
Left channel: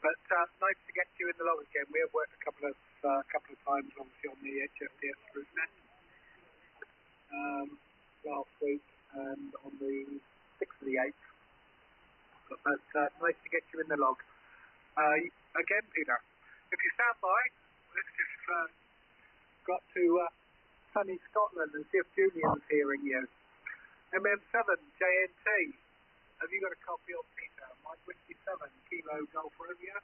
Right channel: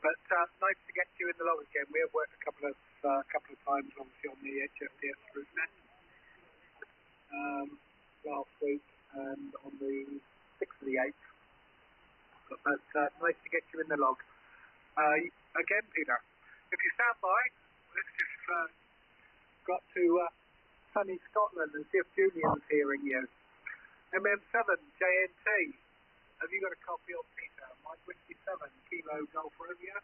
But nice to get you in the log again. We have worked a couple of times, obviously, on the Gchf Dx Net last week and on the 6th of the 8th. But nice to get you in the log. Again, Peter, if you stand by, let's just got to sunny Scotland and see if Julian's hearing you. MM7 JNT, have you got a copy of Peter? Mike Whiskey 7 Kilo Golf Romeo?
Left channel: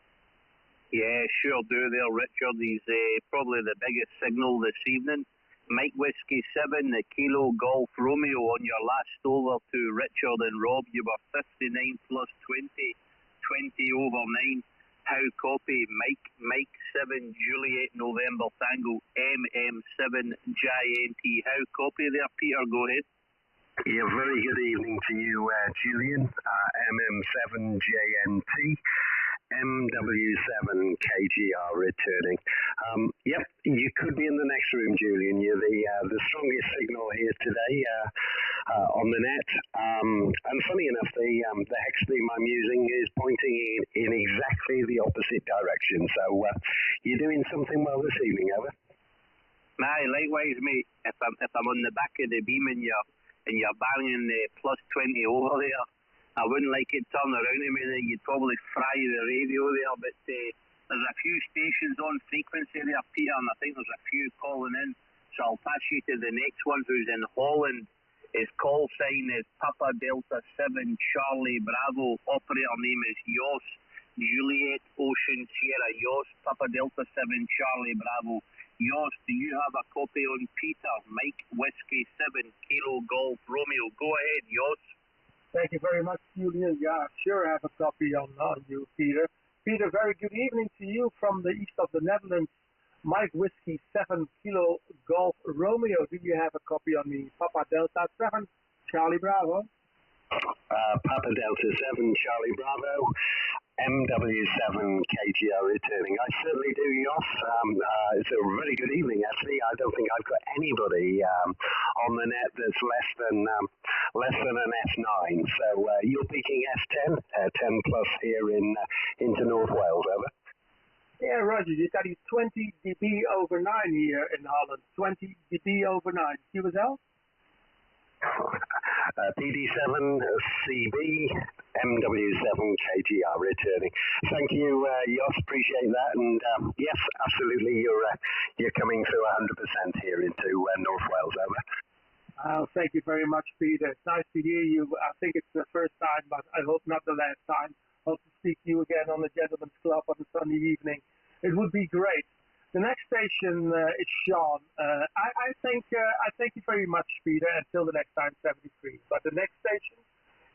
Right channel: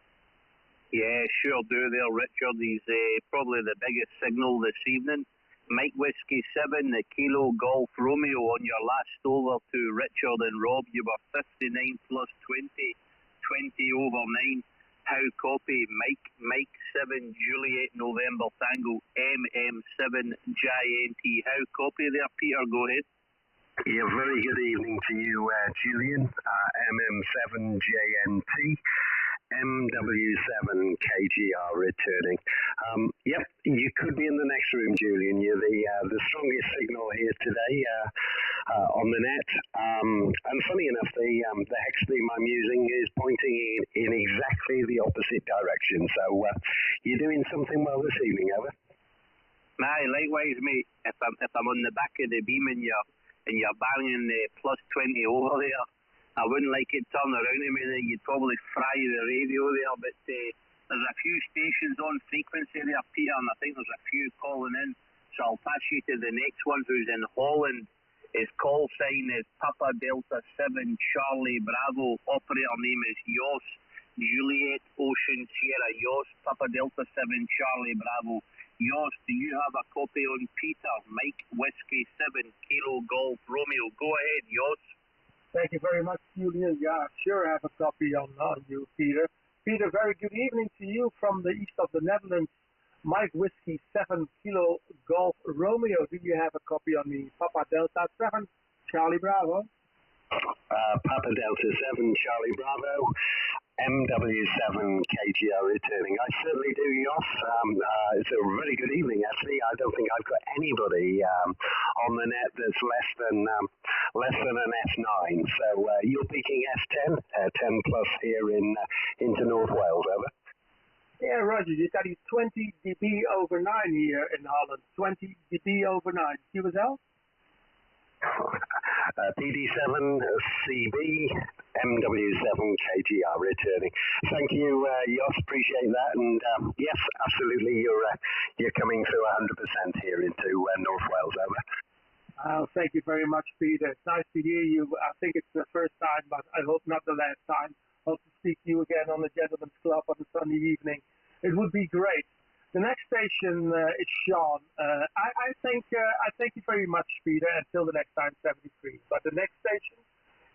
Yeah, sure do there, Richard. He's probably the biggest signal this evening. Mike Whiskey 7, the Kilo Golf Romeo on your last over to Richard and Rob. You were 59 plus 20, 20 over 9. How copy? Mike 7, Juliet November Tango, MM7 JNT. How copy there, Peter? Go ahead. Yeah, very good evening to you, Julian. MM7 JNT, MW7 KGR returning. Yep, you could be in the next room, Julian. You're the strongest signal here today on the net. And funny enough, the hex beam I'm using is pointing in exactly the opposite direction. So you're doing something well this evening, over. Aye, likewise, mate. If I'm on the back of the beam and you're banging the plus 20 over there, I wouldn't like it turn around to me, then you'd probably fry the radio there, but there's a few stations on frequency there, Peter, and I think there's a few calling in, so I'll pass you to the next one who's in Holland. His call sign is Papa Delta 7 Charlie Bravo, operator name is Jos, Juliet Ocean Sierra, Jos, Papa Delta 7 Charlie Bravo. Jos, do you have a copy on Peter, Mike Whiskey 7 Kilo Golf Romeo? Go ahead, Jos. Thank you very much, Julian. Yeah, sure, I have a copy on you, Peter. Peter, very good evening to you from the east of the Netherlands. Mike Whiskey 7 Kilo Golf Romeo. Do you have a copy on me? Papa Delta 7 Charlie Bravo. Papa Delta 7 Charlie Bravo. MW7 KGR returning. I certainly do, Jos. It's a very good evening, actually. I don't think I've got anybody on the net that's less than an S9. So you're peaking S10, 10 plus here into North Wales, over. Yeah, Roger. You got 20 dB over 9 here in Holland. 20 dB over 9. QSL? PD7 CB MW7 KGR returning. Thank you, Jos. Appreciate that. And yes, absolutely, you're coming through 100% here into North Wales, over. Thank you very much, Peter. It's nice to hear you. I think it's the first time, but I hope not the last time. Hope to speak to you again on the Gentleman's Club on a Sunday evening. It would be great. The next station is Sean. I thank you very much, Peter, until the next time, 73. But the next station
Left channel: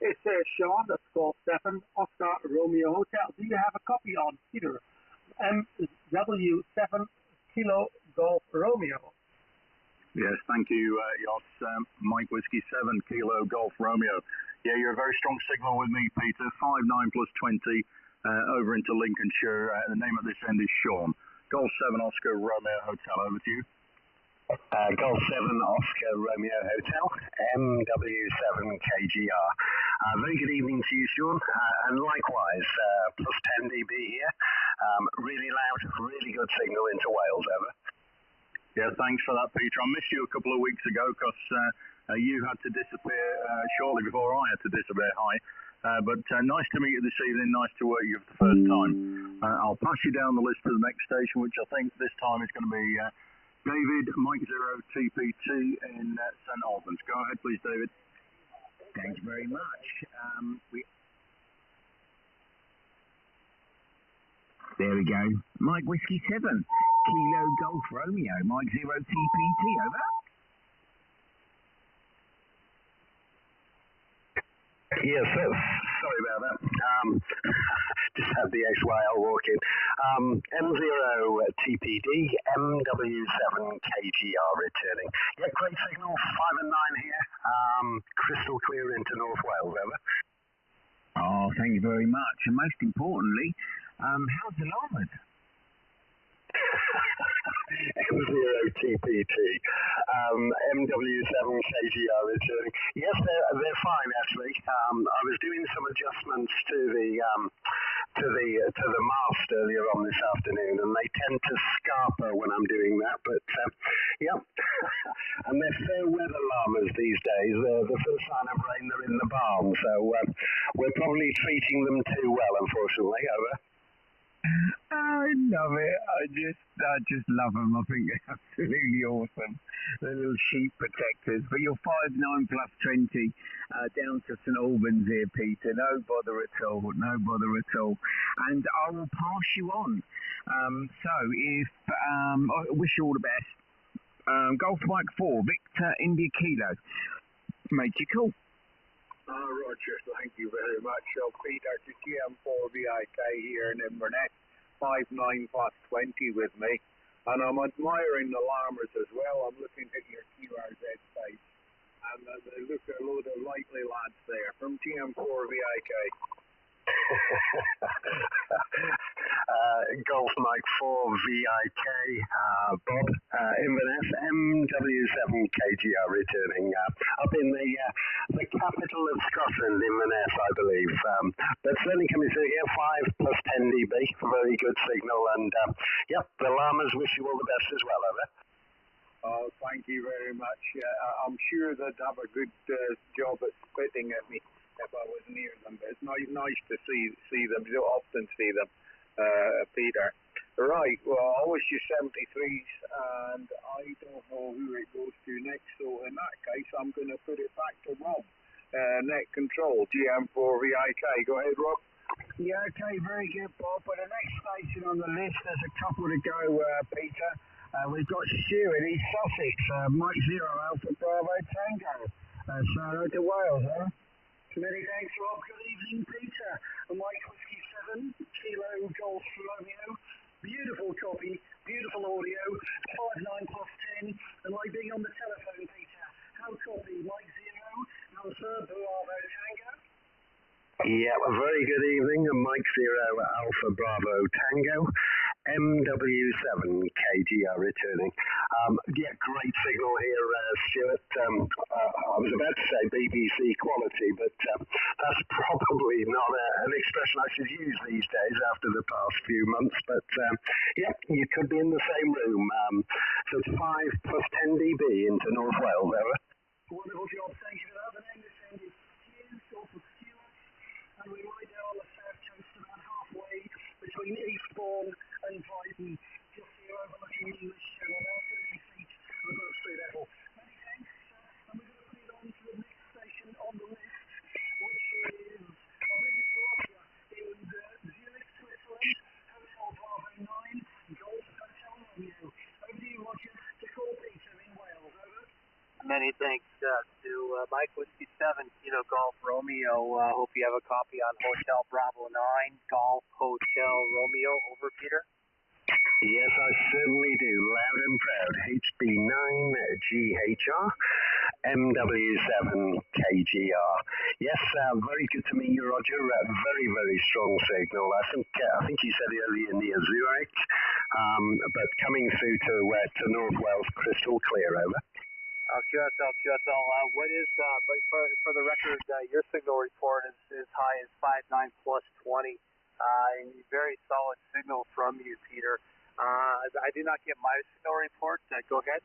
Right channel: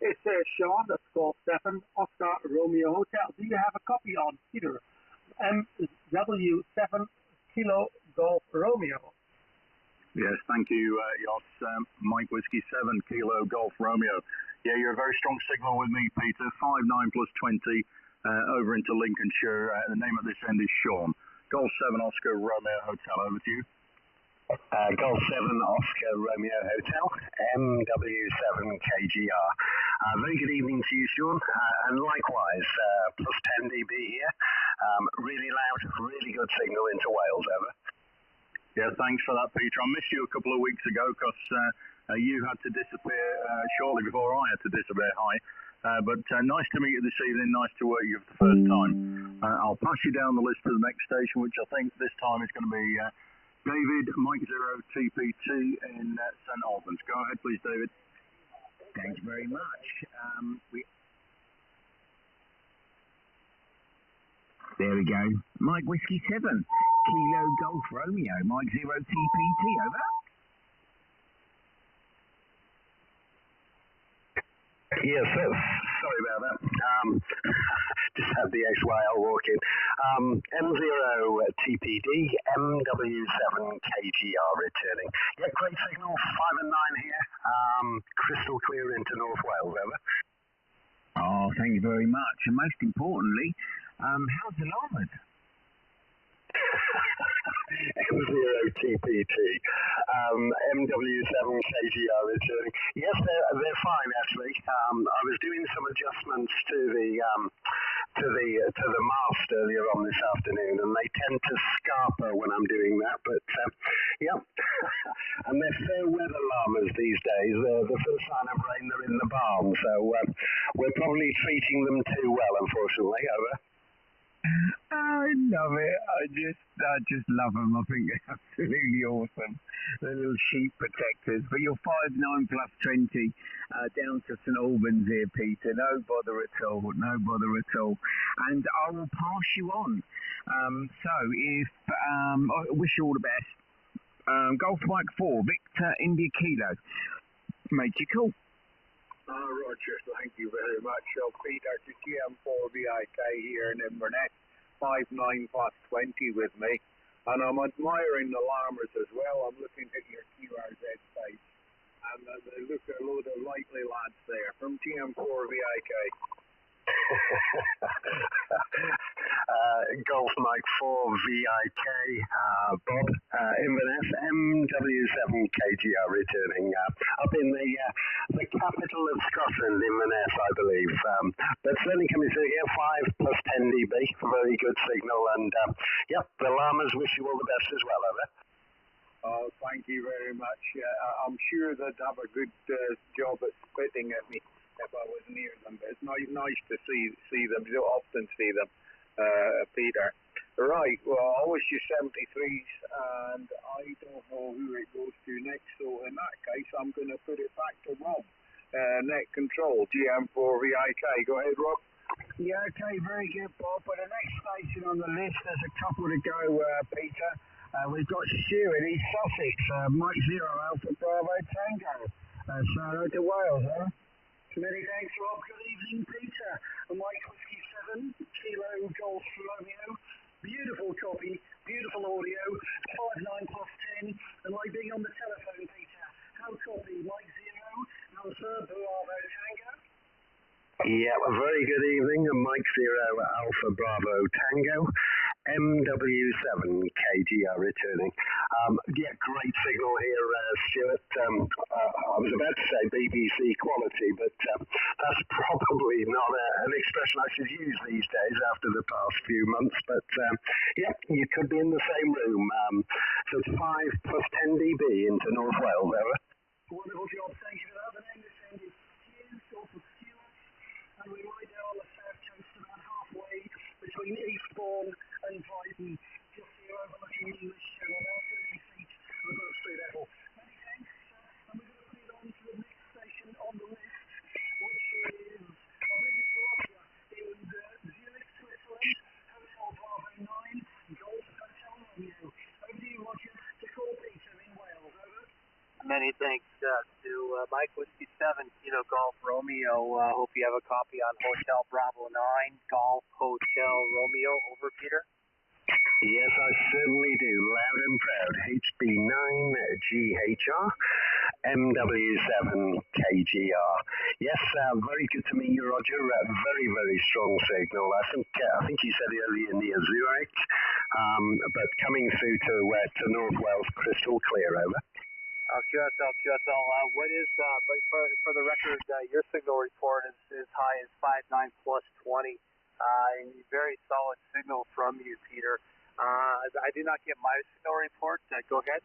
is Sean, that's called 7 Oscar Romeo Hotel. Do you have a copy on, Peter? MW7 Kilo Golf Romeo. Yes, thank you, Jos. Mike Whiskey 7 Kilo Golf Romeo. Yeah, you're a very strong signal with me, Peter. 59 plus 20 over into Lincolnshire. The name of this end is Sean. Golf 7 Oscar Romeo Hotel, over to you. Golf 7 Oscar Romeo Hotel, MW7 KGR. Very good evening to you, Sean. And likewise, plus 10 dB here. Really loud, really good signal into Wales, over. Yeah, thanks for that, Peter. I missed you a couple of weeks ago because you had to disappear shortly before I had to disappear. Hi. But nice to meet you this evening, nice to work you for the first time. I'll pass you down the list to the next station, which I think this time is going to be David, Mike 0 TPT in St Albans. Go ahead, please, David. Thanks very much. There we go. Mike Whiskey 7, Kilo Golf Romeo, Mike 0 TPT, over. Yes, sorry about that. just had the XYL walk in. M0 TPD, MW7 KGR returning. Yeah, great signal, 5 and 9 here. Crystal clear into North Wales, over. Oh, thank you very much. And most importantly, how's the llamas? M0 TPT, MW7 KGR returning. Yes, they're fine actually. I was doing some adjustments to the mast earlier on this afternoon, and they tend to scarper when I'm doing that. But yeah, and they're fair weather llamas these days. The first sign of rain, they're in the barn, so we're probably treating them too well, unfortunately. Over. I love it. I just love them. I think they're absolutely awesome. They're little sheep protectors. But you're 5'9" plus 20 down to St Albans here, Peter. No bother at all. No bother at all. And I will pass you on. So if I wish you all the best. Golf Mike 4, Victor India Kilo. Make you cool. Roger, thank you very much. So, Peter, to GM4 VIK here in Inverness, 5'9" plus 20 with me. And I'm admiring the llamas as well. I'm looking at your QRZ site. And they look a load of likely lads there from GM4 VIK. Golf Mike 4 VIK, Bob, Inverness, MW7 KGR returning up in the capital of Scotland, Inverness, I believe. But certainly coming through here, 5 plus 10 dB, very good signal. And yep, the llamas wish you all the best as well, over. Oh, thank you very much. I'm sure they'd have a good job at spitting at me if I was near them. But it's nice to see them. You don't often see them, Peter. Right, well, I wish you 73s, and I don't know who it goes to next. So in that case, I'm going to put it back to Rob. Net control, GM4 VIK. Go ahead, Rob. Yeah, okay, very good, Bob. But the next station on the list, there's a couple to go, Peter. We've got Stuart in East Sussex, Mike 0 Alpha Bravo Tango. So hello to Wales, huh? Many thanks, Rob. Good evening, Peter. Mike Whiskey 7, Kilo Golf Romeo. Beautiful copy, beautiful audio, 5'9" plus 10. And like being on the telephone, Peter. How copy? Mike 0, Alpha Bravo Tango. Yeah, a very good evening. Mike 0 Alpha Bravo Tango. MW7 KGR returning. Yeah, great signal here, Stuart. I was about to say BBC quality, but that's probably not an expression I should use these days after the past few months. But yeah, you could be in the same room. So it's 5 plus 10 dB into North Wales, over. Wonderful job, thank you for that. The name this end is Hughes, Golf of Stuart. And we lie down on the south coast about halfway between Eastbourne and Brighton, just here overlooking the English Channel, about 30 feet above sea level. Many thanks, and we're going to put it on to the next station on the list, which is, I believe it's Russia, in Zurich, Switzerland, Hotel Bravo 9, Golf Hotel Romeo. Over to you, Roger, to call Peter in Wales, over. Many thanks to Mike Whiskey 7, Kilo Golf Romeo. Hope you have a copy on Hotel Bravo 9, Golf Hotel Romeo. Over, Peter? Yes, I certainly do. Loud and proud. HB9 GHR, MW7 KGR. Yes, very good to meet you, Roger. Very, very strong signal. I think you said earlier near Zurich, but coming through to North Wales, crystal clear, over. QSL. What is, for the record, your signal report is as high as 5'9" plus 20. Very solid signal from you, Peter. I did not get my signal report. Go ahead.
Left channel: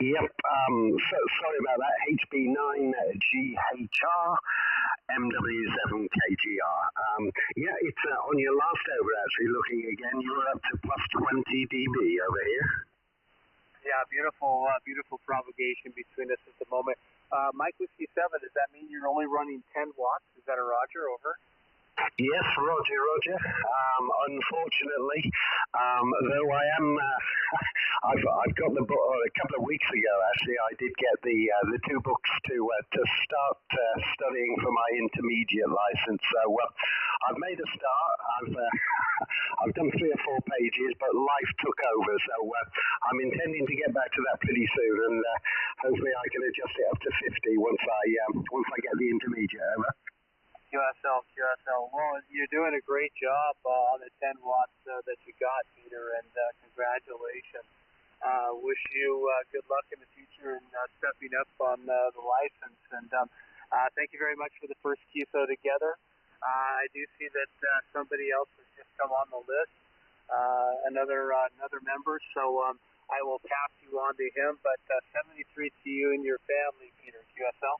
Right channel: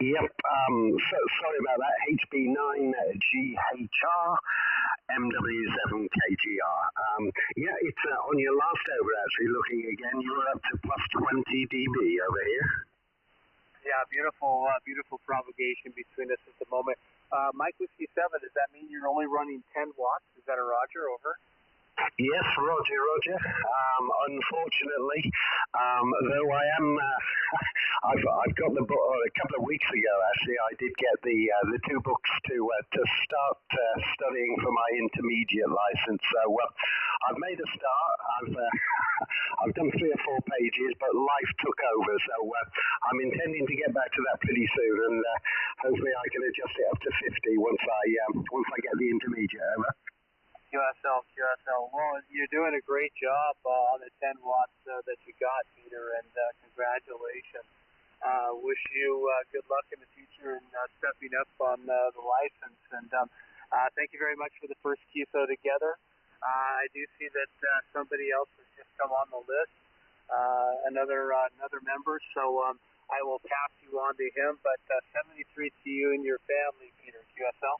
Yep, so sorry about that. HB9 GHR, MW7 KGR. Yeah, it's on your last over, actually, looking again, you were up to plus 20 dB over here. Yeah, beautiful propagation between us at the moment. Mike Whiskey 7, does that mean you're only running 10 watts? Is that a Roger, over? Yes, Roger. Unfortunately, though I am, I've got the book a couple of weeks ago. Actually, I did get the two books to start studying for my intermediate license. So I've made a start. I've done 3 or 4 pages, but life took over. So I'm intending to get back to that pretty soon, and hopefully I can adjust it up to 50 once I get the intermediate over. QSL. Well, you're doing a great job on the 10 watts that you got, Peter, and congratulations. Wish you good luck in the future in stepping up on the license. And thank you very much for the first QSO together. I do see that somebody else has just come on the list, another member. So I will pass you on to him. But 73 to you and your family, Peter. QSL.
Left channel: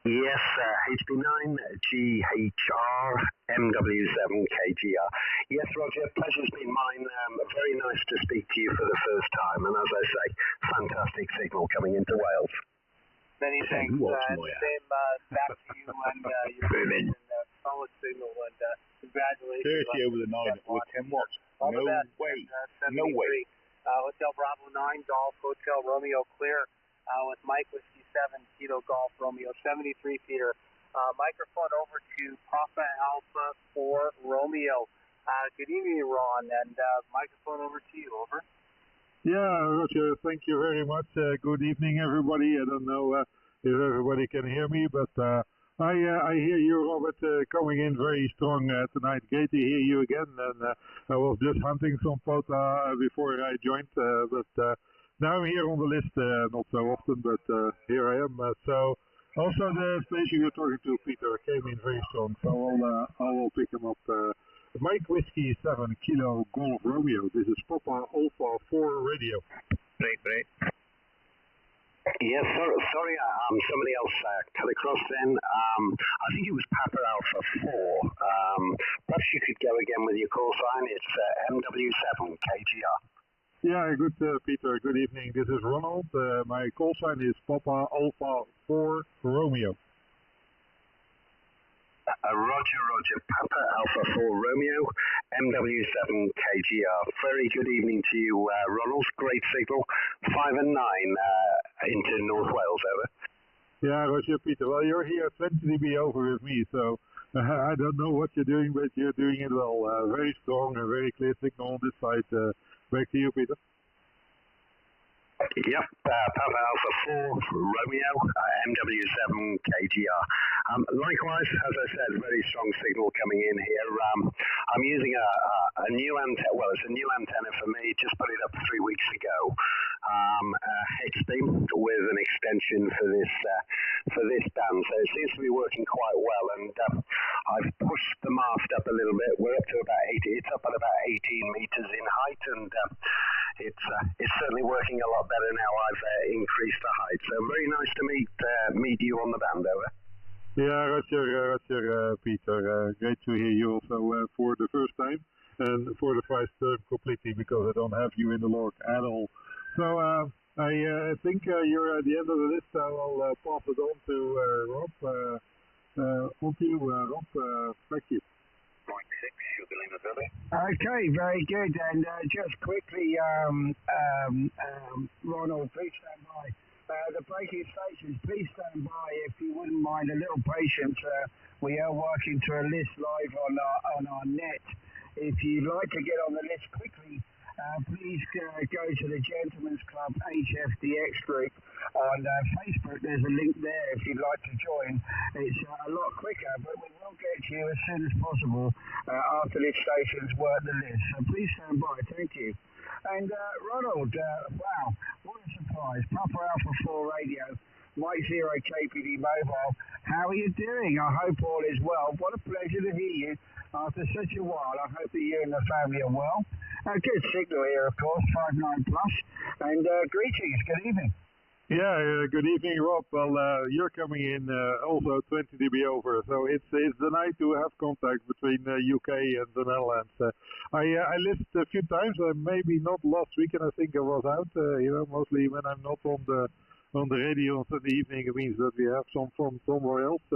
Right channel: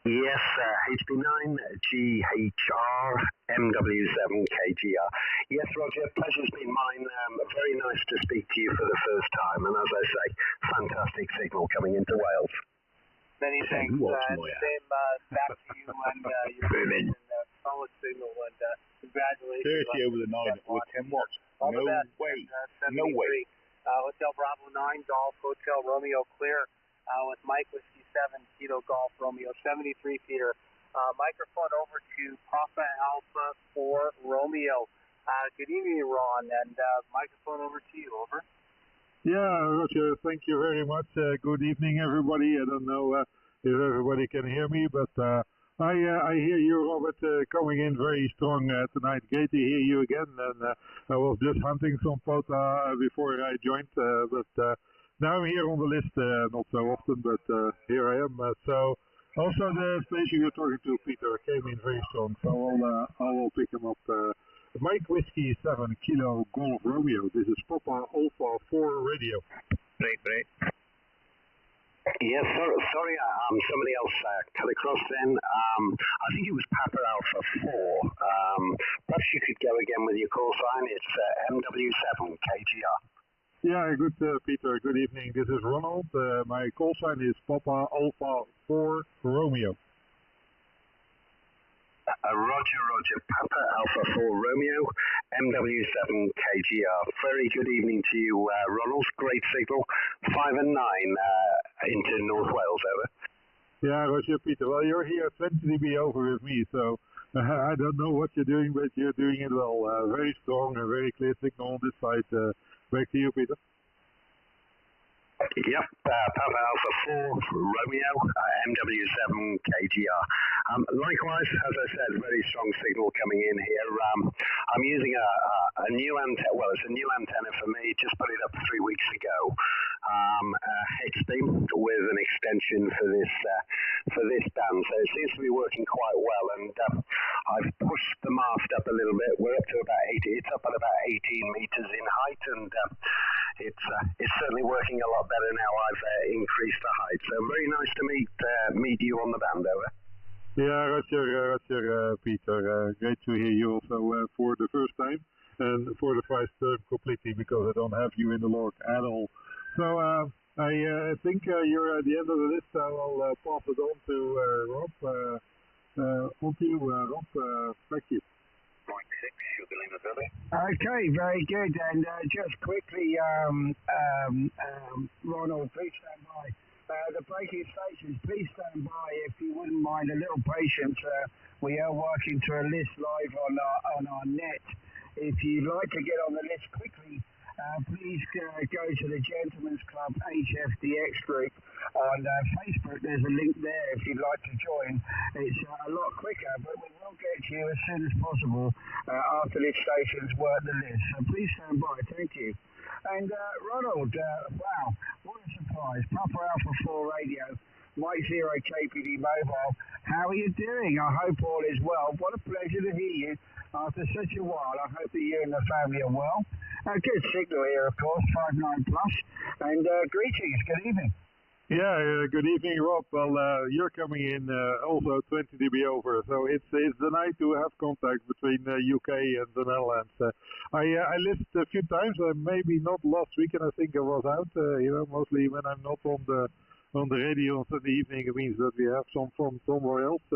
Yes, HB9, GHR, MW7KGR. Yes, Roger, pleasure's been mine. Very nice to speak to you for the first time. And as I say, fantastic signal coming into Wales. Many thanks. Same back to you and your vision, solid signal, and congratulations. 30 over the 9 with 10 watts. All the best. No way. Hotel Bravo 9, Golf, Hotel Romeo Clear. With Mike Whiskey 7, Kilo Golf Romeo 73, Peter. Microphone over to Papa Alpha 4 Romeo. Good evening, Ron, and microphone over to you. Over. Yeah, Roger, thank you very much. Good evening, everybody. I don't know if everybody can hear me, but I hear you, Robert, coming in very strong tonight. Great to hear you again. And I was just hunting some photo before I joined, but now I'm here on the list, not so often, but here I am. So also the station you're talking to, Peter, came in very strong, so I will pick him up. Mike Whiskey 7, Kilo Golf Romeo. This is Papa Alpha 4 radio. Great. Yes, sorry, somebody else cut across then. I think it was Papa Alpha 4. Perhaps you could go again with your call sign. It's MW7 KGR. Yeah, good, Peter. Good evening. This is Ronald. My call sign is Papa Alpha 4 Romeo. Roger. Papa Alpha 4 Romeo, MW7 KGR. Very good evening to you, Ronald. Great signal. 5 and 9 into North Wales, over. Yeah, Roger, Peter. Well, you're here 20 dB over with me, so I don't know what you're doing, but you're doing it well. Very strong and very clear signal on this side. Back to you, Peter. Yep, Papa Alpha 4 Romeo, MW7 KGR. Likewise, as I said, very strong signal coming in here. I'm using a new antenna. Well, it's a new antenna for me. Just put it up 3 weeks ago. X-beam with an extension for this band. So it seems to be working quite well. And I've pushed the mast up a little bit. We're up to about 80. It's up at about 18 meters in height, and it's certainly working a lot better now. I've increased the height. So very nice to meet you on the band, over. Yeah, Roger, Peter. Great to hear you also for the first time and for the first term completely, because I don't have you in the log at all. So I think you're at the end of the list. I will pass it on to Rob. On to you, Rob. Thank you. Okay, very good. And just quickly, Ronald, please stand by. The breaking stations, please stand by if you wouldn't mind a little patience. We are working to a list live on our net. If you'd like to get on the list quickly, please go to the Gentlemen's Club Gchf Dx group on Facebook. There's a link there if you'd like to join. It's a lot quicker, but we will get to you as soon as possible after the stations work the list. So please stand by. Thank you. And Ronald, wow, what a surprise. Papa Alpha 4 Radio, Mike 0 KPD Mobile. How are you doing? I hope all is well. What a pleasure to hear you after such a while. I hope that you and the family are well. Good signal here, of course, 59 plus. And greetings, good evening. Yeah, good evening, Rob. Well, you're coming in also 20 dB over, so it's the night to have contact between UK and the Netherlands. I listened a few times, maybe not last weekend. I think I was out. Mostly when I'm not on the radio on Sunday evening, it means that we have some from somewhere else.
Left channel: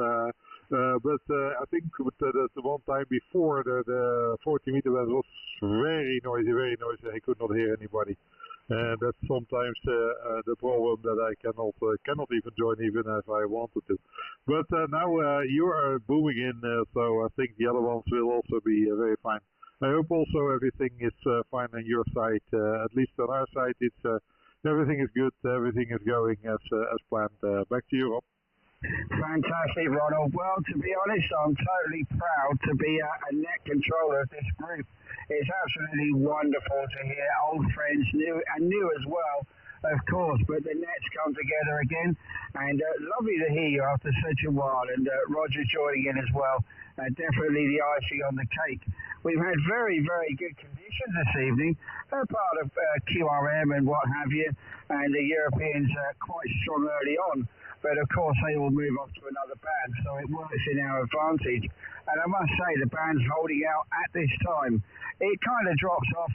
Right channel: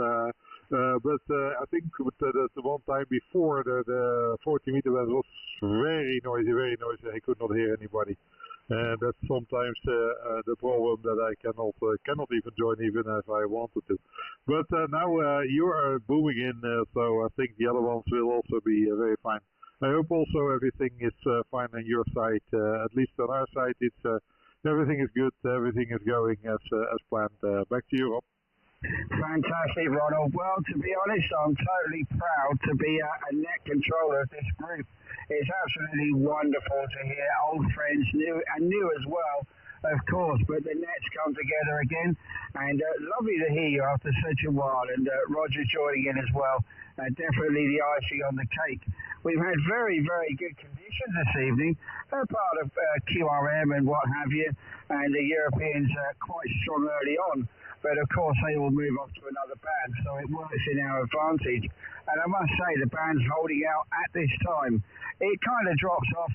but I think the one time before the 40-meter was very noisy, I could not hear anybody. And that's sometimes the problem that I cannot even join even if I wanted to. But now you are booming in, so I think the other ones will also be very fine. I hope also everything is fine on your side. At least on our side, it's everything is good. Everything is going as planned. Back to you, Rob. Fantastic, Ronald. Well, to be honest, I'm totally proud to be a net controller of this group. It's absolutely wonderful to hear old friends, new as well, of course, but the nets come together again, and lovely to hear you after such a while, and Roger joining in as well. Definitely the icing on the cake. We've had very, very good conditions this evening, part of QRM and what have you, and the Europeans quite strong early on. But of course they will move off to another band, so it works in our advantage. And I must say the band's holding out at this time. It kind of drops off,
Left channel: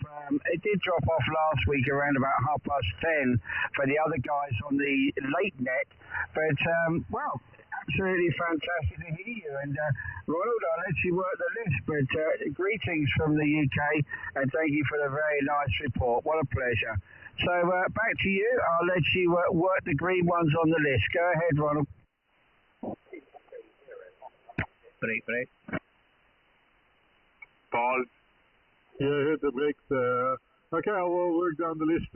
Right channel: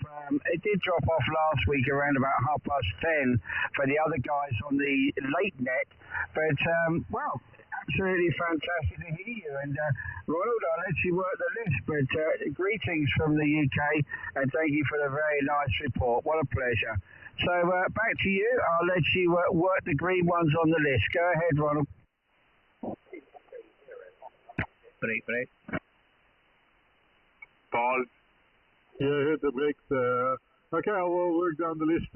it did drop off last week around about 10:30 for the other guys on the late net. But, well, absolutely fantastic to hear you. And Ronald, I'll let you work the list, but greetings from the UK and thank you for the very nice report. What a pleasure. So back to you. I'll let you work the green ones on the list. Go ahead, Ronald. Break. Paul. Yeah, I heard the breaks. Okay, I will work down the list,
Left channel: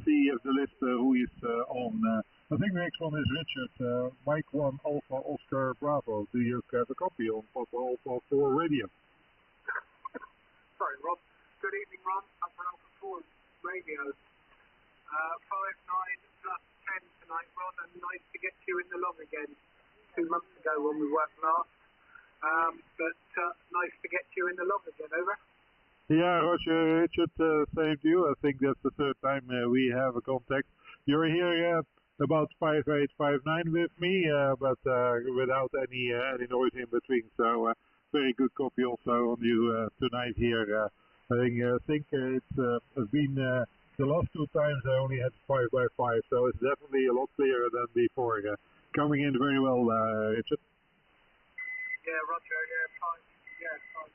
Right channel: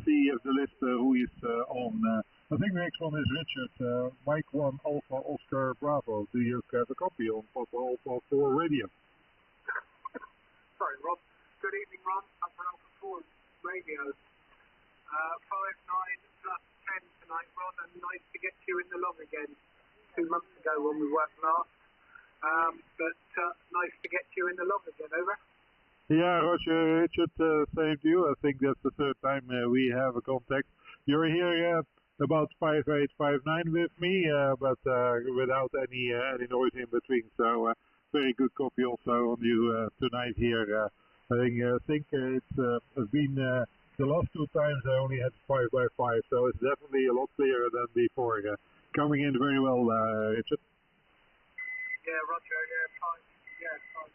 see if the list who is on. I think the next one is Richard. Mike 1 Alpha Oscar Bravo. Do you have a copy on Papa Alpha 4 radio? Sorry, Rob. Good evening, Ron. Upper Alpha 4 radio. 5-9 plus 10 tonight, Ron, and nice to get you in the log again. 2 months ago when we worked last. But nice to get you in the log again, over. Yeah, Roger, Richard, same to you. I think that's the third time we have a contact. You're here about 5859 with me, but without any noise in between. So very good copy also on you tonight here. I think it's been the last 2 times I only had 5x5, so it's definitely a lot clearer than before. Coming in very well, Richard. Yeah, Roger, fine. Yeah, fine.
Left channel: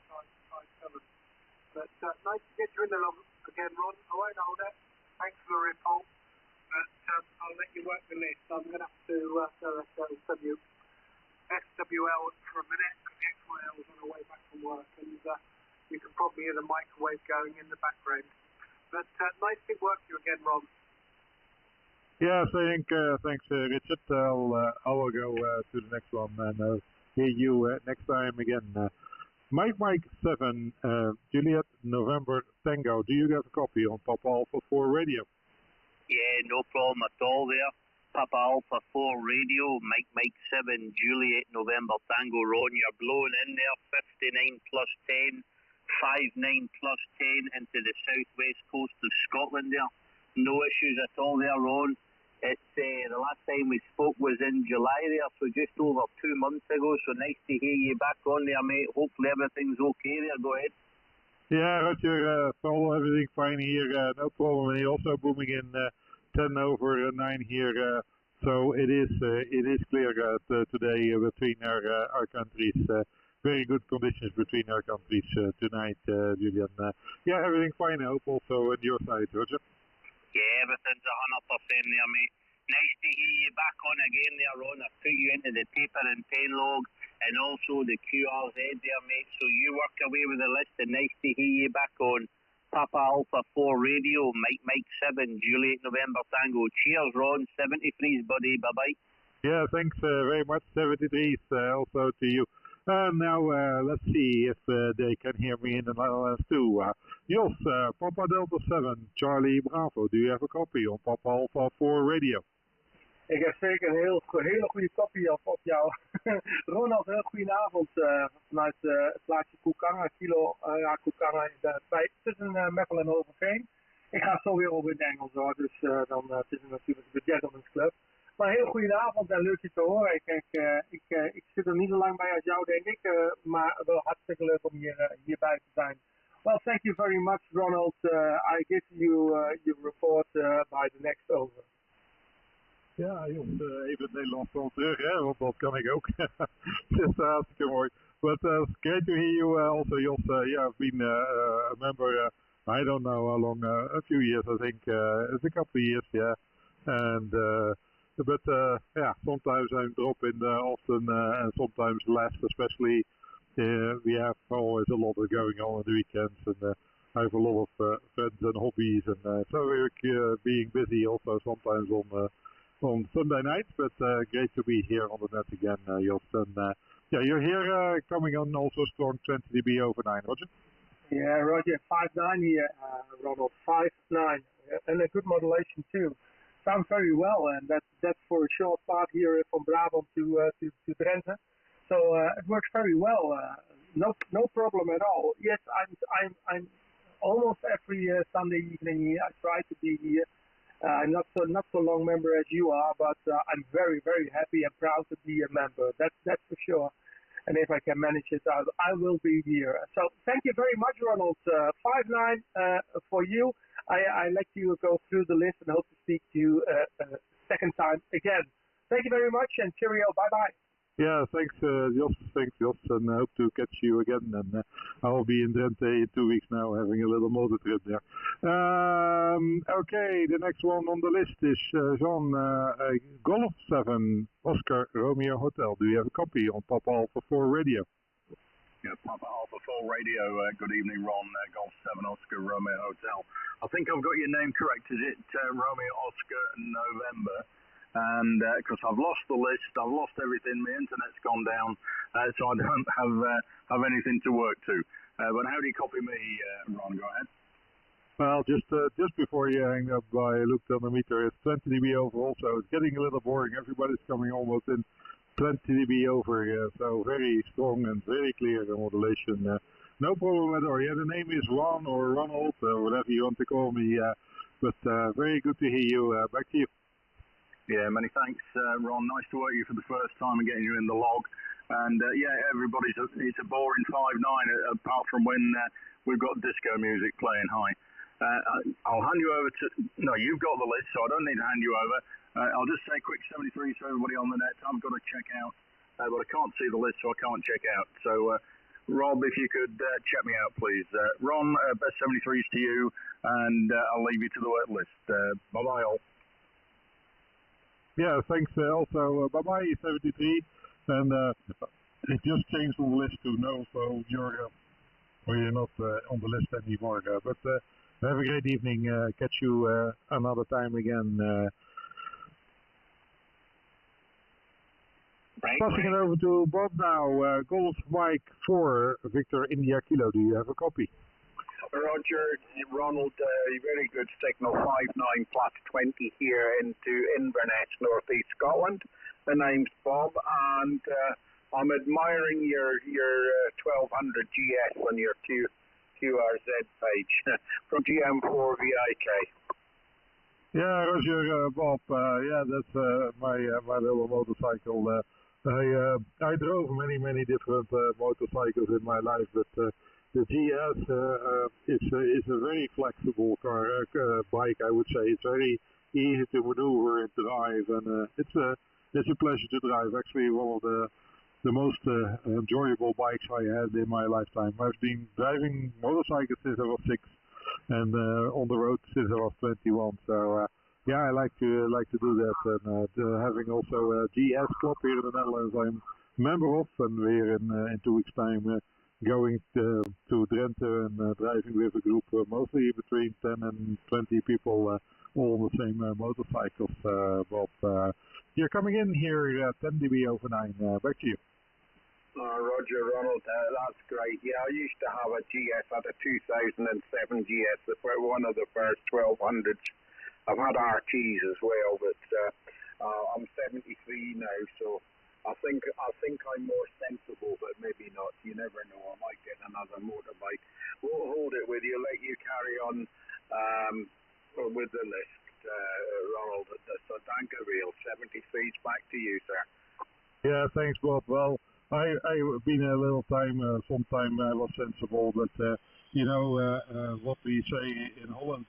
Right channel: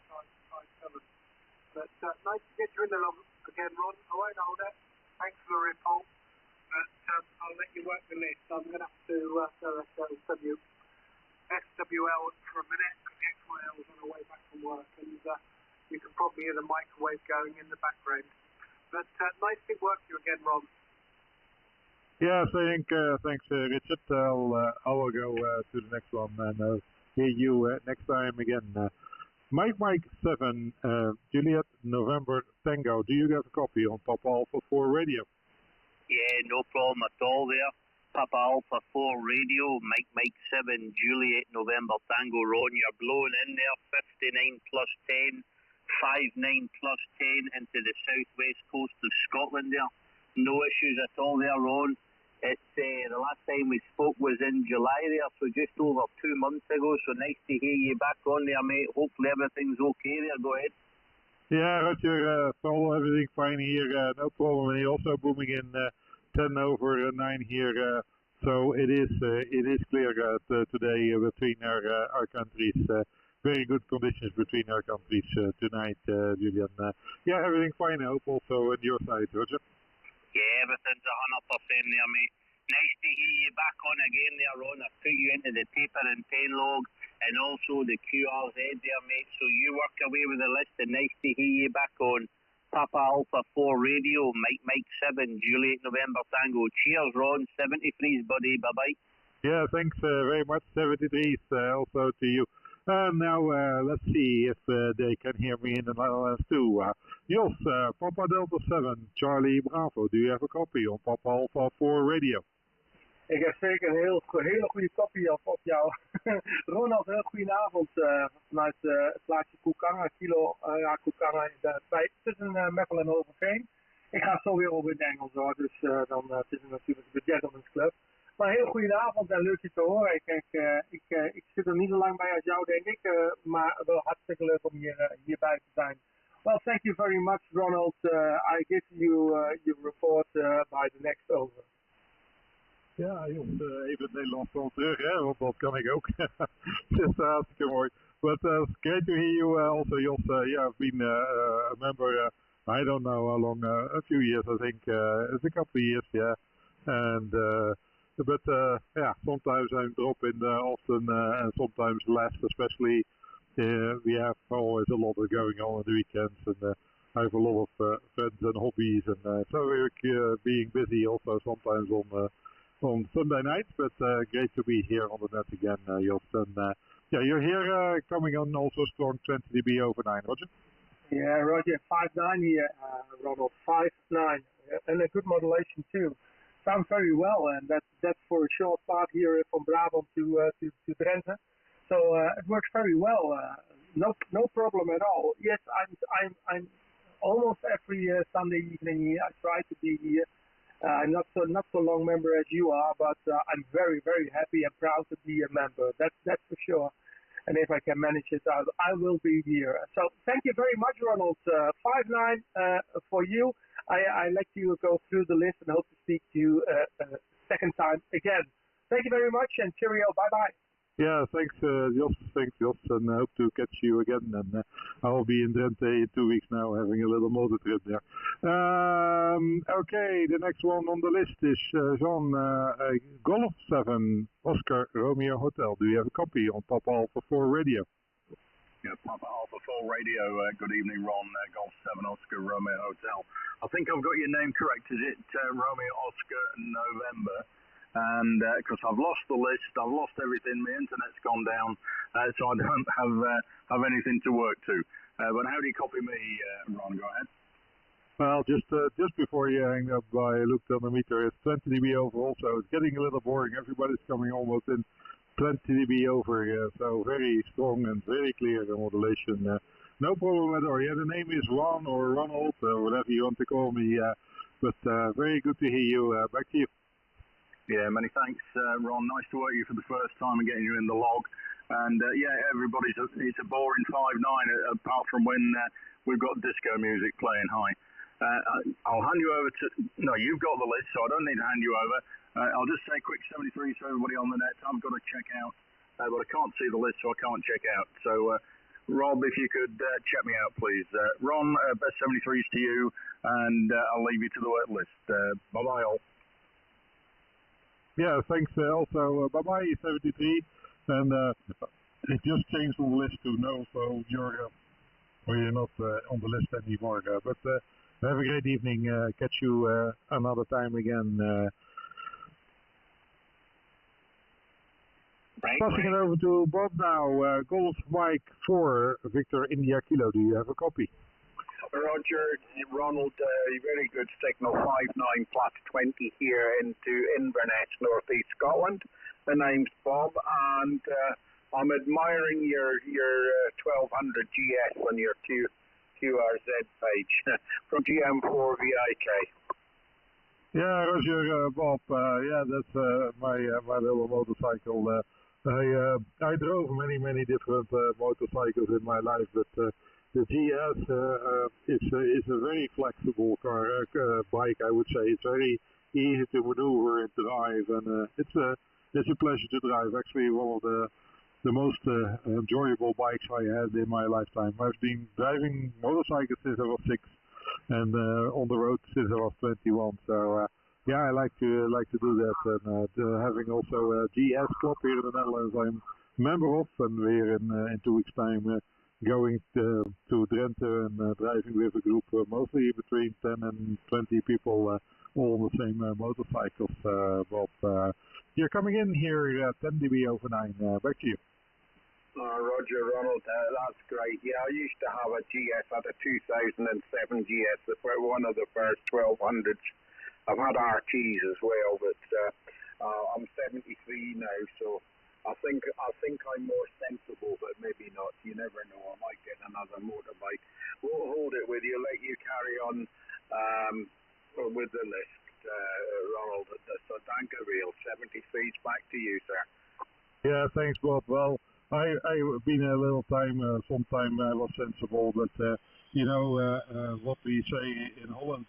But nice to get you in the log again, Ron. I won't hold it. Thanks for the report. But I'll let you work the list. I'm going to have to go SWL for a minute because the XYL was on the way back from work, and you can probably hear the microwave going in the background. But nice to work you again, Ron. Yeah, thanks, Richard. I will go to the next one and hear you next time again. Mike 7, Juliet November Tango. Do you have a copy on Papa Alpha 4 radio? Yeah, no problem at all there. Papa Alpha 4 radio, Mike 7, Juliet November Tango. Ron, you're blowing in there. 59 plus 10. 59 plus 10 into the southwest coast of Scotland there. No issues at all there, Ron. It's the last time we spoke was in July there, so just over 2 months ago. So nice to hear you back on there, mate. Hopefully everything's okay there. Go ahead. Yeah, Roger, follow everything fine here. No problem. And you're also booming in 10 over 9 here. So it is clear today between our countries. Very good conditions between our countries tonight, Julian. Yeah, everything fine. I hope also on your side, Roger. Yeah, everything's 100% there, mate. Nice to hear you back on again there, Ron. I've put you into the paper and pen log and also the QRZ there, mate. So you work away with the list and nice to hear you back on Papa Alpha 4 radio, Mike 7, Juliet November Tango. Cheers, Ron. 73s, buddy. Bye-bye. Yeah, thanks very much. 73s also to you. Now, let's see if they can hear me in the Netherlands too. Jos, Papa Delta 7, Charlie Bravo. Do you have a copy on Papa Alpha 4 radio? Ik heb zeker een hele goede kopie op jou. Ronald, heel goedenavond vanuit het plaatsje Koekanga, kilo Koekanga in de 5 tussen Meppel en Overveen. Ik ga zo weer over in het Engels hoor, dus dan het is natuurlijk de Gentleman's Club. Maar heel goedenavond en leuk je te horen. Ik zit er niet zo lang bij als jou, denk ik, maar wel hartstikke leuk om hierbij te zijn. Well, thank you very much, Ronald. I give you your report by the next over. Ja, Jos, even het Nederlands dan terug, hè, want dat kan ik ook. Het is hartstikke mooi. But great to hear you also, Jos. Yeah, I've been a member, I don't know how long, a few years, I think. It's a couple of years, yeah. And but yeah, sometimes I'm dropping often and sometimes less, especially we have always a lot of going on the weekends, and I have a lot of friends and hobbies, and so we're being busy also sometimes on Sunday nights, but great to be here on the net again, Jos. And yeah, you're here coming on also strong 20 dB over 9, Roger? Yeah, Roger, 5.9 here, Ronald, 5.9, and a good modulation too. Sounds very well, and that's for a short part here from Brabant to Drenthe. So it works very well. No problem at all. Yes, I'm almost every Sunday evening here. I try to be here. I'm not so long member as you are, but I'm very happy and proud to be a member. That's for sure. And if I can manage it out, I will be here. So thank you very much, Ronald. 5.9 for you. I let you go through the list and hope to speak to you second time again. Thank you very much and cheerio. Bye bye. Yeah, thanks, Jos. Thanks, Jos, and I hope to catch you again. And I will be in Drenthe in 2 weeks now, having a little motor trip there. Okay, the next one on the list is Jean Golf 7 Oscar Romeo Hotel. Do you have a copy on Papa Alpha 4 radio? Yeah, Papa Alpha 4 radio. Good evening, Ron. Golf 7 Oscar Romeo Hotel. I think I've got your name correct. Is it Romeo Oscar November? And because I've lost the list, I've lost everything, my internet's gone down, so I don't have anything to work to. But how do you copy me, Ron? Go ahead. Well, just before you hang up, I looked on the meter. It's 20 dB over also. It's getting a little boring. Everybody's coming almost in 20 dB over here, so very strong and very clear, the modulation. No problem at all. Yeah, the name is Ron or Ronald, or whatever you want to call me. But very good to hear you. Back to you. Yeah, many thanks, Ron. Nice to work you for the first time and getting you in the log. And yeah, it's a boring 5.9 apart from when we've got disco music playing high. I'll hand you over to. No, you've got the list, so I don't need to hand you over. I'll just say quick 73 to everybody on the net. I've got to check out, but I can't see the list, so I can't check out. So, Rob, if you could check me out, please. Ron, best 73s to you, and I'll leave you to the wet list. Bye bye, all. Yeah, thanks also. Bye-bye, 73. And it just changed on the list to no, so you're not on the list anymore. But have a great evening. Catch you another time again. Passing it over to Bob now. Golf Mike 4, Victor India Kilo. Do you have a copy? Roger, Ronald, very good signal, 5.9 plus 20 here into Inverness, North East Scotland. The name's Bob, and I'm admiring your 1200 GS on your QRZ page from GM4 VIK. Yeah, Roger, Bob. Yeah, that's my little motorcycle. I drove many different motorcycles in my life, but the GS is a very flexible bike, I would say. It's very easy to maneuver and drive, and it's a pleasure to drive. Actually, one of the most enjoyable bikes I had in my lifetime. I've been driving motorcycles since I was 6, and on the road since I was 21. So yeah, I like to do that, and having also a GS club here in the Netherlands, I'm a member of, and we're in 2 weeks' time. Going to Drenthe and driving with a group, mostly between 10 and 20 people, all on the same motorcycles. Bob, you're coming in here 10 dB over 9. Back to you. Roger, Ronald, that's great. Yeah, I used to have a GS, I had a 2007 GS, one of the first 1200s. I've had RTs as well, but I'm 73 now, so I think I'm more sensible, but maybe not. You never know. I might get another motorbike. We'll hold it with you. Let you carry on with the list, Ronald. So thank you, real 73. Back to you, sir. Yeah, thanks, Bob. Well, I've been a little time. Sometime I was sensible, but you know what we say in Holland.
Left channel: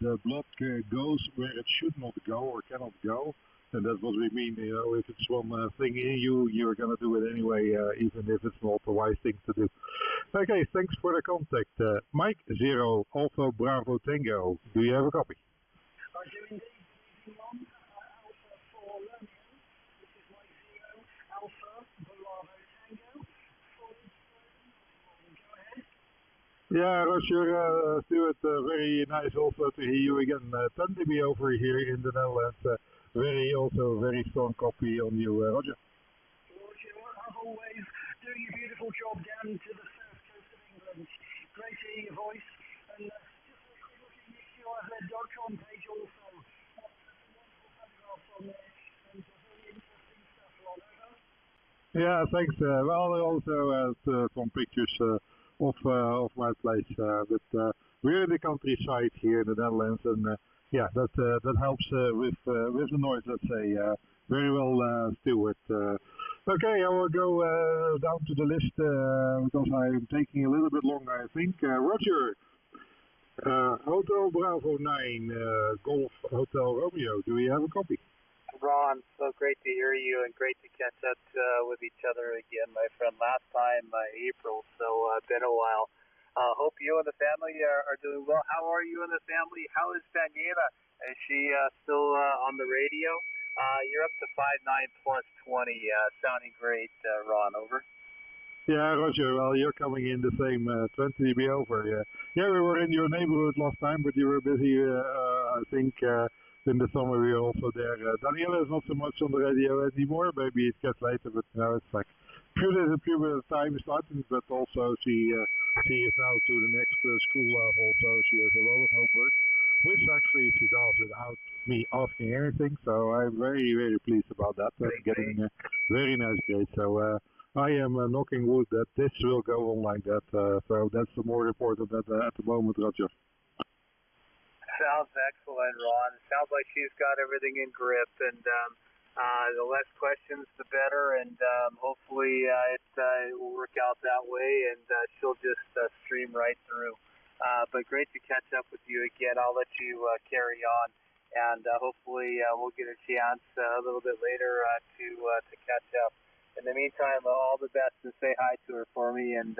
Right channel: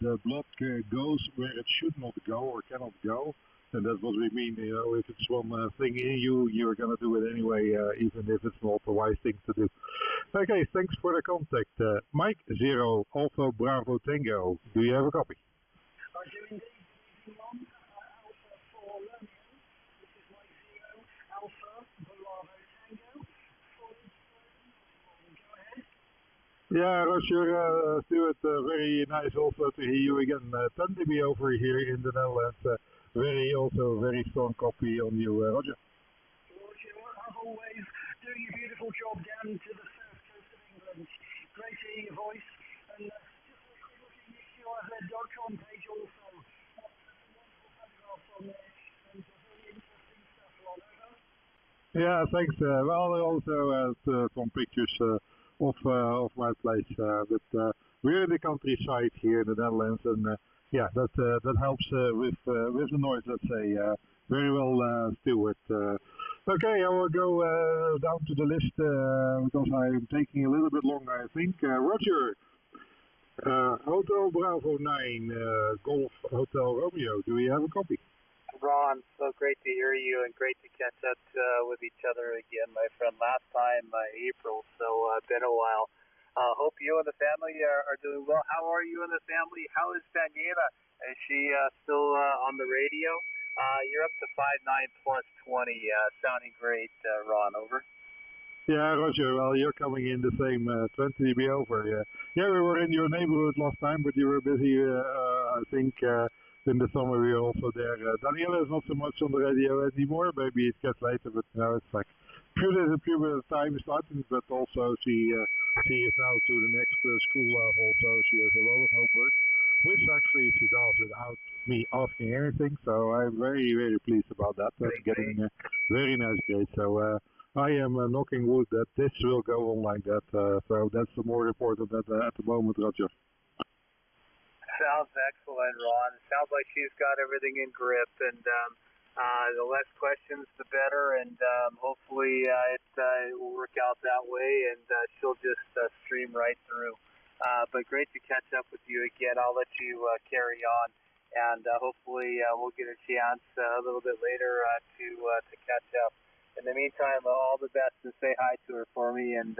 the blood goes where it should not go or cannot go. And that's what we mean, if it's one thing in you, you're going to do it anyway, even if it's not the wise thing to do. Okay, thanks for the contact. Mike 0 Alpha Bravo Tango, do you have a copy? I do indeed. Alpha for Romeo. This is Mike 0 Alpha Bravo Tango. Go ahead. Yeah, Roger, Stuart, very nice also to hear you again. 10 dB over here in the Netherlands. Very strong copy on you, Roger. Roger, as always, doing a beautiful job down to the south coast of England. Great to hear your voice. And just a quick look at gchf.com page also. Some wonderful photographs on there and some very interesting stuff, Ron. Over. Yeah, thanks. Well, I also some pictures of my place, but we're in the countryside here in the Netherlands, and yeah, that helps with the noise. Let's say very well, Stuart. Okay, I will go down to the list because I'm taking a little bit longer, I think. Roger, Hotel Bravo 9, Golf Hotel Romeo. Do we have a copy? Ron, so great to hear you and great to catch up with each other again, my friend. Last time, April, so been a while. Hope you and the family are doing well. How are you and the family? How is Daniela? Is she still on the radio? You're up to 59 plus 20, sounding great, Ron. Over. Yeah, Roger. Well, you're coming in the same 20 dB over. Yeah, we were in your neighborhood last time, but you were busy, I think. In the summer we are also there. Daniela is not so much on the radio anymore. Maybe it gets later, but now it's like a few bit of time starting. But also she is now to the next school level, so she has a lot of homework, which actually she does without me asking anything. So I'm very, very pleased about that. Getting very nice grades. So I am knocking wood that this will go on like that. So that's the more important at the moment, Roger. Sounds excellent, Ron. Sounds like she's got everything in grip, and the less questions, the better, and hopefully it will work out that way, and she'll just stream right through. But great to catch up with you again. I'll let you carry on, and hopefully we'll get a chance a little bit later to catch up. In the meantime, all the best, and say hi to her for me, and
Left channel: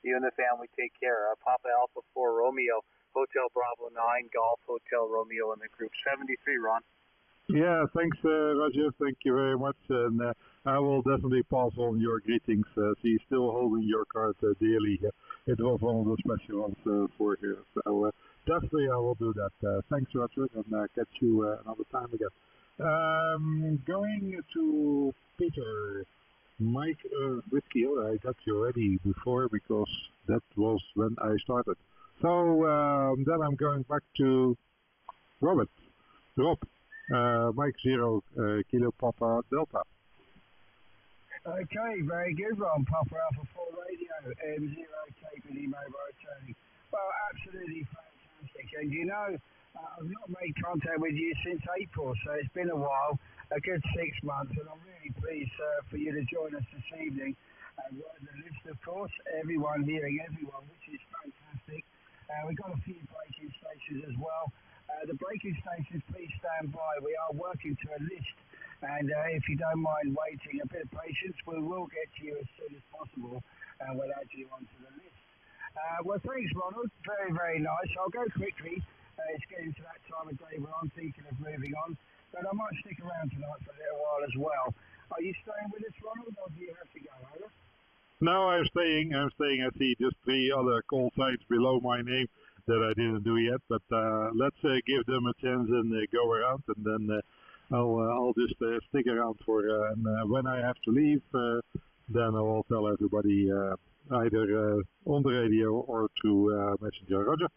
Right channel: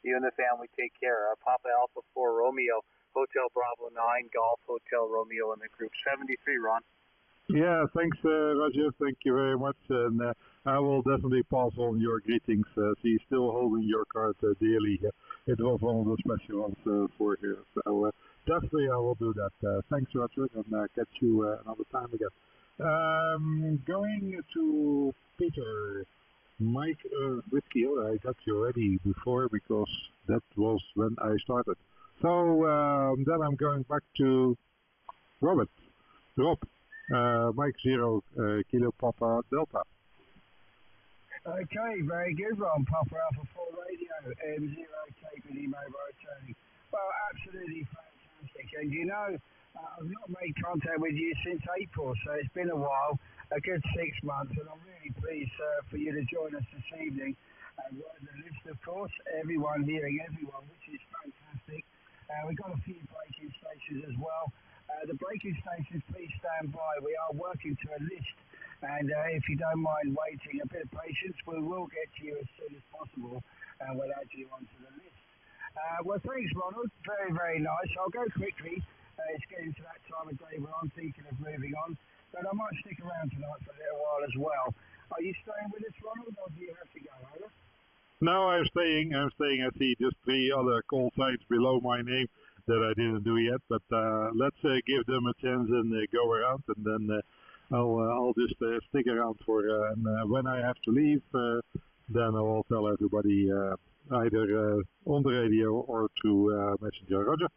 you and the family take care. Papa Alpha 4 Romeo. Hotel Bravo 9, Golf Hotel Romeo in the group 73, Ron. Yeah, thanks, Roger. Thank you very much. And I will definitely pass on your greetings. She's still holding your card dearly. It was one of the special ones for her. So definitely I will do that. Thanks, Roger, and catch you another time again. Going to Peter. Mike Whiskey, I got you ready before because that was when I started. So then I'm going back to Rob, Mike 0 Kilo Papa Delta. Okay, very good, Ron. Papa Alpha 4 Radio, M0 KPD Mobile Training. Well, absolutely fantastic. And you know, I've not made contact with you since April, so it's been a while, a good 6 months, and I'm really pleased for you to join us this evening. And right the list, of course, everyone hearing everyone, which is fantastic. We've got a few braking stations as well. The braking stations, please stand by. We are working to a list, and if you don't mind waiting a bit of patience, we will get to you as soon as possible, and we'll add you onto the list. Well, thanks, Ronald. Very, very nice. I'll go quickly. It's getting to that time of day where I'm thinking of moving on, but I might stick around tonight for a little while as well. Are you staying with us, Ronald, or do you have to go, over? No, I'm staying. I see just 3 other call signs below my name that I didn't do yet, but let's give them a chance and go around, and then I'll just stick around for and when I have to leave, then I will tell everybody either on the radio or through Messenger. Roger.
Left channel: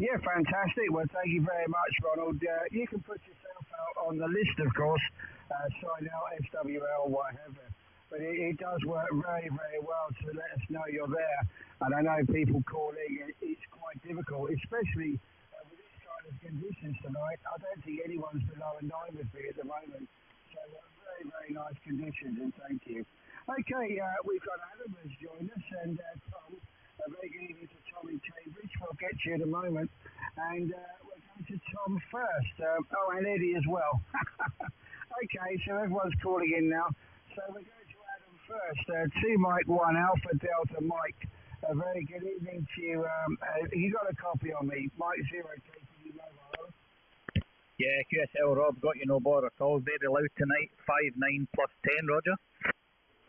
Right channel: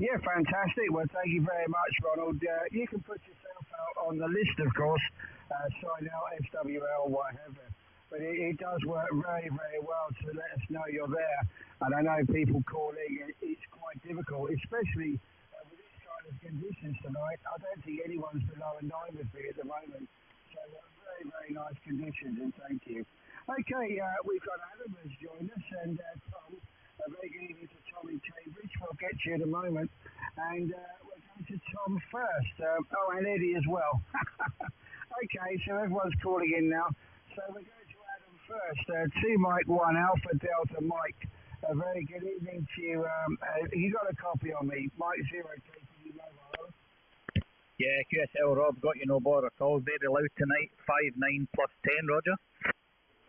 Yeah, fantastic. Well, thank you very much, Ronald. You can put yourself out on the list, of course, sign out, FWL, whatever. But it does work very, very well to let us know you're there. And I know people calling, it's quite difficult, especially with this kind of conditions tonight. I don't think anyone's below a 9 with me at the moment. So very, very nice conditions, and thank you. Okay, we've got Adam has joined us, and Tom. A very good evening to Tom in Cambridge. We'll get to you in a moment. And first. Oh, and Eddie as well. Okay, so everyone's calling in now. So we're going to Adam first. 2 Mike 1 Alpha Delta Mike. A very good evening to you. You got a copy on me? Mike 0 KPD mobile. Yeah, QSL Rob, got you no bother at all. Very loud tonight. 5-9 plus 10, Roger.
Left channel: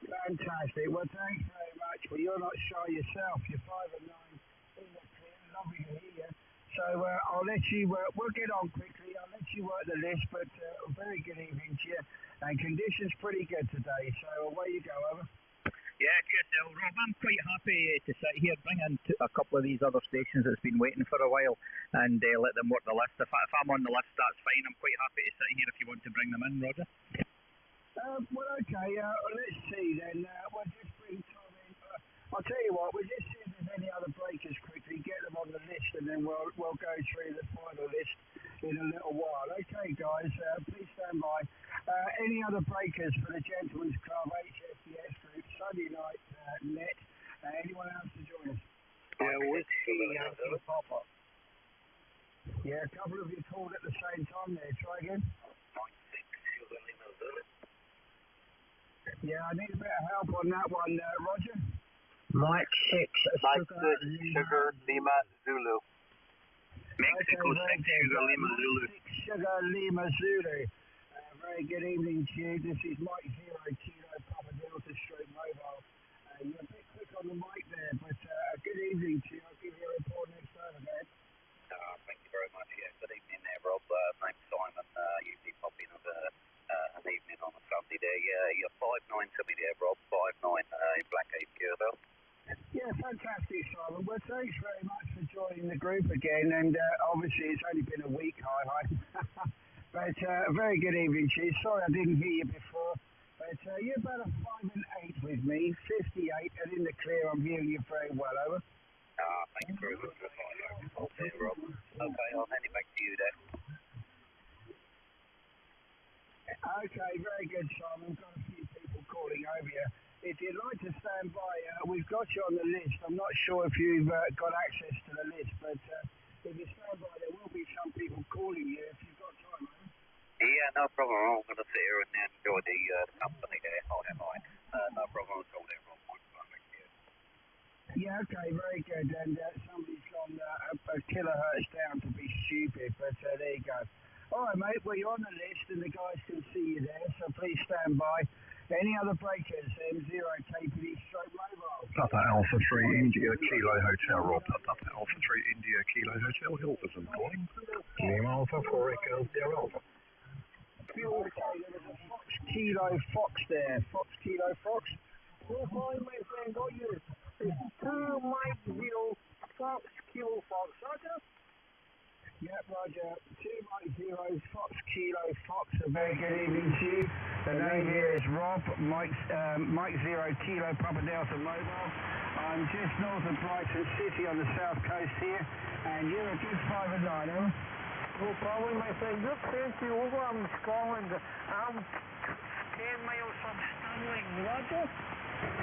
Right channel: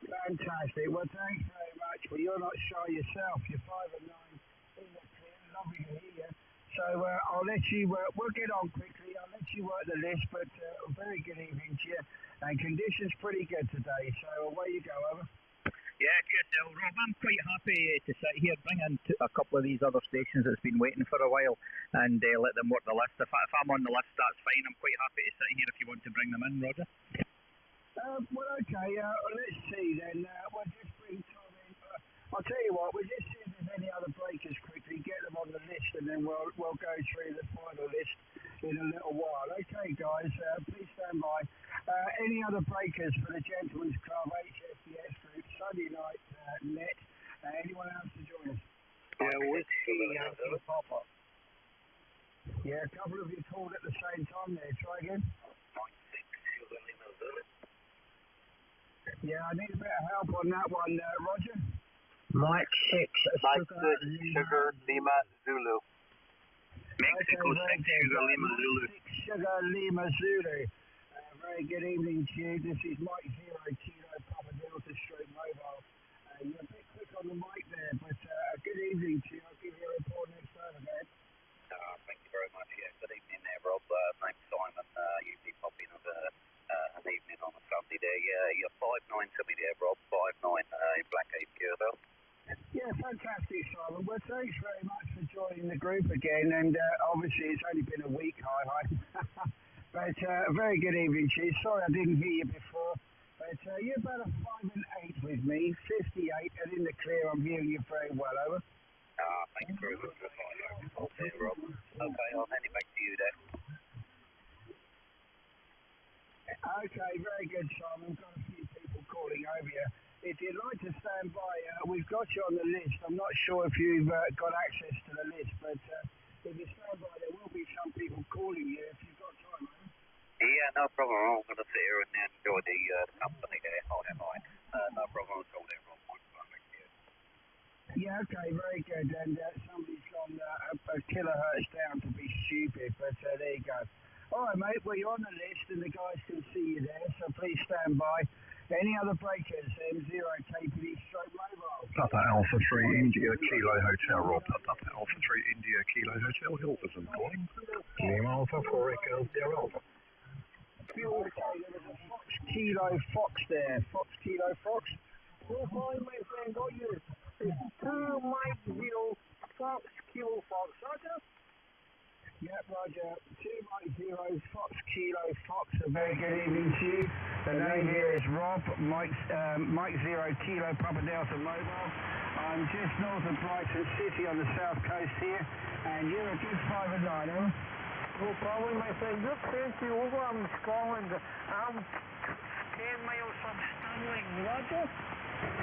Fantastic. Well, thanks very much. Well, you're not shy yourself. You're 5 and 9 in the clear. Lovely to hear you. So I'll let you, we'll get on quickly. I'll let you work the list, but a very good evening to you. And conditions pretty good today. So away you go, over. Yeah, QSL Rob, I'm quite happy to sit here, bring in a couple of these other stations that's been waiting for a while and let them work the list. If I'm on the list, that's fine. I'm quite happy to sit here if you want to bring them in, Roger. Well, okay, let's see then. We'll just bring Tom in. I'll tell you what, we'll just see if there's any other breakers quickly, get them on the list, and then we'll go through the final list in a little while. Okay, guys, please stand by. Any other breakers for the Gentleman's Club, Gchf Dx Group, Sunday night net? Anyone else to join us? Yeah, Whiskey Yankee Papa. Yeah, a couple of you called at the same time there. Try again. Yeah, I need a bit of help on that one, Roger. Mike 6 Sugar Lima Zulu. Mexico 6 Sugar Lima Zulu. 6 Sugar Lima Zulu. Very good evening to you. This is Mike 0 Kilo Papa Delta Stroke Mobile. You're a bit quick on the mic there, but a good evening to you. I'll give you a report next time, okay? Thank you very much. Yeah, good evening there, Rob. Name's Simon. Usually popping up an evening on a Sunday there. Yeah, you're 5-9 to me there, Rob. 5-9 in Black APL. Yeah, fantastic, Simon. Well, thanks very much for joining the group again. And obviously, it's only been a week, hi. But a very good evening to you. Sorry I didn't hear you before. But you're about a 5 and 8 with me, 58, and in the clear, I'm hearing you very well, over. Thanks very much for the Rob. Okay, I'll hand it back to you then. Okay, very good, Simon. Got a few people calling over you. If you'd like to stand by, we've got you on the list. I'm not sure if you've got access to the list, but if you stand by, there will be some people calling you if you've got time, man. Yeah, no problem. I'm going to sit here and enjoy the company there. I'll have mine. No problem at all there, Rob. Yeah, okay, very good. And somebody's gone a kilohertz down to be stupid, but there you go. All right, mate, well, you're on the list and the guys can see you there, so please stand by. Any other breakers? M0 KPD Stroke Mobile. Papa Alpha 3 India Kilo Hotel, Rob. Papa Alpha 3 India Kilo Hotel, Hilversum calling. Lima Alpha 4 Echo Sierra Alpha. There was a Fox Kilo Fox there. Fox Kilo Fox. Yes, hi, my friend, got you. It's 2 Mike 0 Fox Kilo Fox, Roger? Yep, Roger. 2 Mike 0 Fox Kilo Fox. A very good evening to you. The name here is Rob, Mike 0 Kilo Papa Delta Mobile. I'm just north of Brighton City on the south coast here, and you're a good 5 and 9, huh? No problem, my friend. You're 20 over. I'm in Scotland. I'm 10 miles from Stirling, Roger.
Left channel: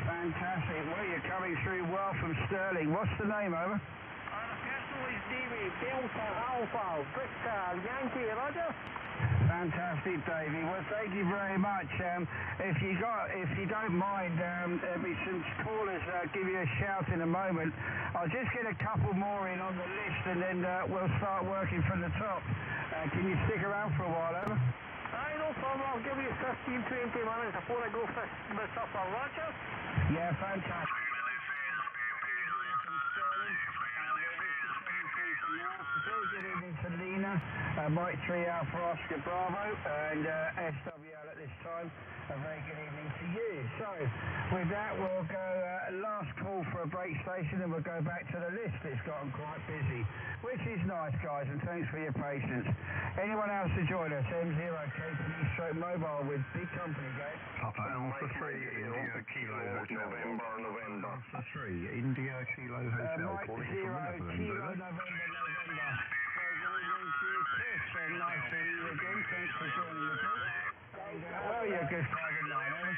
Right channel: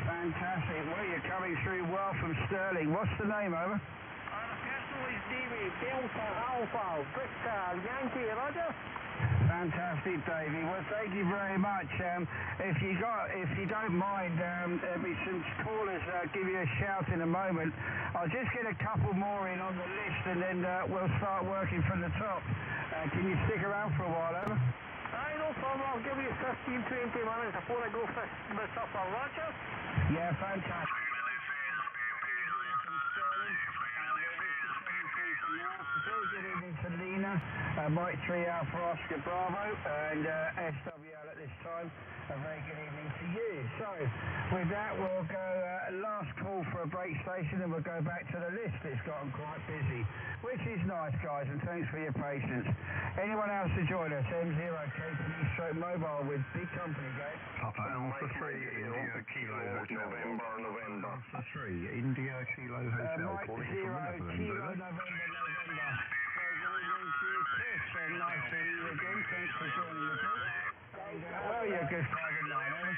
Fantastic. Well, you're coming through well from Stirling. What's the name, over? The personal is Davey, Delta Alpha, Victor, Yankee, Roger. Fantastic, Davey. Well, thank you very much. If you don't mind, there'll be some callers give you a shout in a moment. I'll just get a couple more in on the list, and then we'll start working from the top. Can you stick around for a while, over? Aye, no problem. I'll give you 15-20 minutes before I go for the supper, Roger. Yeah, fantastic. Very good evening to Lena, Mike 3 Alpha Oscar Bravo, and SWL at this time. A very good evening to you. So, with that, we'll go last call for a break station, and we'll go back to the list. It's gotten quite busy, which is nice, guys, and thanks for your patience. Anyone else to join us? M0 KPD Stroke Mobile with big company, guys. Papa Alpha 3 India Kilo Hotel. November. Alpha 3 India Kilo Hotel. Mike 0 Kilo November. Nice to meet you again. Thanks for joining the group. Well, you're good 5 and 9, eh?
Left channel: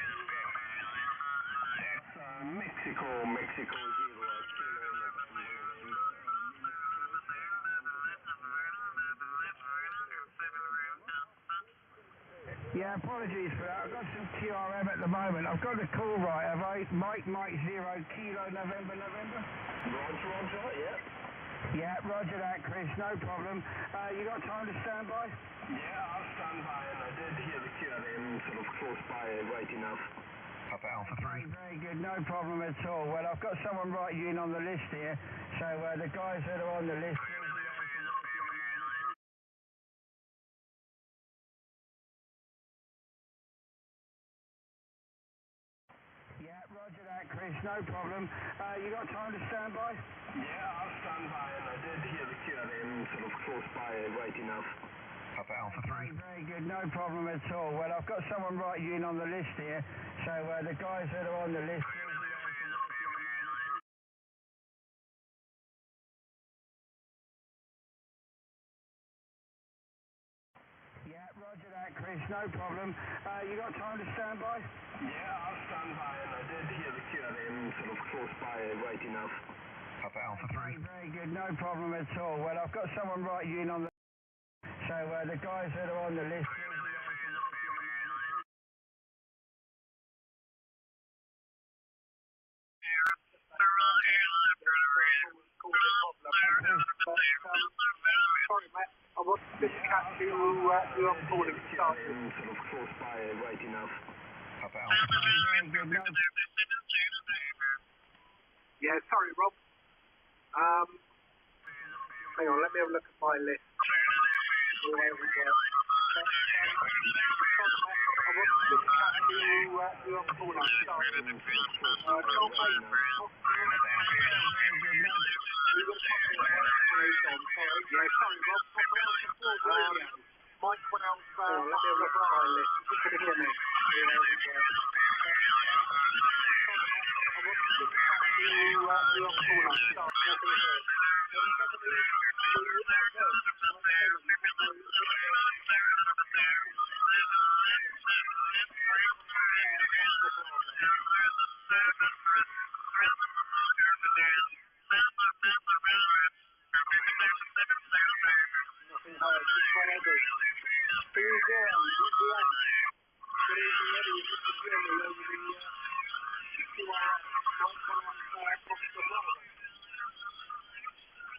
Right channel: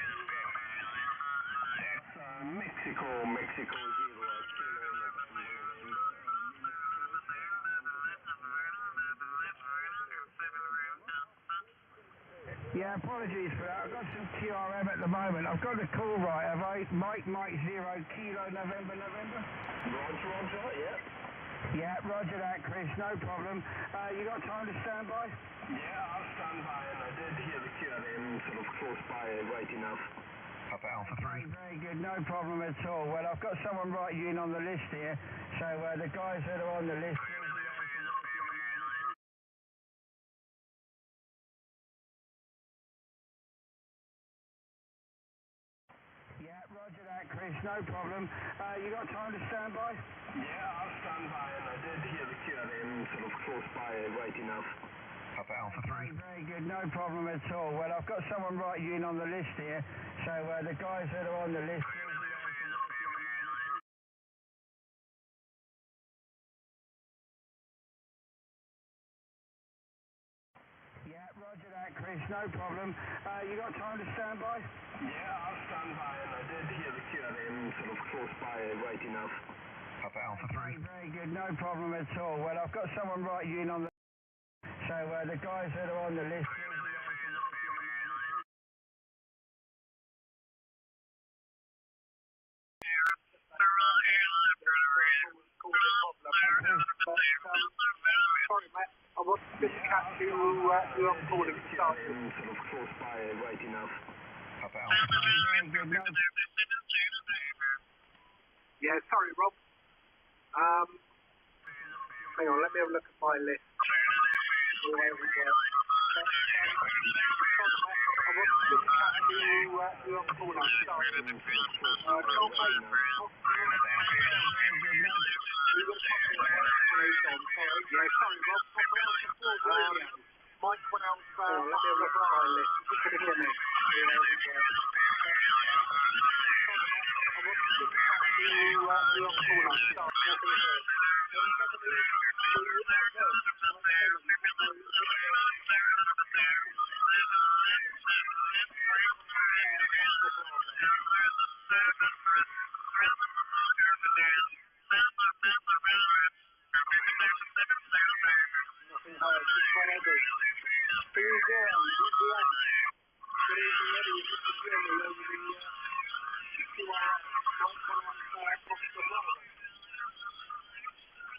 Mexico 0 Kilo November. Yeah, apologies for that. I've got some QRM at the moment. I've got the call right, have I? Mike 0 Kilo November. Roger, yeah. Yeah, roger that, Chris, no problem. You got time to stand by? Yeah, I'll stand by, and I did hear the QRM sort of close by right enough. Papa Alpha 3. Very good, no problem at all. Well, I've got someone writing you in on the list here, so the guys that are on the list... Yeah, roger that, Chris, no problem. You got time to stand by? Yeah, I'll stand by, and I did hear the QRM sort of close by right enough. Papa Alpha 3. Very good, no problem at all. Well, I've got someone writing you in on the list here, so the guys that are on the list... Yeah, roger that, Chris, no problem. You got time to stand by? Yeah, I'll stand by, and I did hear the QRM sort of close by right enough. Papa Alpha 3. Very good, no problem at all. Well, I've got someone writing you in on the... So the guys that are on the list... Sorry, Matt. I wasn't going to catch you on board at the start. Sort of close by right enough. Papa Alpha 3. Very good, no... Yeah, sorry, Rob. Hang on, let me have a look at my list. There we go. I wasn't going to catch you on board at the start. Yeah, sorry, Rob. Mike went out. Let me have a look at my list. Can you hear me?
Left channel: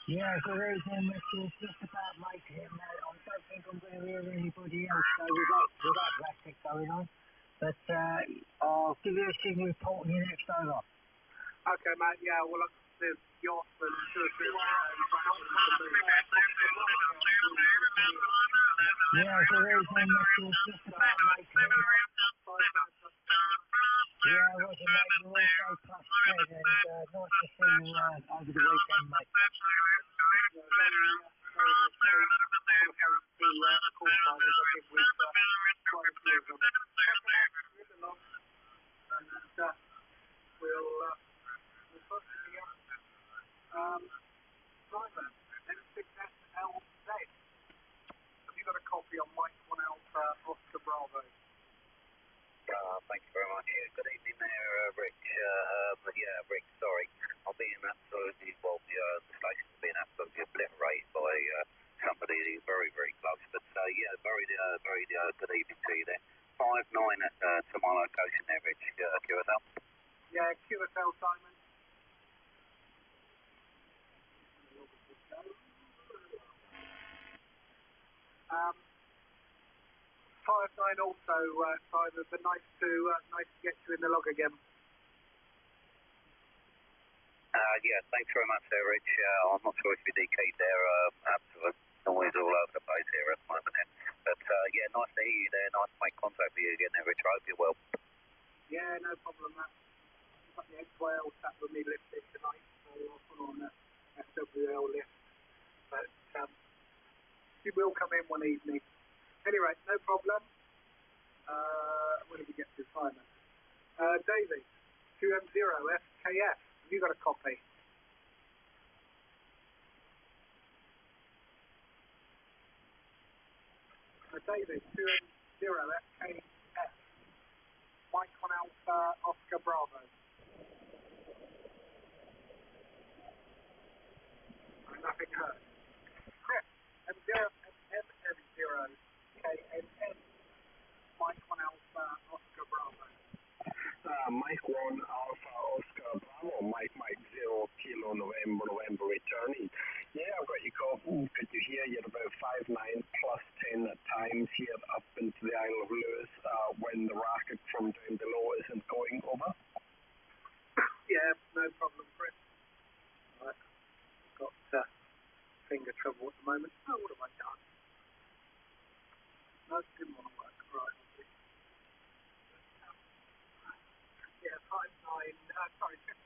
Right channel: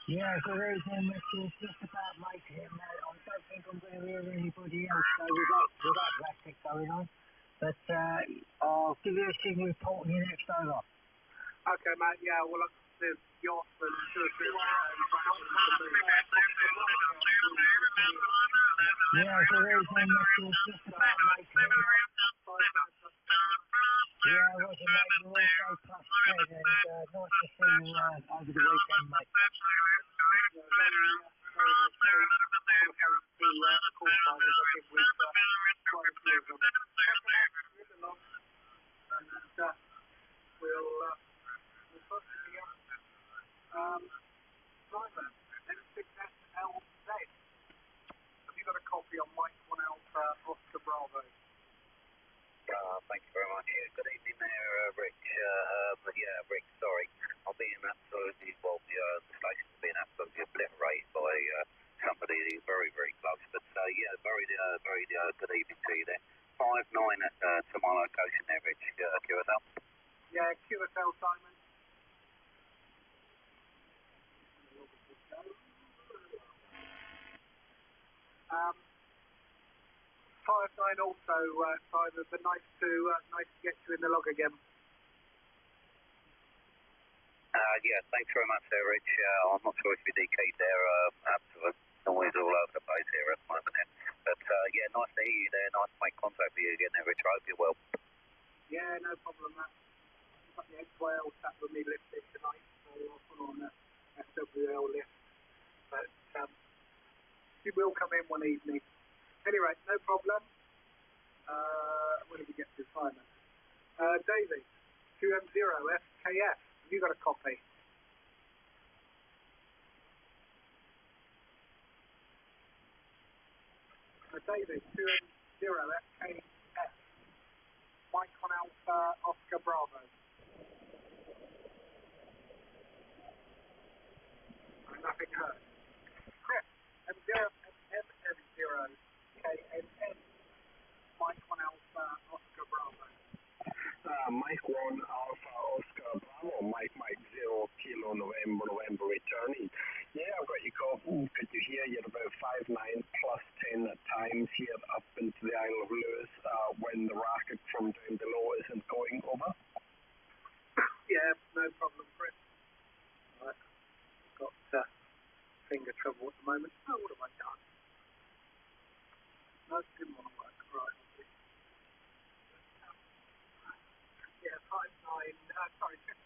Yeah, so there's one that's just about making it. I don't think I'm going to hear anybody else with that graphic going on. But I'll give you a signal report when you're next over. Okay, mate, yeah, well, there's yachts and yeah, so there's one that's just about making it. Yeah, Roger, mate, you're also plus 10, and nice to see you over the weekend, mate. Have you got a copy on Mike 1 Alpha Oscar Bravo? Thank you very much. Yeah, good evening there, Rich. Rick, sorry. I'm being absolutely, the station's being absolutely obliterated by somebody very, very close. But very good evening to you there. 5-9 to my location there, Rich. QSL? Yeah, QSL, Simon. Fire sign also, Simon, but nice to get you in the log again. Thanks very much there, Rich. I'm not sure if you're DK'd there. Absolute noise all over the place here at the moment. But nice to hear you there. Nice to make contact with you again there, Rich. I hope you're well. Yeah, no problem, Matt. I've got the XYL sat with me lifted tonight, so I'll put on that SWL lift. But he will come in one evening. Anyway, no problem. Where did we get to, Simon? David, 2M0 FKF. Have you got a copy? David, 2M0 FKF. Mike 1 Alpha Oscar Bravo. Nothing heard. Chris, M0 KNN. Mike over. Yeah, no problem, Chris. Right. Got finger trouble at the moment. Oh, what have I done? No, it didn't want to work. Right.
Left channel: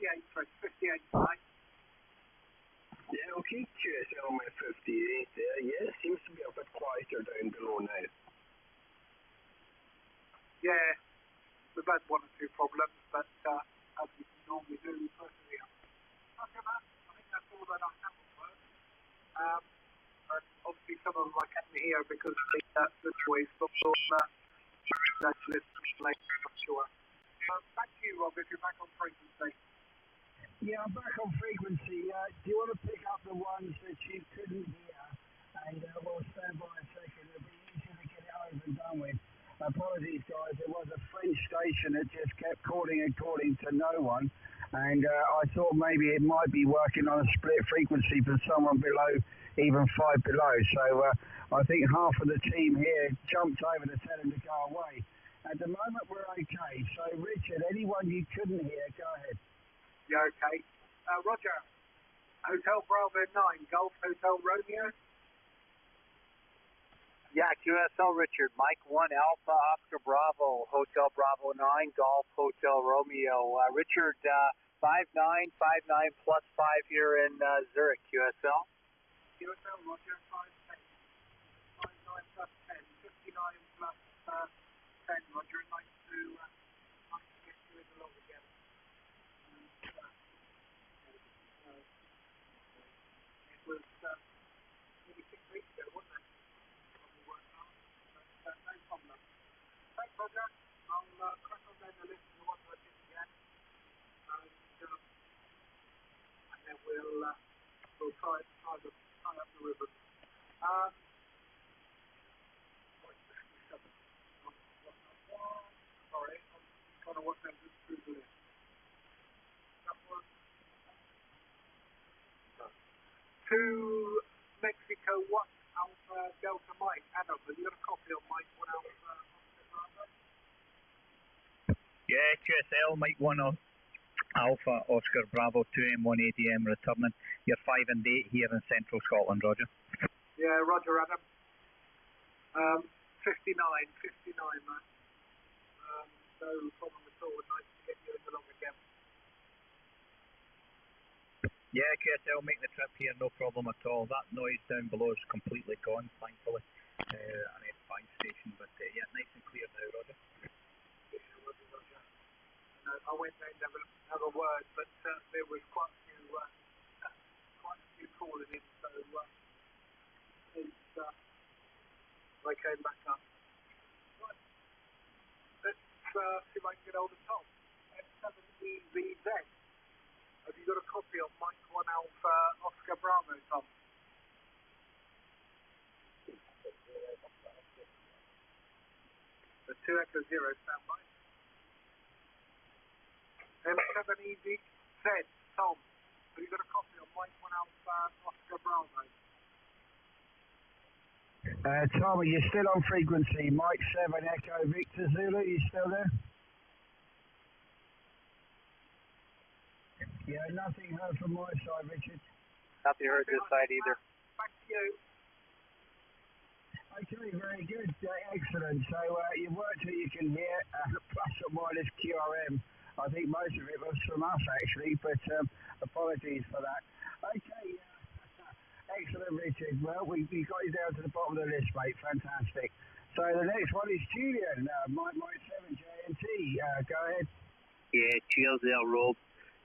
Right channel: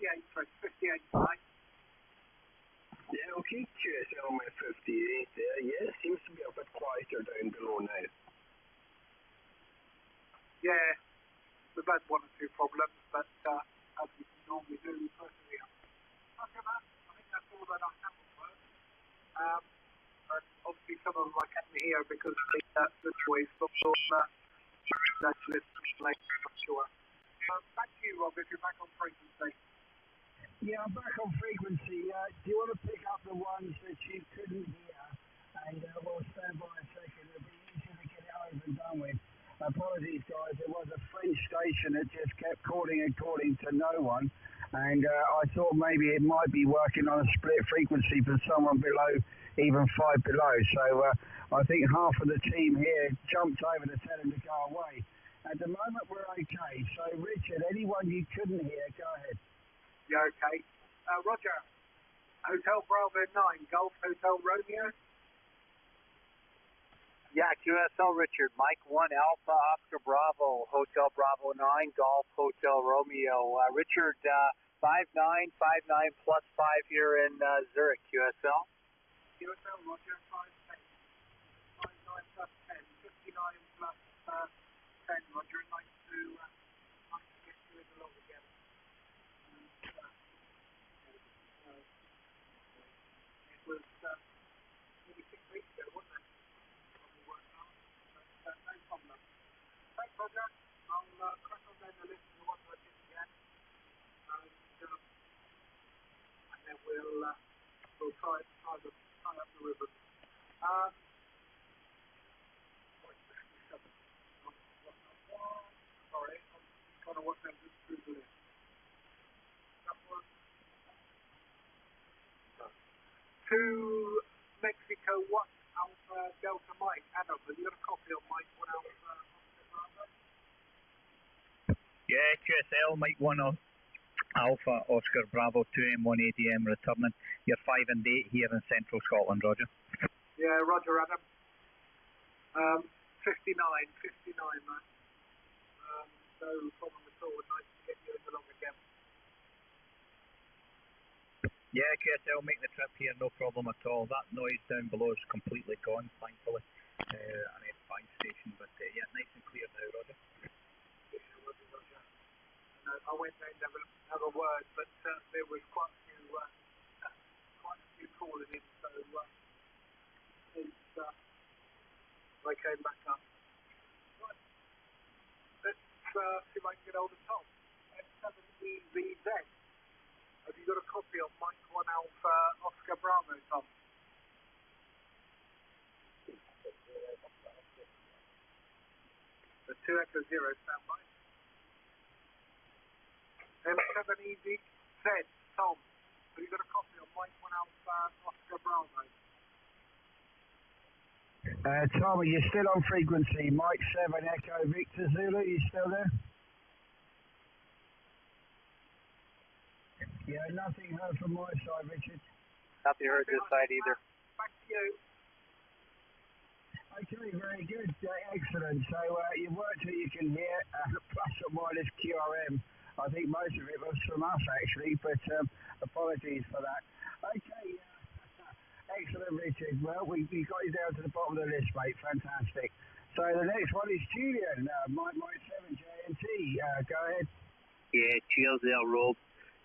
Yeah, 58, 5. Yeah, okay, QSL my 58 there. Yeah, seems to be a bit quieter down below now. Yeah, we've had one or two problems, but as we normally do, we persevere. Okay, man. I think that's all that I have to work. But obviously some of them I can't hear because the choice of actually I'm sure. Back to you, Rob, if you're back on frequency. Yeah, I'm back on frequency. Do you want to pick up the ones that you couldn't hear? And we'll stand by a second. It'll be easier to get it over and done with. Apologies, guys. There was a French station that just kept calling and calling to no one. And I thought maybe it might be working on a split frequency for someone below, even 5 below. So I think half of the team here jumped over to tell him to go away. At the moment, we're okay. So, Richard, anyone you couldn't hear, go ahead. Yeah, okay. Roger. Hotel Bravo 9, Golf Hotel Romeo. Yeah, QSL Richard, Mike 1 Alpha Oscar Bravo, Hotel Bravo 9, Golf Hotel Romeo. Richard, 59 plus 5 here in Zurich, QSL. QSL Roger, 510. 59 plus 10, 59 plus 10, Roger. I'd like to get you in along again. It was maybe 6 weeks ago, wasn't it? No problem. Thanks, Roger. I'll crack on then and listen to what I did again. And then we'll tie up the ribbon. Sorry, I'm trying to work out this through the list. To Mexico, what Alpha Delta Mike? Adam, have you got a copy of Mike 1 Alpha? Yeah, QSL, Mike 1 Alpha Oscar Bravo 2M 180M returning. You're 5 and 8 here in central Scotland, Roger. Yeah, Roger, Adam. 59, man. No problem at all. Nice to get you in along again. Yeah, QSL, make the trip here, no problem at all. That noise down below is completely gone, thankfully. An F5 station, but yeah, nice and clear now, Roger. Yeah, Roger. I went there and never have a word, but there was quite a few calling in, so I came back up. Right. Let's see if I can get hold of Tom. F7EVZ. Have you got a copy of Mike 1 Alpha Oscar Bravo, Tom? The 2 Echo 0 standby. M7EVZ, Tom. Have you got a copy of Mike 1 Alpha Oscar Bravo? Tom, are you still on frequency? Mike 7 Echo Victor Zulu, you still there? Yeah, nothing heard from my side, Richard. Nothing heard this side either. Back to you. Okay, very good. Excellent. So you've worked who you can hear, plus or minus QRM. I think most of it was from us, actually, but apologies for that. Okay, excellent, Richard. Well, we got you down to the bottom of the list, mate. Fantastic. So the next one is Julian, Mike 7 JNT. Go ahead. Yeah, cheers there, Rob.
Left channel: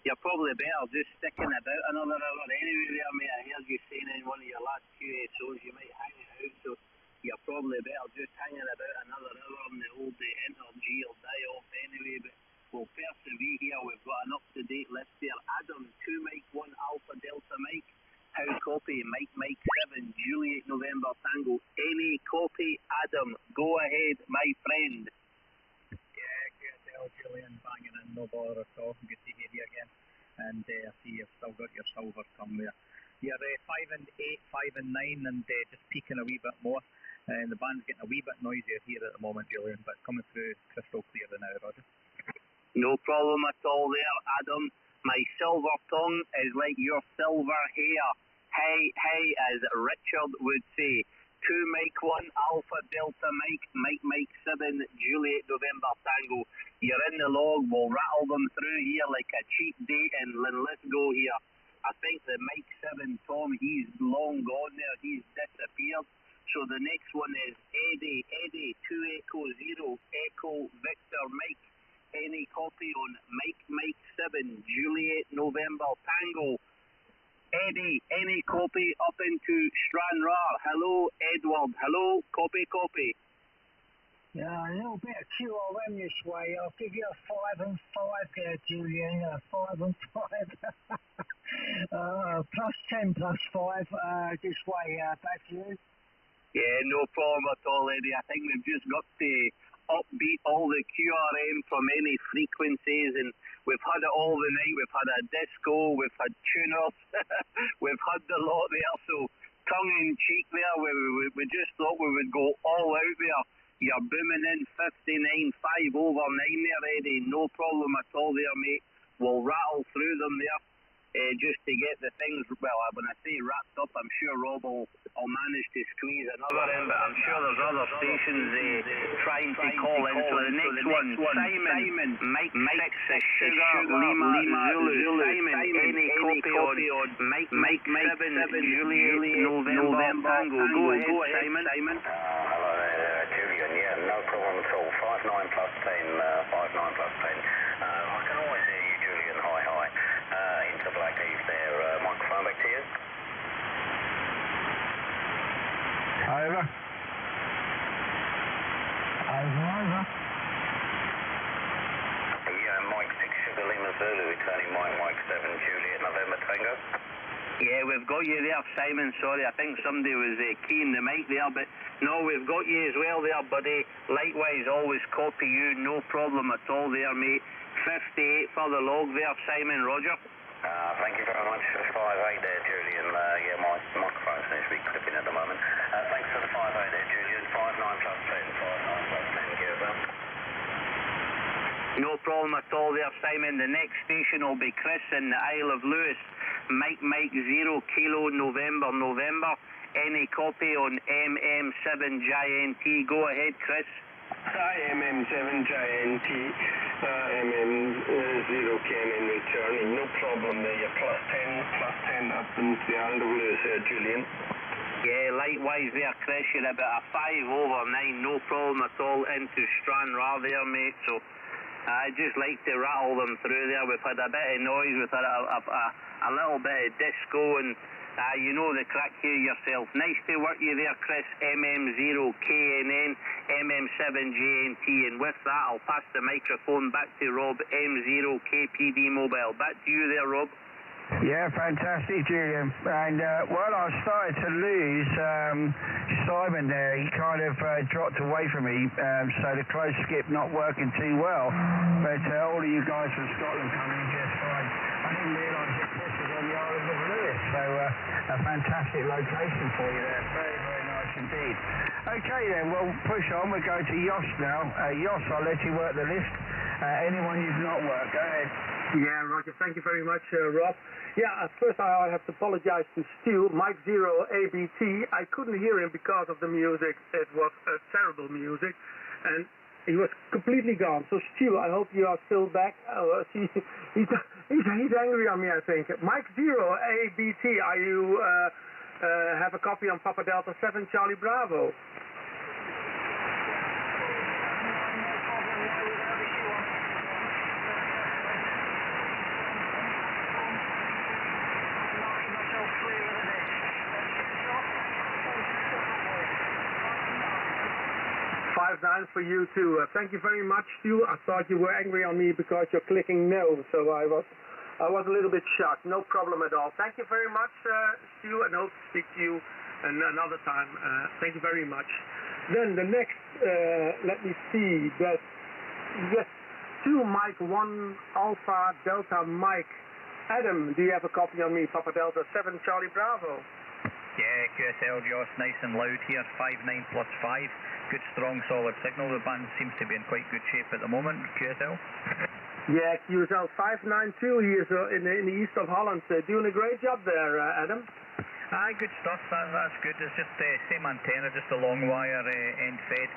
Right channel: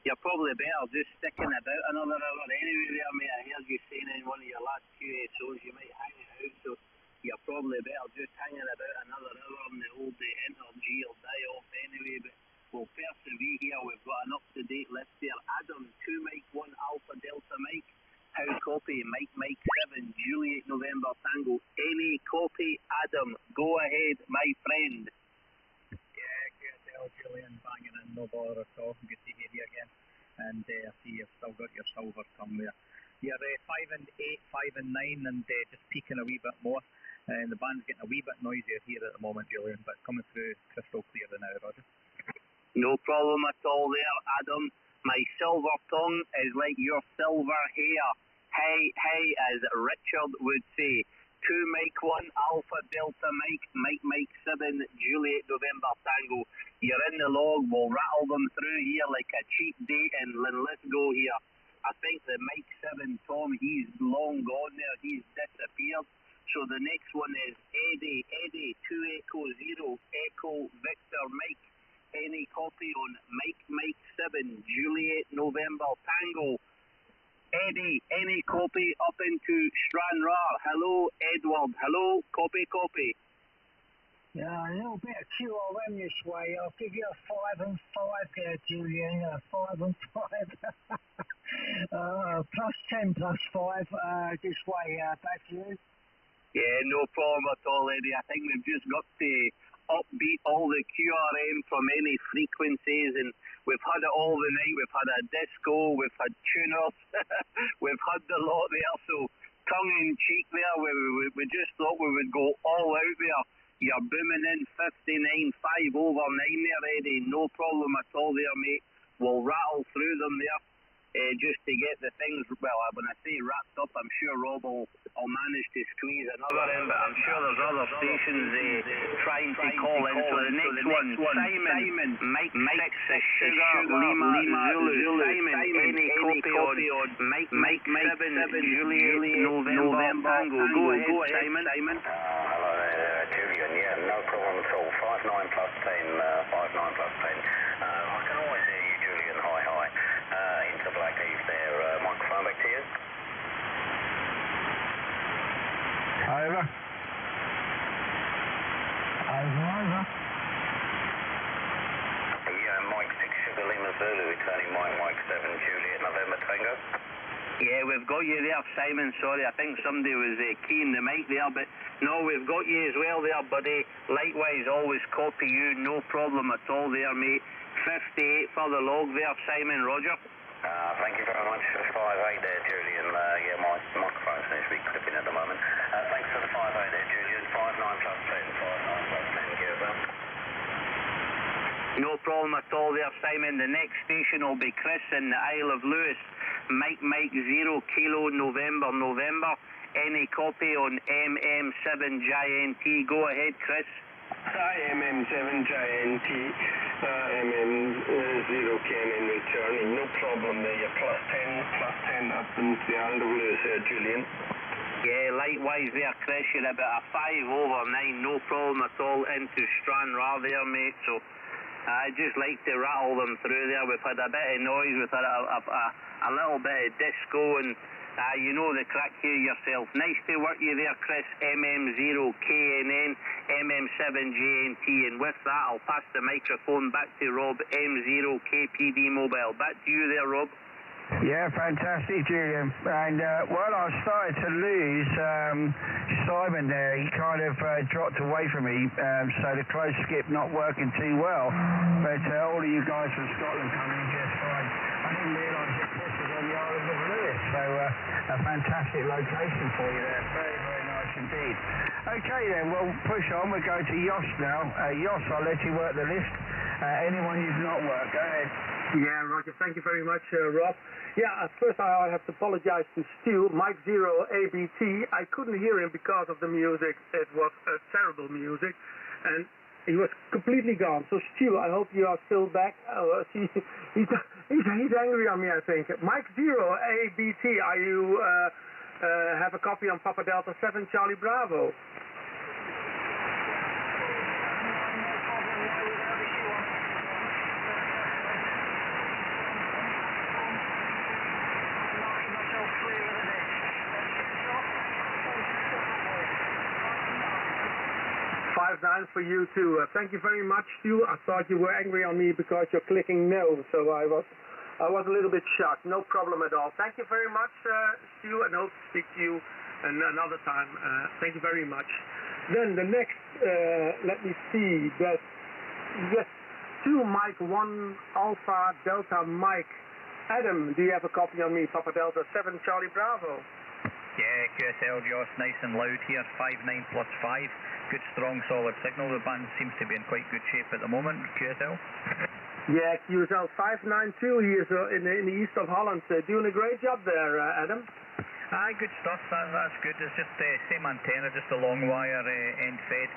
You're probably better just sticking about another hour anyway there, mate. I heard you saying in one of your last QSOs you might hang it out, so you're probably better just hanging about another hour on the old Energy or die-off anyway, but we'll persevere here. We've got an up-to-date list there. Adam, 2 Mike 1 Alpha Delta Mike. How copy? Mike 7 Juliet November Tango. Any copy? Adam, go ahead, my friend. Yeah, QSL, Julian, banging in, no bother at all. Good to hear you again. And I see you've still got your silver tongue there. You're 5 and 8, 5 and 9, and just peaking a wee bit more. And the band's getting a wee bit noisier here at the moment, Julian, but coming through crystal clear now, Roger. No problem at all there, Adam. My silver tongue is like your silver hair. Hey, as Richard would say. 2 Mike 1 Alpha Delta Mike 7 Juliet November Tango. You're in the log. We'll rattle them through here like a cheap date, and let's go here. I think the Mike 7 Tom, he's long gone there. He's disappeared. So the next one is Eddie 2 Echo 0 Echo Victor Mike. Any copy on Mike 7 Juliet November Tango. Eddie, any copy up into Stranraer? Hello, Edward. Hello, copy. Yeah, a little bit of QRM this way. I'll give you a 5 and 5 there, Julian. 5 and 5. Plus 10 plus 5 this way. Back to you. Yeah, no problem at all, Eddie. I think we've just got to upbeat all the QRM from any frequencies, and we've had it all the night. We've had a disco, we've had tuners, we've had the lot there. So tongue in cheek there, we just thought we would go all out there. You're booming in 59.5 over 9 there, Eddie. No problem at all there, mate. We'll rattle through them there. Just to get the things, well, when I say wrapped up, I'm sure Rob will manage to squeeze another in, but I'm sure there's other stations trying to call in. So the next one, Simon, Mike 6 Sugar Lima Zulu. Simon, any copy on Mike 7 Juliet November Tango. Go ahead, Simon. Hello there, Julian. Yeah, no problem at all. 59 plus 10, 59 plus 10. I can always hear you, Julian. Hi. Into Black Eve there. Microphone back to you. Over. Yeah, Mike 6 Sugar Lima Zulu, returning Mike 7 Juliet November Tango. Yeah, we've got you there, Simon. Sorry, I think somebody was keying the mic there, but no, we've got you as well there, buddy. Likewise, always copy you, no problem at all there, mate. 58 for the log there, Simon. Roger. Thank you very much. 5-8 there, Julian. Yeah, my microphone seems to be clipping at the moment. Thanks for the 5-8 there, Julian. 59 plus 10, 59 plus 10, give up. No problem at all there, Simon. The next station will be Chris in the Isle of Lewis. Mike 0 Kilo November. Any copy on MM7JNT? Go ahead, Chris. Hi, MM7JNT. MM0 came in returning. No problem there. You're plus 10 up into the Isle of Lewis there, Julian. Yeah, likewise there, Chris. You're about a 5 over 9. No problem at all into Stranraer there, mate. So I just like to rattle them through there. We've had a bit of noise, we've had a little bit of disco, and you know the crack here yourself. Nice to work you there, Chris. MM0KNN, MM7JNT, and with that I'll pass the microphone back to Rob, M0KPD Mobile. Back to you there, Rob. Yeah, fantastic, Julian. And, well, I started to lose Simon there. He kind of dropped away from me, so the close skip not working too well. But all of you guys from Scotland coming in just fine. I didn't realise that Chris was on the Isle of Lewis, so a fantastic location for you there. Very, very nice indeed. Okay then, we'll push on. We're going to Jos now. Jos, I'll let you work the list. Anyone you've not worked, go ahead. Yeah, Roger. Thank you very much, Rob. Yeah, first I have to apologize to Stu, Mike 0 ABT. I couldn't hear him because of the music. It was terrible music, and he was completely gone. So Stu, I hope you are still back. He's angry on me, I think. Mike 0 ABT, are you have a copy on Papa Delta 7 Charlie Bravo? 5-9 for you too. Thank you very much, Stu. I thought you were angry on me because you're clicking no, so I was a little bit shocked. No problem at all. Thank you very much, Stu, and hope to speak to you another time. Thank you very much. Then the next, let me see. That yes, 2 Mike 1 Alpha Delta Mike. Adam, do you have a copy on me? Papa Delta 7 Charlie Bravo. Yeah, QSL, Josh, nice and loud here. 5-9 plus 5. Good, strong, solid signal. The band seems to be in quite good shape at the moment. QSL. Yeah, QSL 592 here in the east of Holland. Doing a great job there, Adam. Aye, good stuff. That's good. It's just the same antenna, just a long wire end fed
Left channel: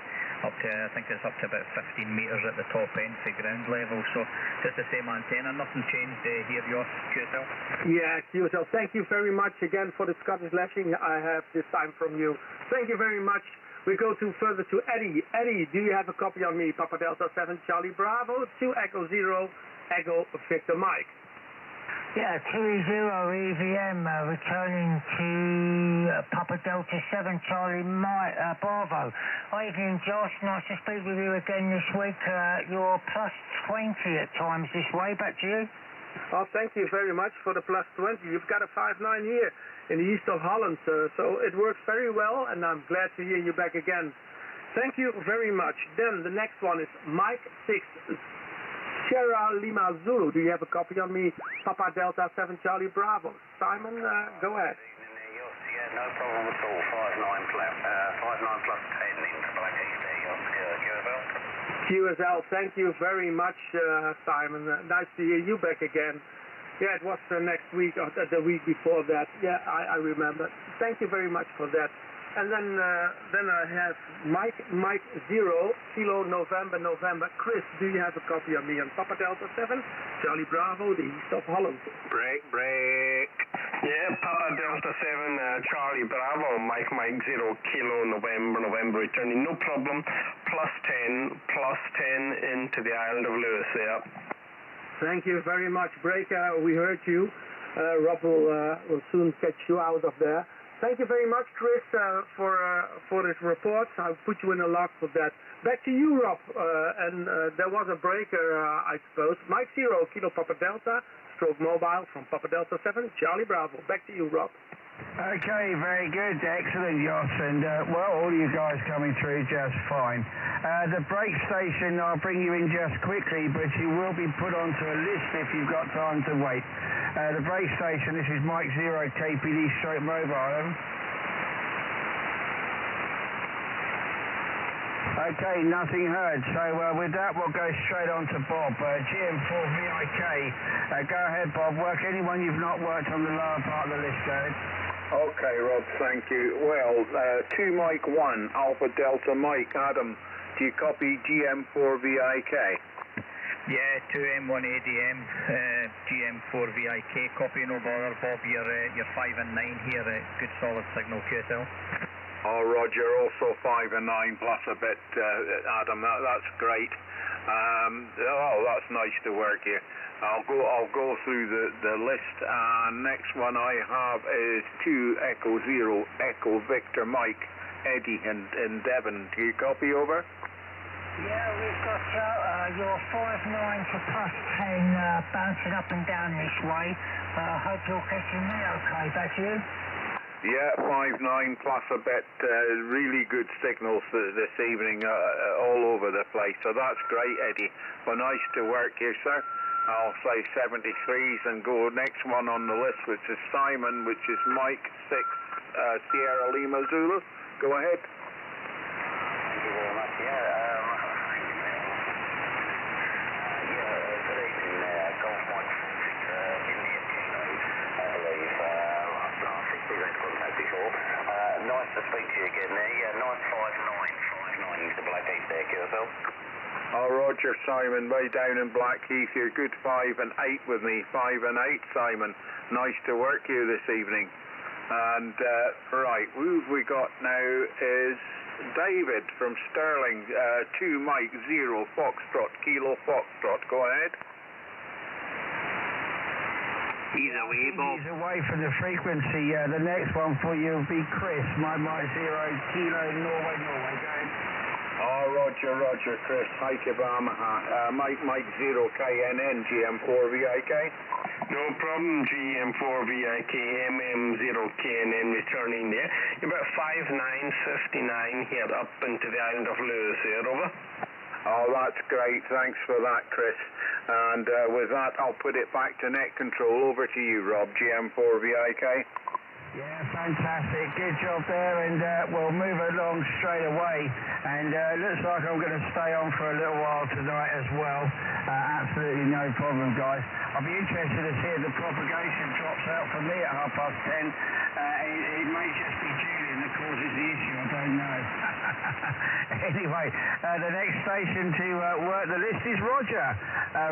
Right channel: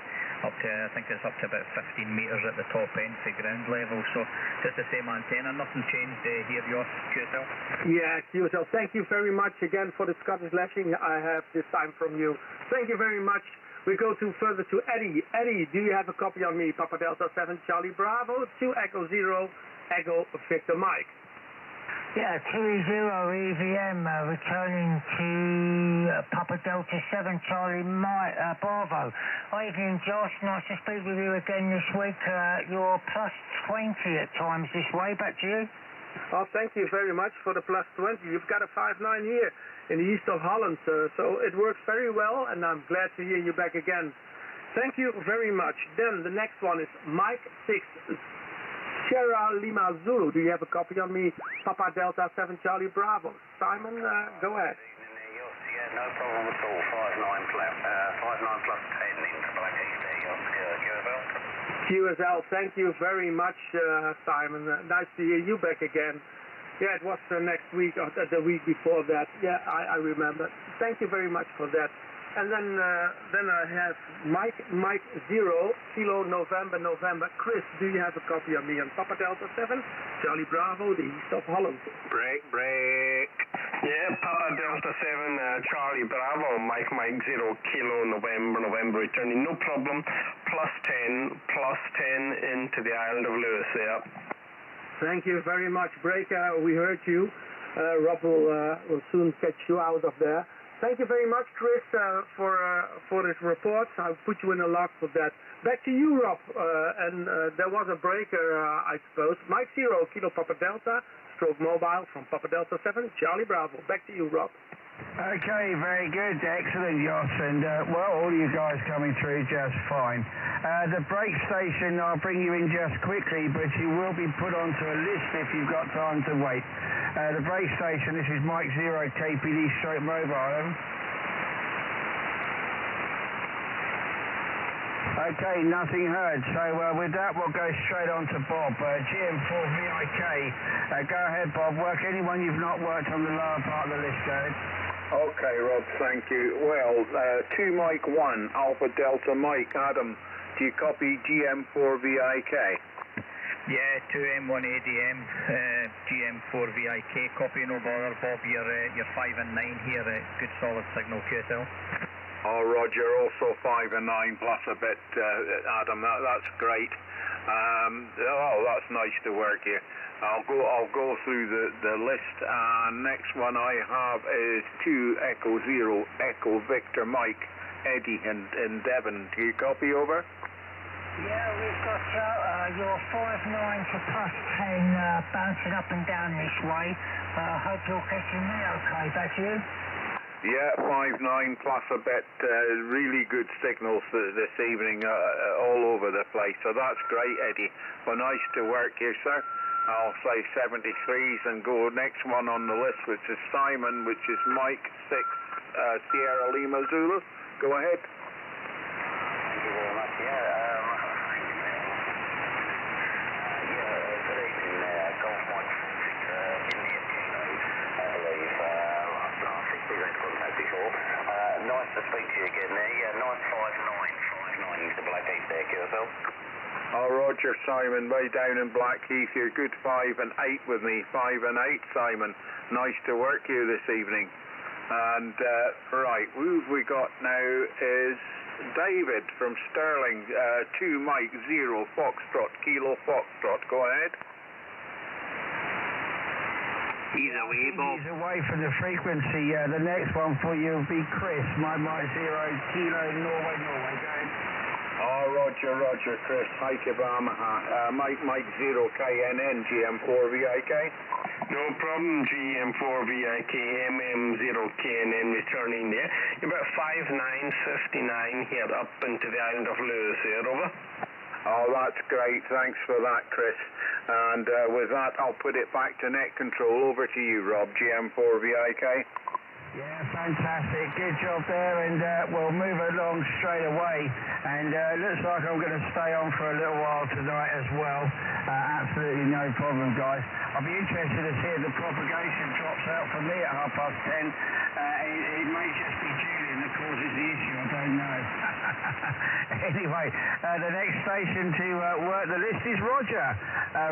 up to, I think it's up to about 15 metres at the top end to ground level. So just the same antenna. Nothing changed here, yours, QSL. Yeah, QSL. Thank you very much again for the Scottish lashing I have this time from you. Thank you very much. We go further to Eddie. Eddie, do you have a copy on me? Papa Delta 7 Charlie Bravo 2 Echo 0 Echo Victor Mike. Yeah, 2-0 EVM, returning to Papa Delta 7 Charlie Bravo. Evening, Josh. Nice to speak with you again this week. You're plus 20 at times this way. Back to you. Oh, thank you very much for the plus 20. You've got a 5-9 here in the east of Holland, so it works very well, and I'm glad to hear you back again. Thank you very much. Then the next one is Mike 6 Sierra Lima Zulu. Do you have a copy on me? Papa Delta 7 Charlie Bravo. Simon, go ahead. Yeah, no problem at all. 5-9 plus 10 into Black East QSL. QSL, thank you very much, Simon. Nice to hear you back again. Yeah, it was next week or the week before that. Yeah, I remember. Thank you very much for that. And then I have Mike 0 Kilo November. Chris, do you have a copy of me on Papa Delta 7 Charlie Bravo, the east of Holland? Break. Yeah, Papa Delta 7 Charlie Bravo, Mike 0 Kilo November returning, no problem. Plus 10 into the island of Lewis there. Thank you very much, Break. We heard you. Rob will soon catch you out of there. Thank you very much, Chris, for this report. I'll put you in a log for that. Back to you, Rob. There was a breaker, I suppose. Mike 0 Kilo Papa Delta, stroke mobile from Papa Delta 7 Charlie Bravo. Back to you, Rob. Okay, very good. Excellent, Josh. And, well, all you guys coming through just fine. The break station, I'll bring you in just quickly, but you will be put onto a list if you've got time to wait. The break station, this is Mike 0 KPD stroke mobile. Okay, nothing heard. So with that, we'll go straight on to Bob. GM4VIK. Go ahead, Bob. Work anyone you've not worked on the lower part of the list, go ahead. Okay, Rob, thank you. Well, 2 Mike 1, Alpha Delta Mike. Adam, do you copy GM4VIK? Yeah, 2M1 ADM, GM4VIK, copy, no bother. Bob, you're 5 and 9 here, good solid signal, QSL. Oh, Roger, also 5 and 9 plus a bit, Adam, that's great. That's nice to work here. I'll go through the list. Next one I have is 2 Echo 0 Echo Victor Mike, Eddie in Devon. Do you copy over? Yeah, we've got your 5-9 to plus 10 bouncing up and down this way. Hope you're catching me okay. Back to you. Yeah, 5-9 plus a bit. Really good signals this evening all over the place. So that's great, Eddie. Well, nice to work here, sir. I'll say 73s and go next one on the list, which is Simon, which is Mike 6 Sierra Lima Zulu. Go ahead. Thank you very much. Good evening, Golf Mike 6 India Kilo. I believe last 6 we've had contact before. Nice to speak to you again there. Yeah, 959 into Black East there, QSL. Oh, Roger, Simon, way down in Blackheath. You're good 5 and 8 with me. 5 and 8, Simon. Nice to work you this evening. And, right, who we got now is David from Stirling. 2 Mike 0 Foxtrot Kilo Foxtrot. Go ahead. He's away, Bob. He's away from the frequency. The next one for you will be Chris. Mike 0 Kilo Norway. Go ahead. Oh, Roger, Chris. Hi, Kibamaha. Mike 0 KNN, GM4VIK. No problem, GM4VIK, MM0KNN returning there. You're about 5-9, 59 here up into the island of Lewis here, over. Oh, that's great. Thanks for that, Chris. And with that, I'll put it back to net control. Over to you, Rob, GM4VIK. Yeah, fantastic. Good job there, and we'll move along straight away. And looks like I'm going to stay on for a little while tonight as well. Absolutely no problem, guys. I'll be interested to see if the propagation drops out for me at 10:30. It may just be Julian that causes the issue, I don't know. Anyway, the next station to work the list is Roger.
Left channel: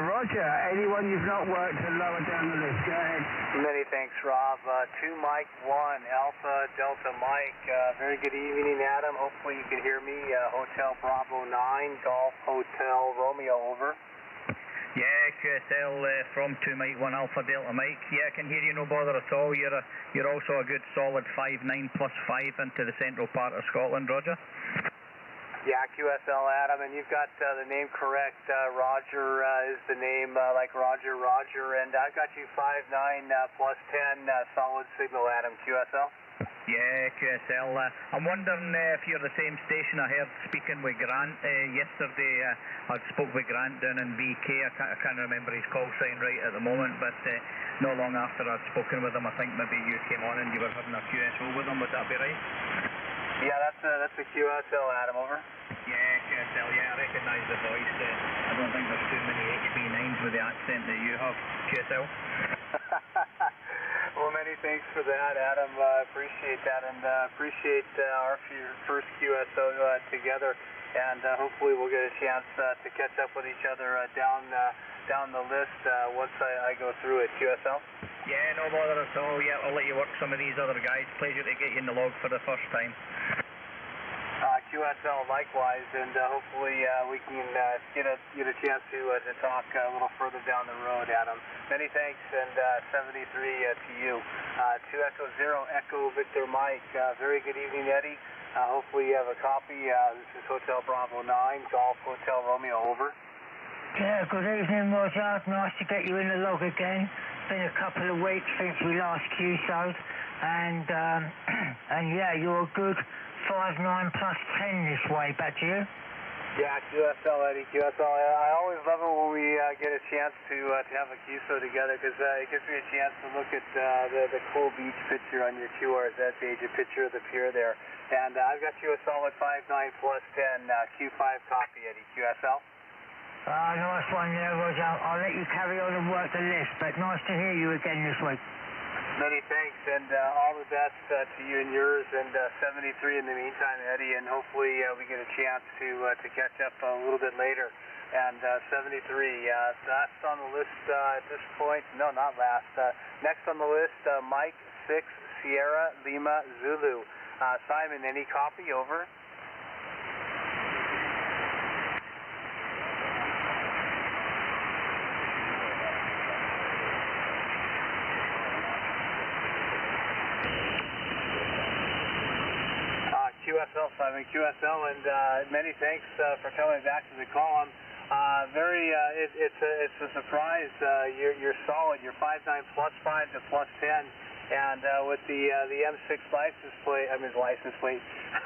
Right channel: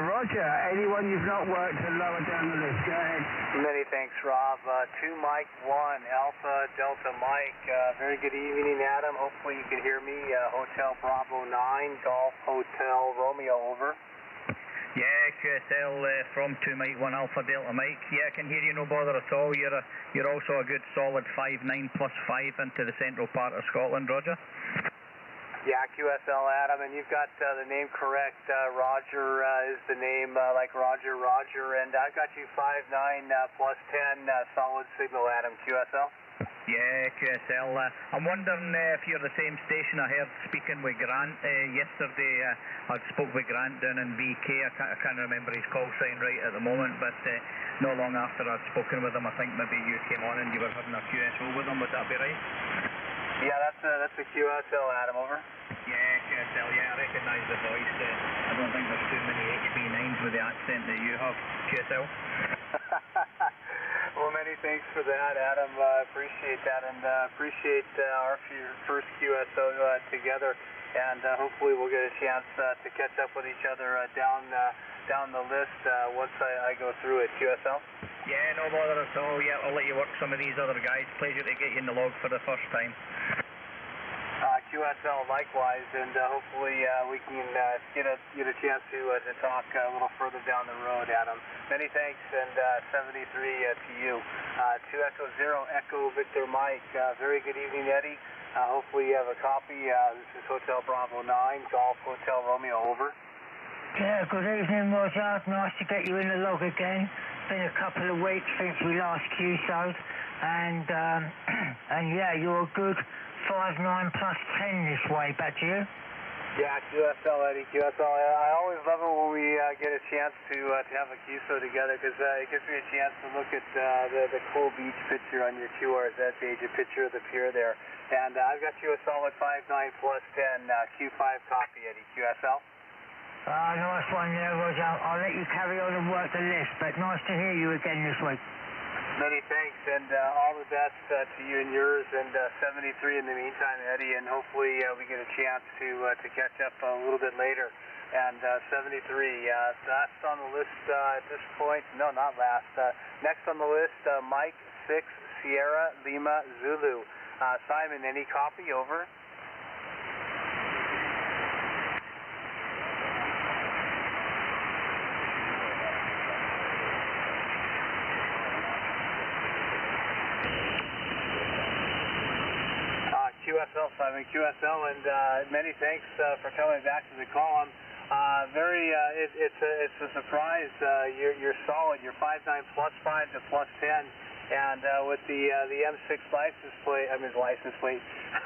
Roger, anyone you've not worked to lower down the list, go ahead. Many thanks, Rob. 2 Mike 1, Alpha Delta Mike. Very good evening, Adam. Hopefully you can hear me. Hotel Bravo 9, Golf Hotel Romeo, over. Yeah, QSL from 2 Mike 1 Alpha Delta Mike. Yeah, I can hear you, no bother at all. You're also a good solid 5-9 plus 5 into the central part of Scotland, Roger. Yeah, QSL Adam, and you've got the name correct. Roger is the name like Roger, and I've got you 5-9 plus 10 solid signal, Adam. QSL? Yeah, QSL. I'm wondering if you're the same station I heard speaking with Grant yesterday. I spoke with Grant down in BK. I can't remember his call sign right at the moment, but not long after I'd spoken with him, I think maybe you came on and you were having a QSO with him. Would that be right? Yeah, that's a QSL, Adam, over. Yeah, QSL, yeah, I recognise the voice. I don't think there's too many HB9s with the accent that you have, QSL. Well, many thanks for that, Adam. Appreciate that, and appreciate our first QSO together. And hopefully we'll get a chance to catch up with each other down the list once I go through it. QSL? Yeah, no bother at all. Yeah, I'll let you work some of these other guys. Pleasure to get you in the log for the first time. QSL likewise, and hopefully we can get a chance to talk a little further down the road, Adam. Many thanks, and 73 to you. 2 Echo 0 Echo Victor Mike. Very good evening, Eddie. Hopefully you have a copy. This is Hotel Bravo 9, Golf Hotel Romeo, over. Yeah, good evening, Roger. Nice to get you in the log again. Been a couple of weeks since we last QSO'd, and yeah, you're a good 5-9 plus 10 this way. Back to you. Yeah, QSL, Eddie. QSL. I always love it when we get a chance to have a QSO together, because it gives me a chance to look at the cool beach picture on your QRZ page, a picture of the pier there. And I've got you a solid 5-9 plus 10 Q5 copy, Eddie. QSL. Nice one there, Roger. I'll let you carry on and work the list, but nice to hear you again this week. Many thanks, and all the best to you and yours, and 73 in the meantime, Eddie, and hopefully we get a chance to catch up a little bit later. And 73, last on the list at this point, no, not last. Next on the list, Mike 6 Sierra Lima Zulu. Simon, any copy, over? QSL, Simon, QSL, and many thanks for coming back to the call. It's a surprise. You're solid. You're 5-9 plus 5 to plus 10, and with the M6 license plate,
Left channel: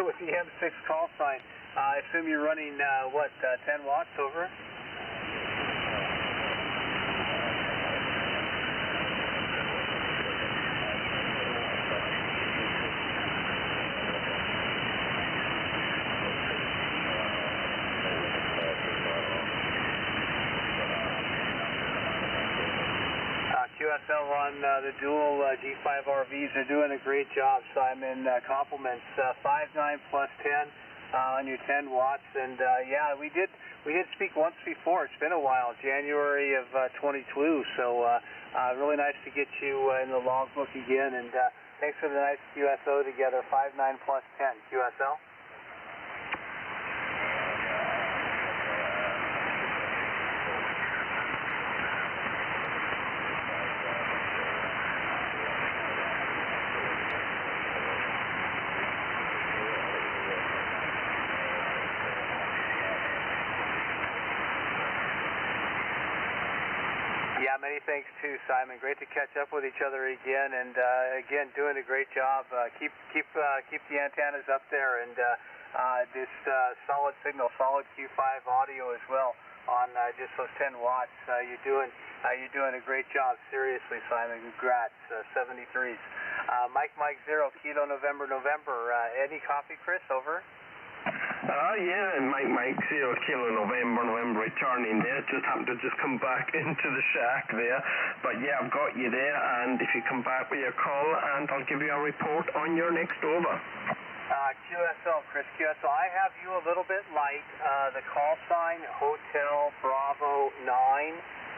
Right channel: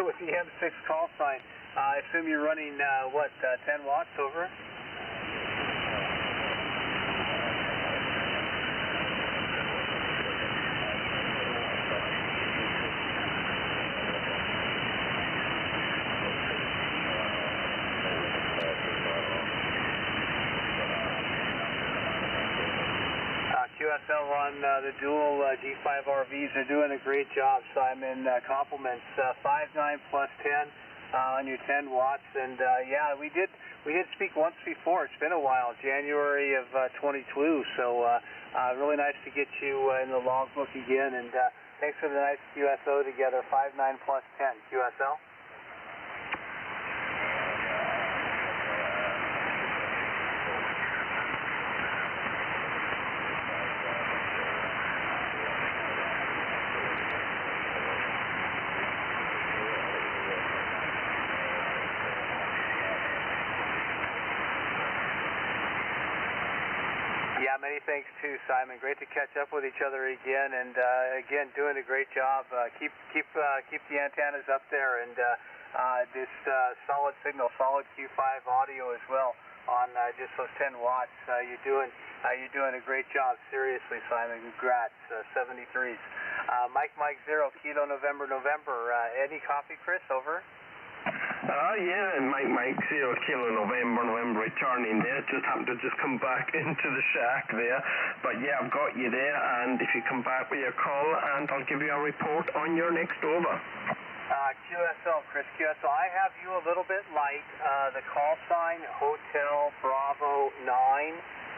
with the M6 call sign, I assume you're running 10 watts, over? QSL on the dual G5 RVs are doing a great job, Simon. Compliments. 5-9 plus 10 on your 10 watts, and yeah, we did speak once before. It's been a while, January of 22. So really nice to get you in the logbook again, and thanks for the nice QSO together. 5-9 plus 10. QSL. Yeah, many thanks too, Simon. Great to catch up with each other again, and again, doing a great job. Keep the antennas up there, and this solid signal, solid Q5 audio as well on just those 10 watts. You're doing a great job. Seriously, Simon. Congrats. 73s. Mike 0 Kilo November. Any copy, Chris? Over. Yeah, Mike 0 Kilo November returning there. Just happened to just come back into the shack there. But yeah, I've got you there, and if you come back with your call, and I'll give you a report on your next over. QSL, Chris, QSL. I have you a little bit light. The call sign, Hotel Bravo 9,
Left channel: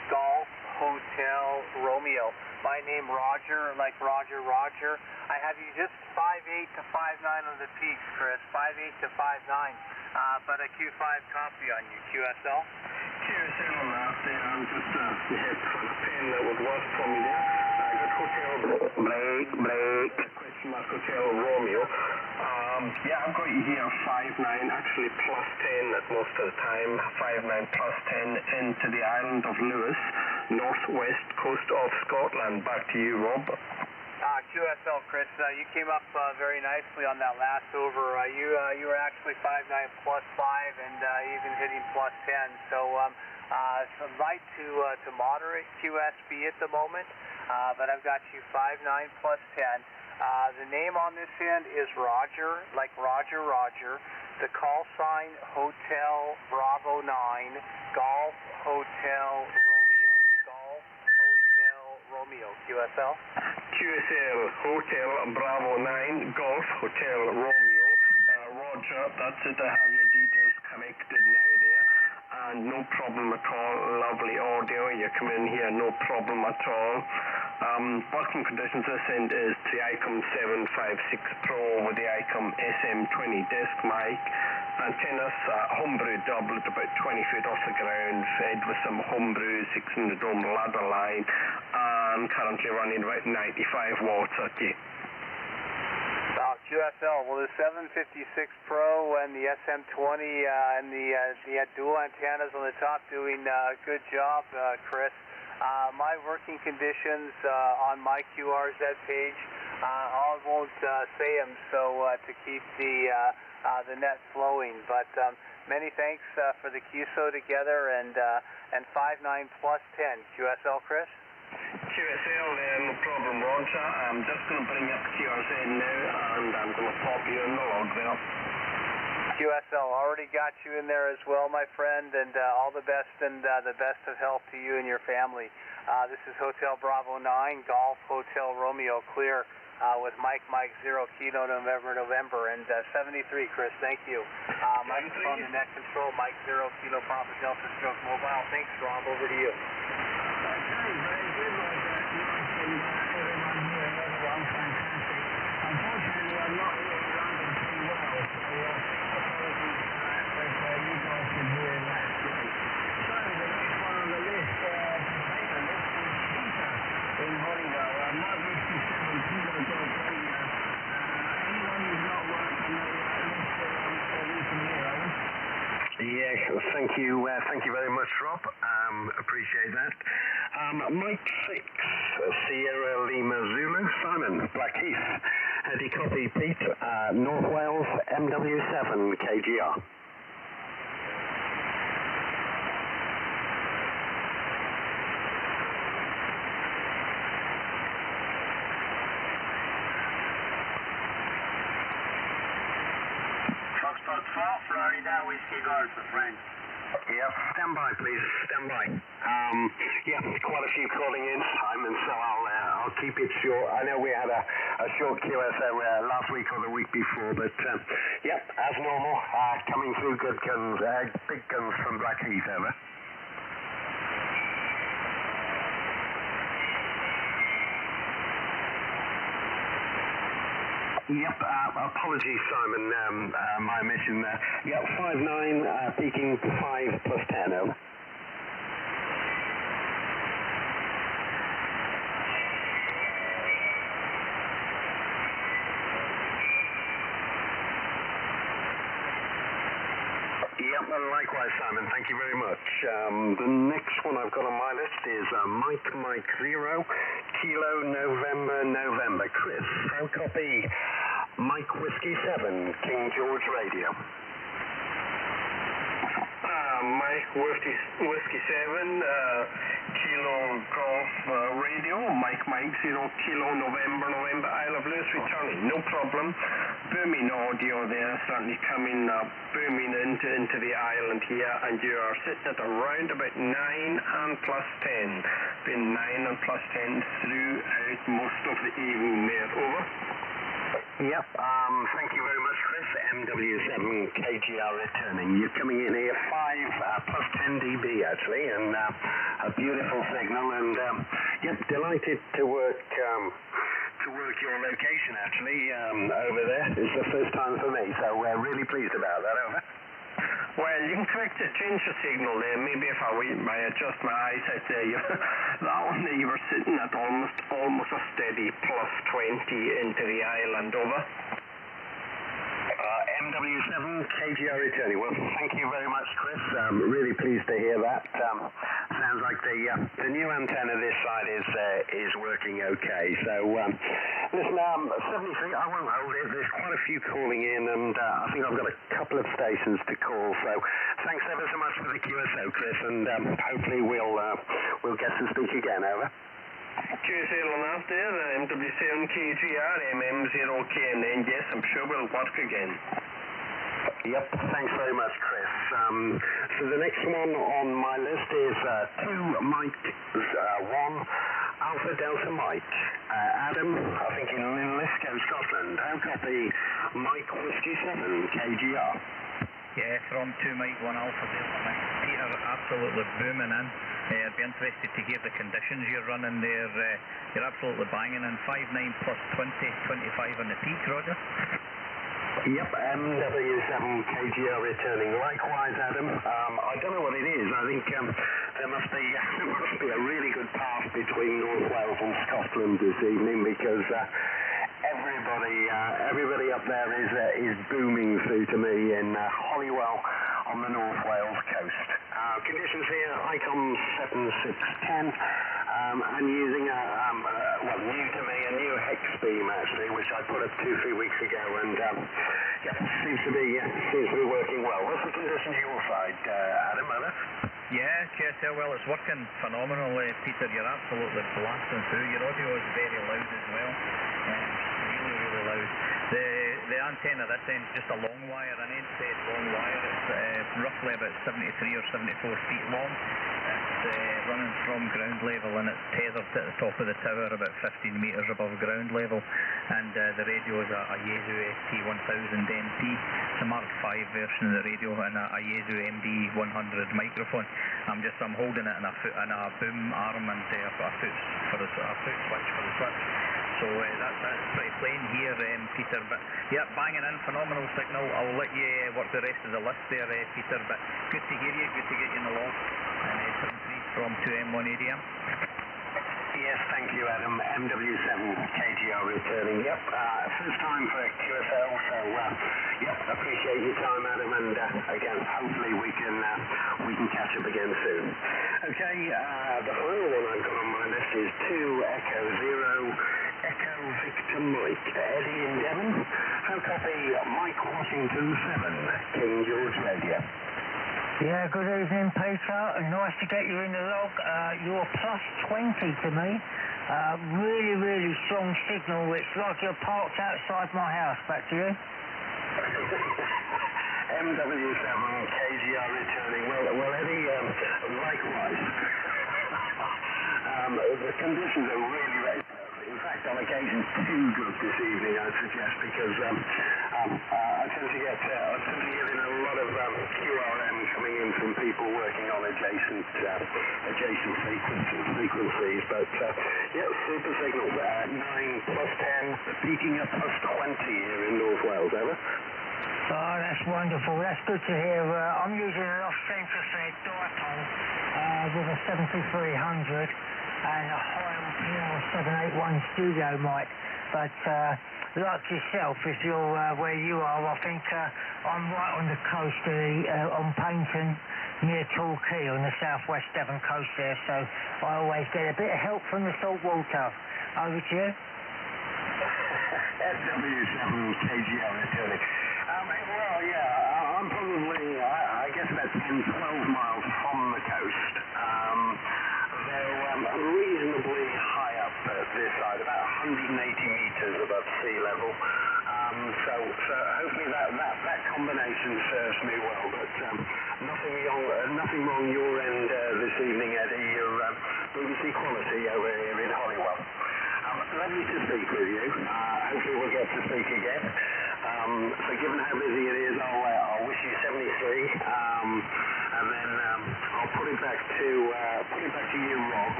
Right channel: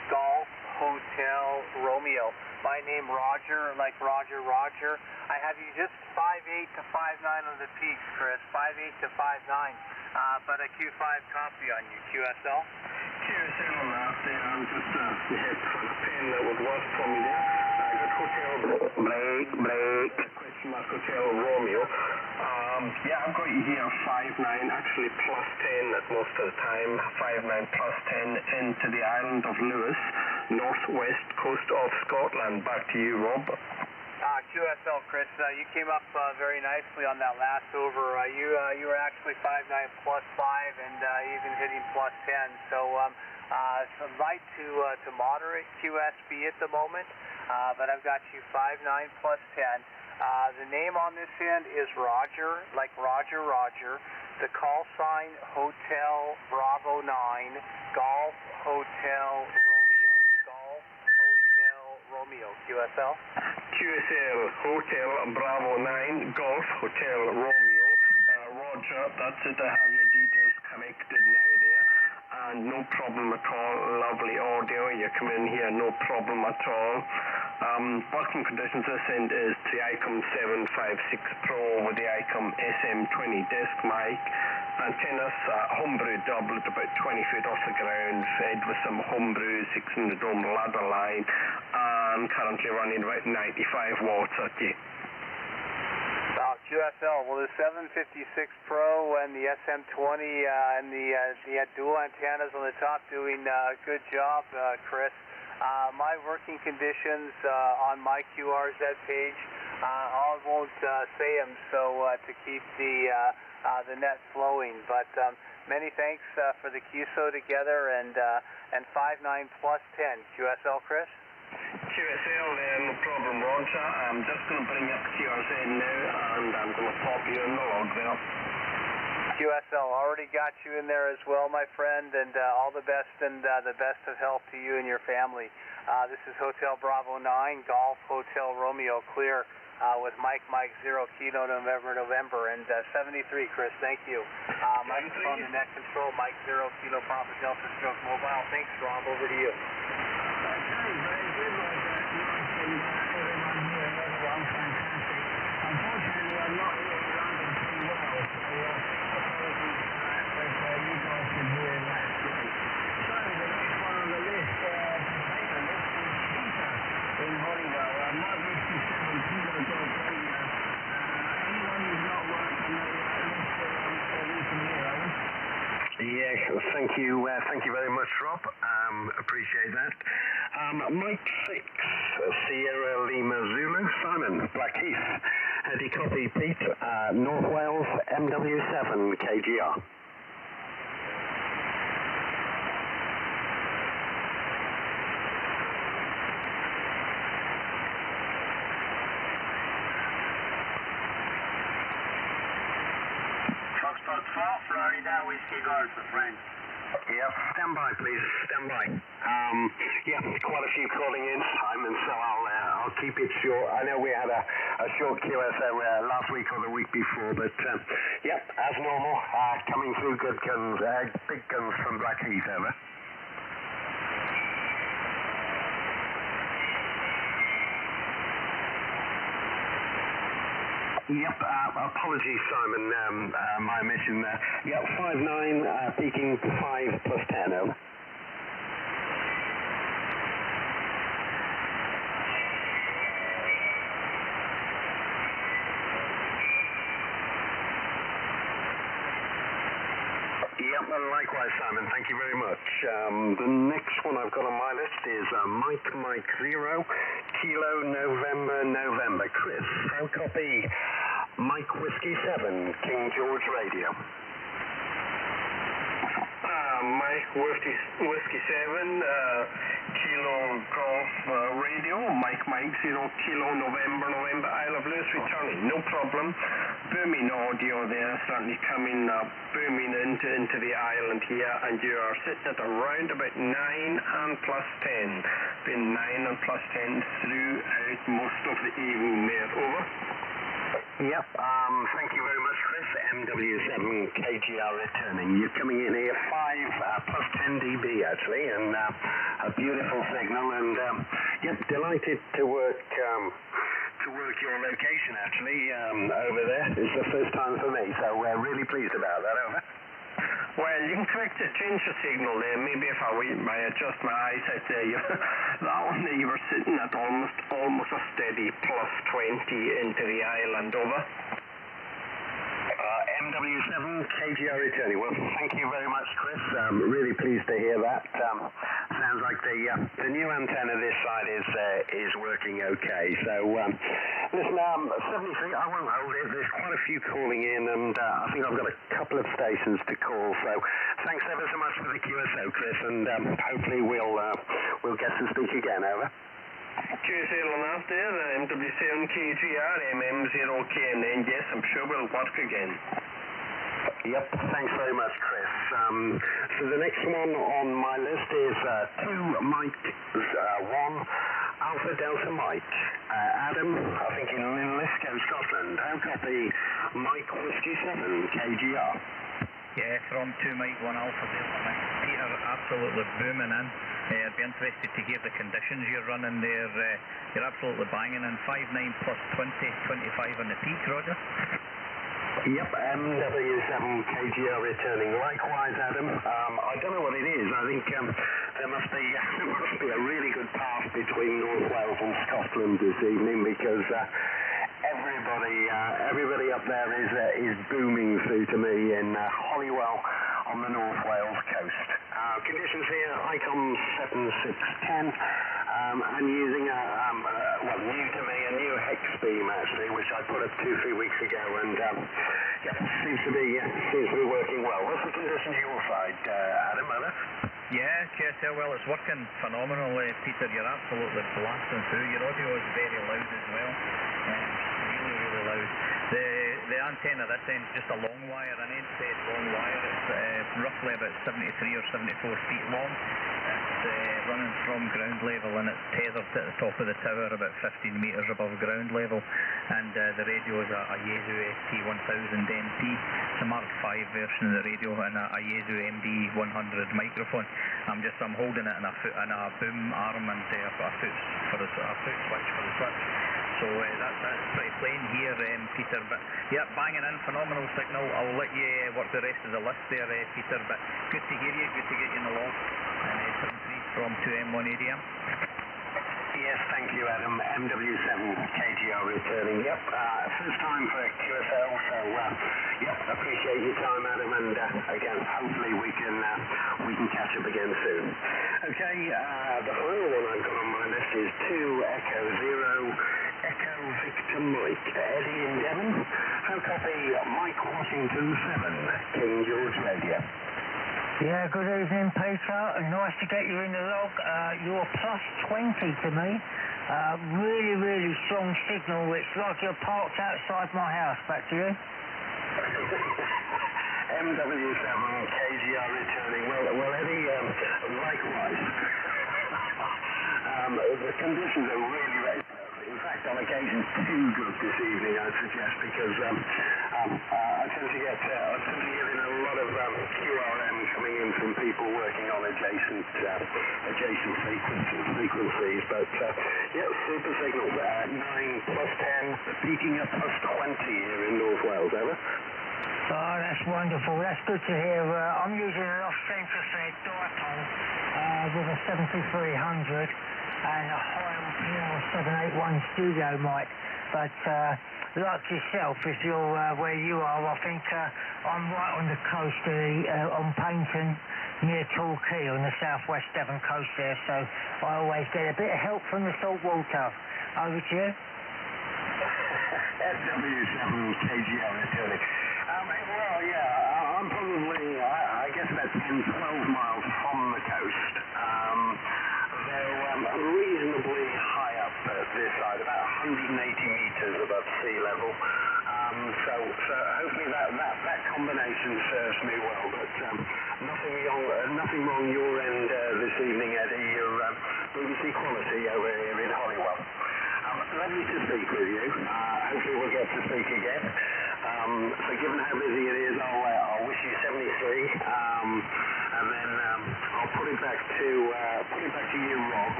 Golf Hotel Romeo. My name Roger, like Roger. I have you just 5'8" to 5'9" on the peaks, Chris. 5'8" to 5'9", but a Q5 copy on you. QSL? QSL on that there. I'm just hit for the pen that would work for me there. I got Hotel Break. Question mark Hotel Romeo. Yeah, I've got you here 5'9", actually plus 10 at most of the time. 5'9" plus 10 into the island of Lewis, northwest coast of Scotland. Back to you, Rob. QSL, Chris, you came up very nicely on that last over. You were actually 5'9" plus 5 and even hitting plus 10. So some light to moderate QSB at the moment, but I've got you 5'9" plus 10. The name on this end is Roger, like Roger. The call sign, Hotel Bravo 9, Golf Hotel Romeo. Golf Hotel Romeo. QSL? QSL, Hotel Bravo 9, Golf Hotel Romeo. Roger, that's it. I have your details connected now there. And no problem at all. Lovely audio. You come in here, no problem at all. Working conditions this end is the ICOM 756 Pro with the ICOM SM20 disc mic. Antennas, homebrew double at about 20 feet off the ground, fed with some homebrew 6 in the dome ladder line, and currently running about 95 watts at you. QSL, well, the 756 Pro and the SM20 and the dual antennas on the top doing a good job, Chris. My working conditions on my QRZ page, I won't say them so to keep the net flowing, but many thanks for the QSO together and 5'9" plus 10. QSL, Chris? QSL, no problem, Roger. I'm just going to bring up QRZ now, and I'm going to pop you in the log there. QSL, already got you in there as well, my friend, and all the best and the best of health to you and your family. This is Hotel Bravo 9, Golf Hotel Romeo, clear with Mike 0 Kilo November, and 73, Chris, thank you. Mike on the net control, Mike 0 Kilo Papa Delta Stroke Mobile. Thanks, Rob, over to you. Unfortunately, I'm not really landing too well, so apologies for that, but you guys can hear that great. So, the next one on the list to take a look is Peter in Hollywood. Not Whiskey 7 Kilo Dog Radio. Anyone who's not working the list for recent year, Owen? Yes, thank you very much, Rob. Appreciate that. Mike 6, Sierra Lima Zulu, Simon, Blackheath, Eddie Copy, Pete, North Wales, MW7, KGR. Foxtrot 4, Florida, Whiskey Golf, friend. Yep, stand by, please. Stand by. Yeah, quite a few calling in, Simon, so I'll keep it short. I know we had a short QSO last week or the week before, but yep, as normal, coming through good guns, big guns from Blackheath, over. Yep, apologies, Simon, my omission there. Yep, 5'9", peaking 5 plus 10, over. Yep, likewise, Simon, thank you very much. The next one I've got on my list is Mike 0, Kilo November. Chris, I'll copy Mike Whiskey 7, King George Radio. Mike Whiskey 7, Kilo Golf Radio, Mike 0 Kilo November Isle of Lewis returning, no problem. Booming audio there, certainly coming booming into the island here, and you are sitting at around about 9 and plus 10. Been 9 and plus 10 throughout most of the evening there. Over. Yep, thank you very much, Chris. MW7KGR returning. You're coming in here 5 plus 10 dB actually, and a beautiful signal, and yep, delighted to work your location actually over there. It's the first time for me, so we're really pleased about that. Over. Well, you can correct the change the signal there. Maybe if I adjust my eyesight there, that one there you were sitting at almost a steady plus 20 into the island. Over. MW7KGR returning. Well, thank you very much, Chris. Really pleased to hear that. Sounds like the new antenna this side is working okay. So, listen, 73, I won't hold it. There's quite a few calling in, and I think I've got a couple of stations to call. So, thanks ever so much for the QSO, Chris, and hopefully we'll get to speak again. Over. QSL on that there, MW7KGR, MM0KNN, yes, I'm sure we'll work again. Yep, thanks very much, Chris. So the next one on my list is 2 Mike 1 Alpha Delta Mike. Adam, I think in Linlithgow, Scotland. How copy Mike Whiskey 7 KGR? Yeah, from 2 Mike 1 Alpha Delta Mike. Peter, absolutely booming in. I'd be interested to hear the conditions you're running there. You're absolutely banging in 5.9 plus 20, 25 on the peak, Roger. Yep, MW7KGR returning. Likewise, Adam. I don't know what it is. I think there must be a really good path between North Wales and Scotland this evening, because everybody up there is booming through to me in Holywell on the North Wales coast. Conditions here, ICOM 7610. I'm using new to me, a new hex beam actually, which I put up 2-3 weeks ago, and seems to be working well. What's the conditions your side, Adam? Over? Yeah, QSL, well, it's working phenomenally, Peter. You're absolutely blasting through. Your audio is very loud as well. Really, really loud. The antenna this end is just a long wire, an end-fed long wire. It's roughly about 73 or 74 feet long. It's running from ground level, and it's tethered at the top of the tower about 15 metres above ground level. And the radio is a Yaesu ST1000NT. It's a Mark V version of the radio, and a Yaesu MD100 microphone. I'm holding it in a boom arm, and I've got a foot switch for the switch. So that's pretty plain here, Peter. But yeah, banging in, phenomenal signal. I'll let you work the rest of the list there, Peter. But good to hear you, good to get you in the loft. And 73 from 2M1 ADM. Yes, thank you, Adam. MW7KGR returning. Yep, first time for QSL, so appreciate your time, Adam, and again, hopefully we can catch up again soon. Okay, the final one I've got on my list is 2 Echo 0 Echo Victor Mike. Eddie in Devon. How copy Mike Washington 7 King George Radio? Yeah, good evening, Peter. Nice to get you in the log. You're plus 20 to me. Really, really strong signal. It's like you're parked outside my house. Back to you. MW7KGR returning. Well, Eddie, likewise. The conditions are really in fact, on occasion, too good this evening, I'd suggest, because I tend to get in a lot of QRM coming in from people working on adjacent frequencies. But super signal. 9 plus 10, peaking at plus 20 here in North Wales. Over. Oh, that's wonderful. That's good to hear. I'm using an off-center fed dipole with a 7300 and a Higham PL781 studio mic. But like yourself, if you're where you are, I think I'm right on the coast on Paynton, near Torquay on the southwest Devon coast there. So I always get a bit of help from the salt water. Over to you. SW7KGR returning. Well, yeah, I'm probably, I guess about 10, 12 miles from the coast. reasonably high up at this side, about 180 metres above sea level. So hopefully that combination serves me well. But nothing wrong your end this evening, Eddie. You're BBC quality over here in Holywell. Lovely to speak with you. Hopefully we'll get to speak again. So given how busy it is, I'll wish you 73, and then I'll put it back to you, Rob.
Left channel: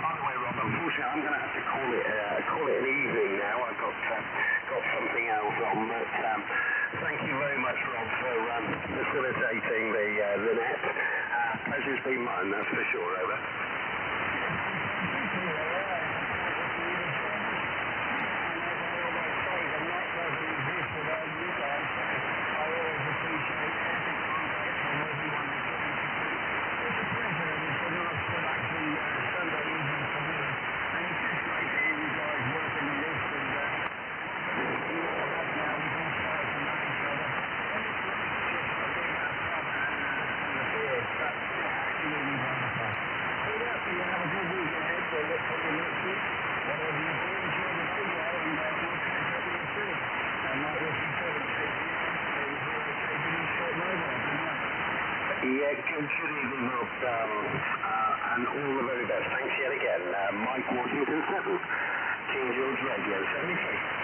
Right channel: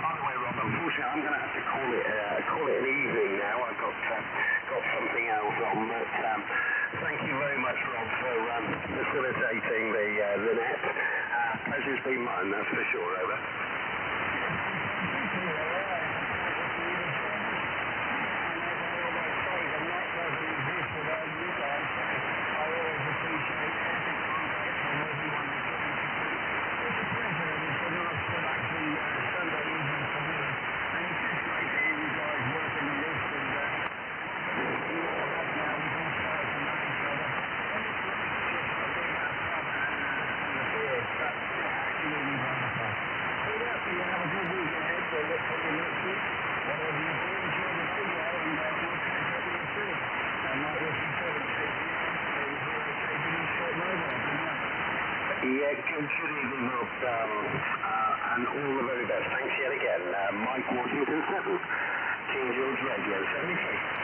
By the way, Rob, unfortunately I'm going to have to call it an evening now. I've got something else on, but thank you very much, Rob, for facilitating the net. Pleasure's been mine, that's for sure. Over. Yeah, good evening, Rob, and all the very best. Thanks yet again. Mike Washington 7, King George Radio 73.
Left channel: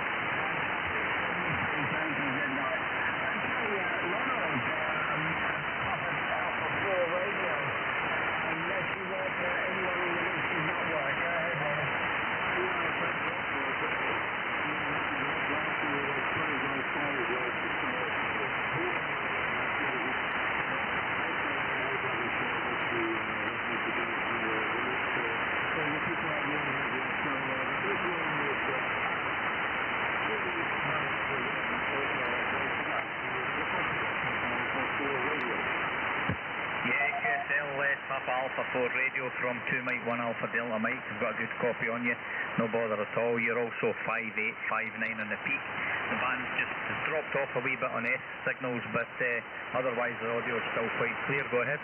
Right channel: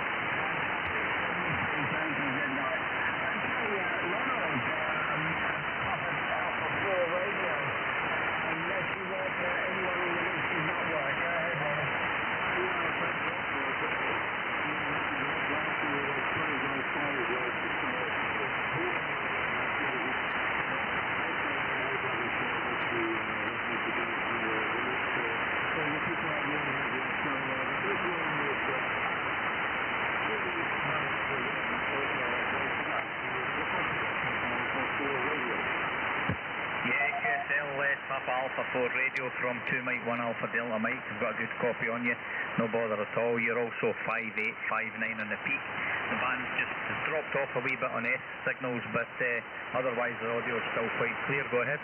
Alpha 4 Radio from 2 Mike 1 Alpha Delta Mike. I've got a good copy on you, no bother at all. You're also 5859 on the peak. The band's just dropped off a wee bit on S signals, but otherwise the audio is still quite clear. Go ahead.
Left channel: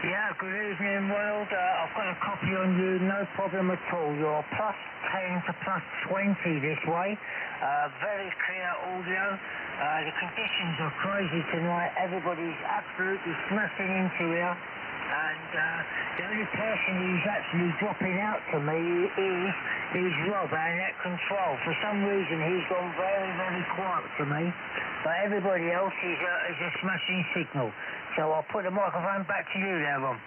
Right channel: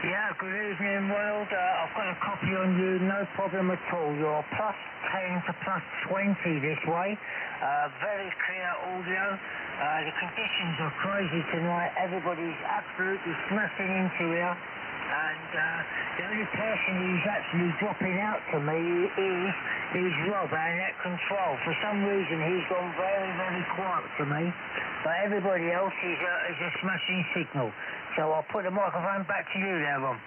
Yeah, good evening, world. I've got a copy on you, no problem at all. You're plus 10 to plus 20 this way. Very clear audio. The conditions are crazy tonight. Everybody's absolutely smashing into here. And the only person who's actually dropping out to me is Rob, our net control. For some reason, he's gone very, very quiet to me. But everybody else is a smashing signal. So I'll put the microphone back to you there, Rob.